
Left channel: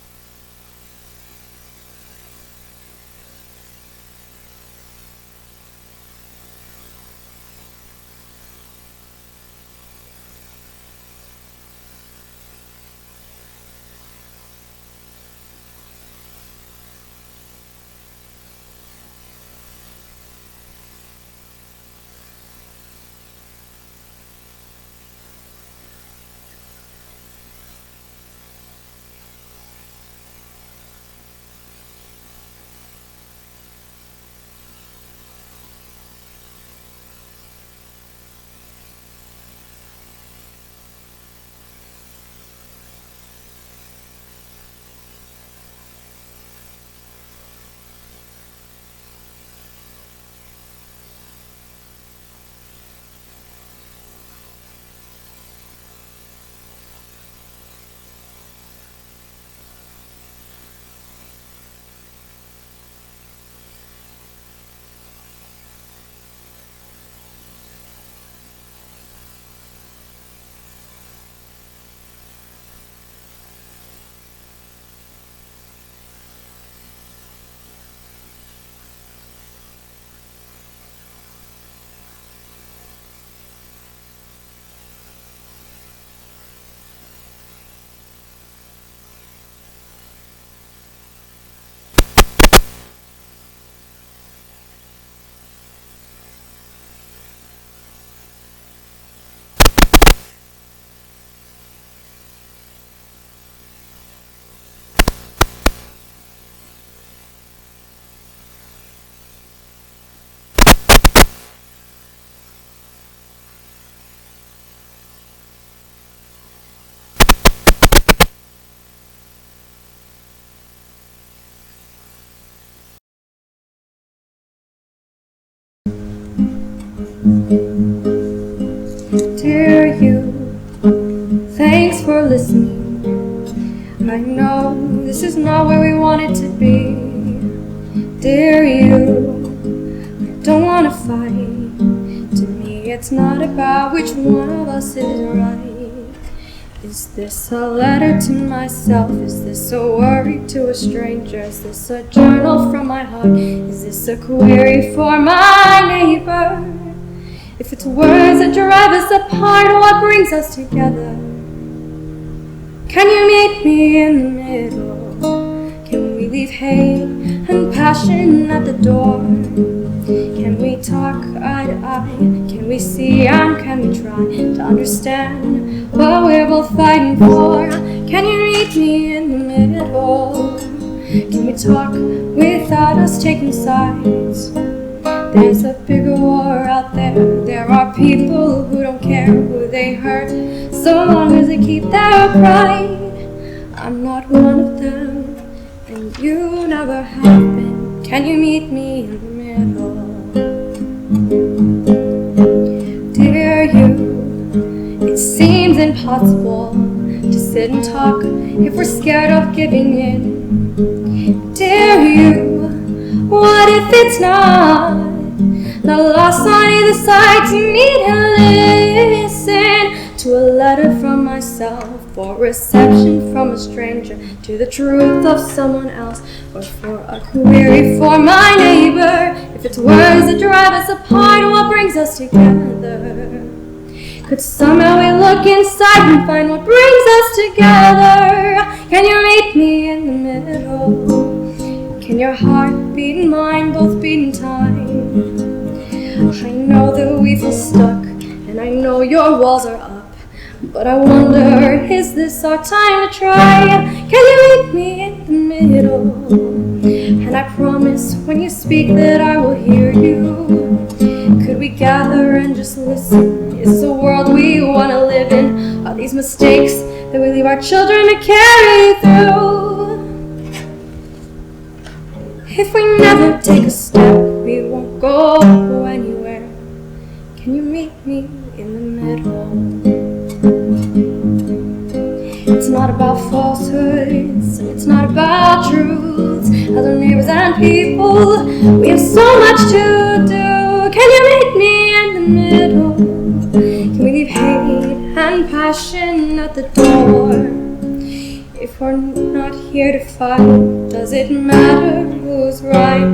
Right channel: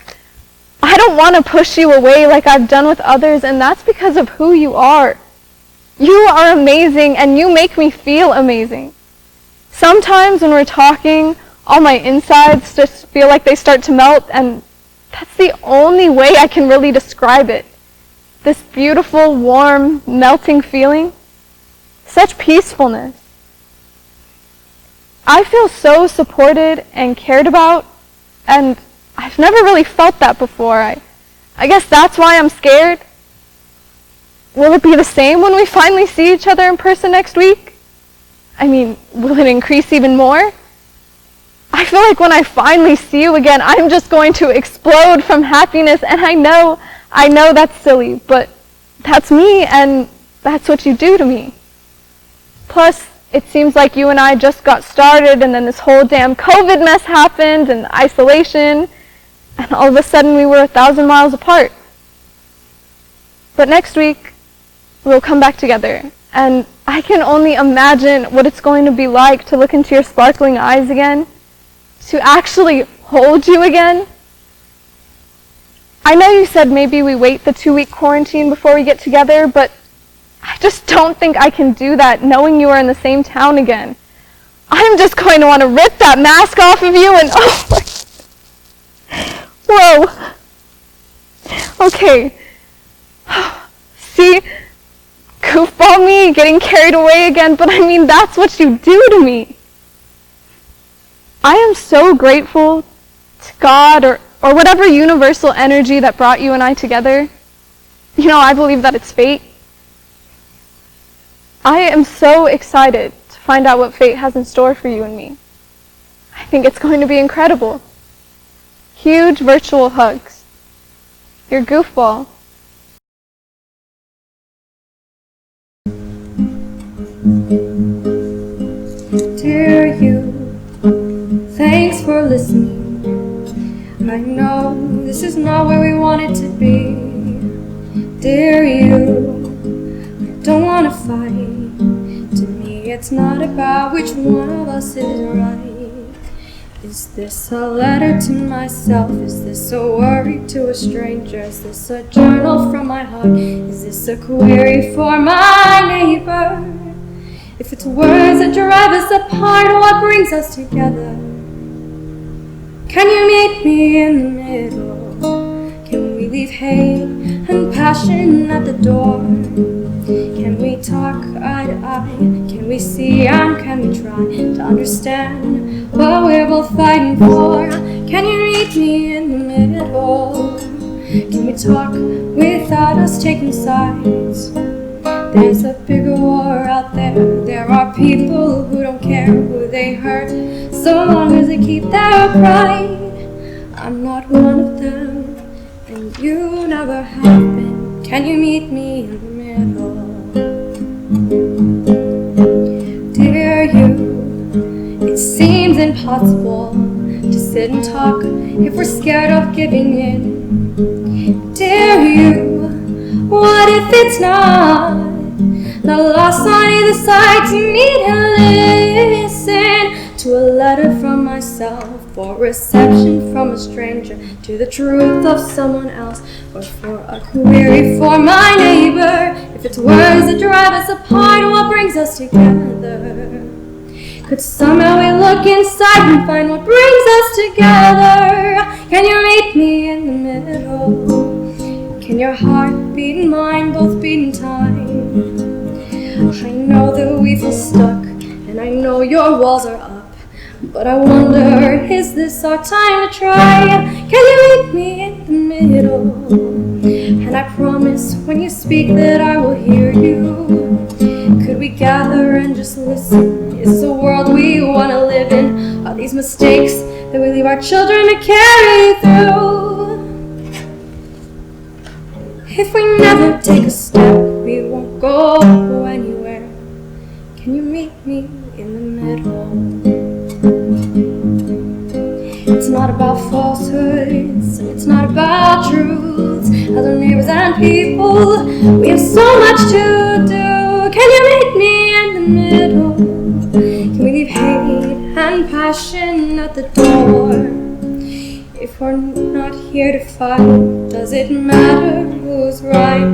I don't want to push you away like I've done with others, and that's because of who you are. You are amazing, and you make me feel amazing. Sometimes when we're talking, all my insides just feel like they start to melt, and that's the only way I can really describe it. This beautiful, warm, melting feeling. Such peacefulness. I feel so supported and cared about, and I've never really felt that before. I guess that's why I'm scared. Will it be the same when we finally see each other in person next week? I mean, will it increase even more? I feel like when I finally see you again, I'm just going to explode from happiness, and I know that's silly, but that's me, and that's what you do to me. Plus, it seems like you and I just got started, and then this whole damn COVID mess happened, and isolation, and all of a sudden we were 1,000 miles apart. But next week, we'll come back together, and I can only imagine what it's going to be like to look into your sparkling eyes again, to actually hold you again. I know you said maybe we wait the 2-week quarantine before we get together, but I just don't think I can do that knowing you are in the same town again. I'm just going to want to rip that mask off of you and oh my... Whoa. Okay. See? Goofball me, getting carried away again, but I mean, that's what you do to me. I am so grateful to God or whatever universal energy that brought you and I together. You know, I believe that it's fate. I am so excited to find out what fate has in store for you and me. I think it's going to be incredible. Huge virtual hugs. Your goofball. Dear you, thanks for listening. I know this is not where we want it to be. Dear you, I don't want to fight. To me it's not about which one of us is right. Is this a letter to myself? Is this a worry to a stranger? Is this a journal from my heart? Is this a query for my neighbor? If it's words that drive us apart, what brings us together? Can you meet me in the middle? Can we leave hate and passion at the door? Can we talk eye to eye? Can we see and can we try to understand what we're both fighting for? Can you meet me in the middle? Can we talk without us taking sides? There's a bigger war out there. There are people who don't care who they hurt. so long as they keep their pride. I'm not one of them, and you never have been. Can you meet me in the middle? Dear you, it seems impossible to sit and talk if we're scared of giving in. Dear you, what if it's not the loss on either side to meet and listen to a letter from myself, or reception from a stranger, to the truth of someone else, or for a query for my neighbor? If it's words that drive us apart, what brings us together? Could somehow we look inside and find what brings us together? Can you meet me in the middle? Can your heart beat and mine both beat in time? I know that we feel stuck, and I know your walls are up, but I wonder, is this our time to try? Can you meet me in the middle? And I promise when you speak that I will hear you. Could we gather and just listen? Is this a world we want to live in? Are these mistakes that we leave our children to carry through? If we never take a step, we won't go anywhere. Can you meet me in the middle? It's not about falsehoods, and it's not about truths. As our neighbors and people, we have so much to do. Can you meet me in the middle? Can we leave hate and passion at the door? If we're not here to fight, does it matter who's right?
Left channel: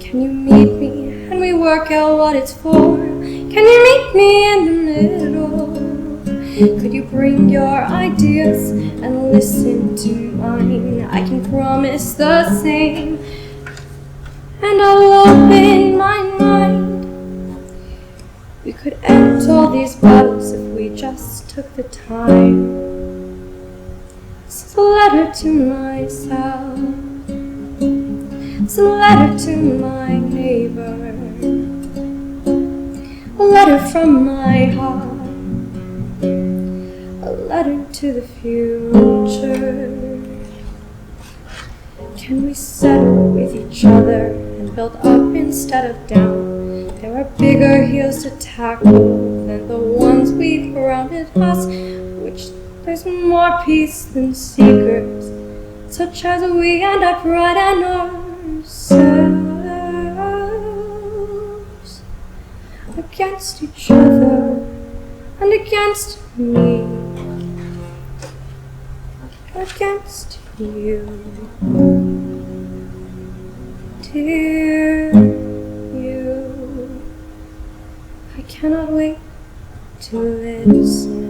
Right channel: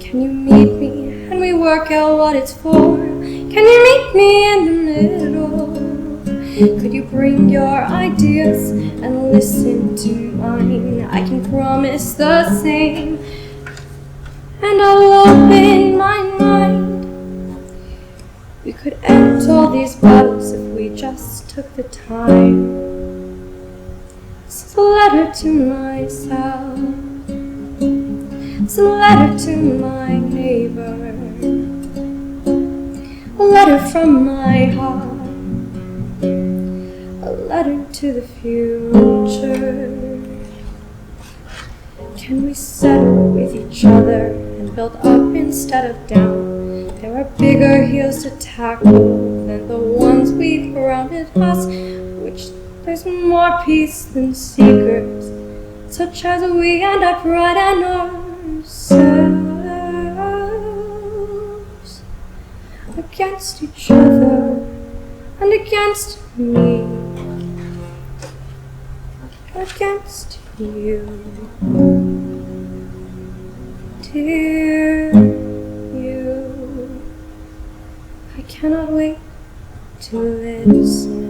Can you meet me and we work out what it's for? Can you meet me in the middle? Could you bring your ideas and listen to mine? I can promise the same, and I'll open my mind. We could end all these battles if we just took the time. This is a letter to myself. It's a letter to my neighbor. A letter from my heart. A letter to the future. Can we settle with each other and build up instead of down? There are bigger hills to tackle than the ones we've surrounded us, which there's more peace than secrets, such as we end up writing ourselves against each other and against me, against you, dear you. I cannot wait to listen.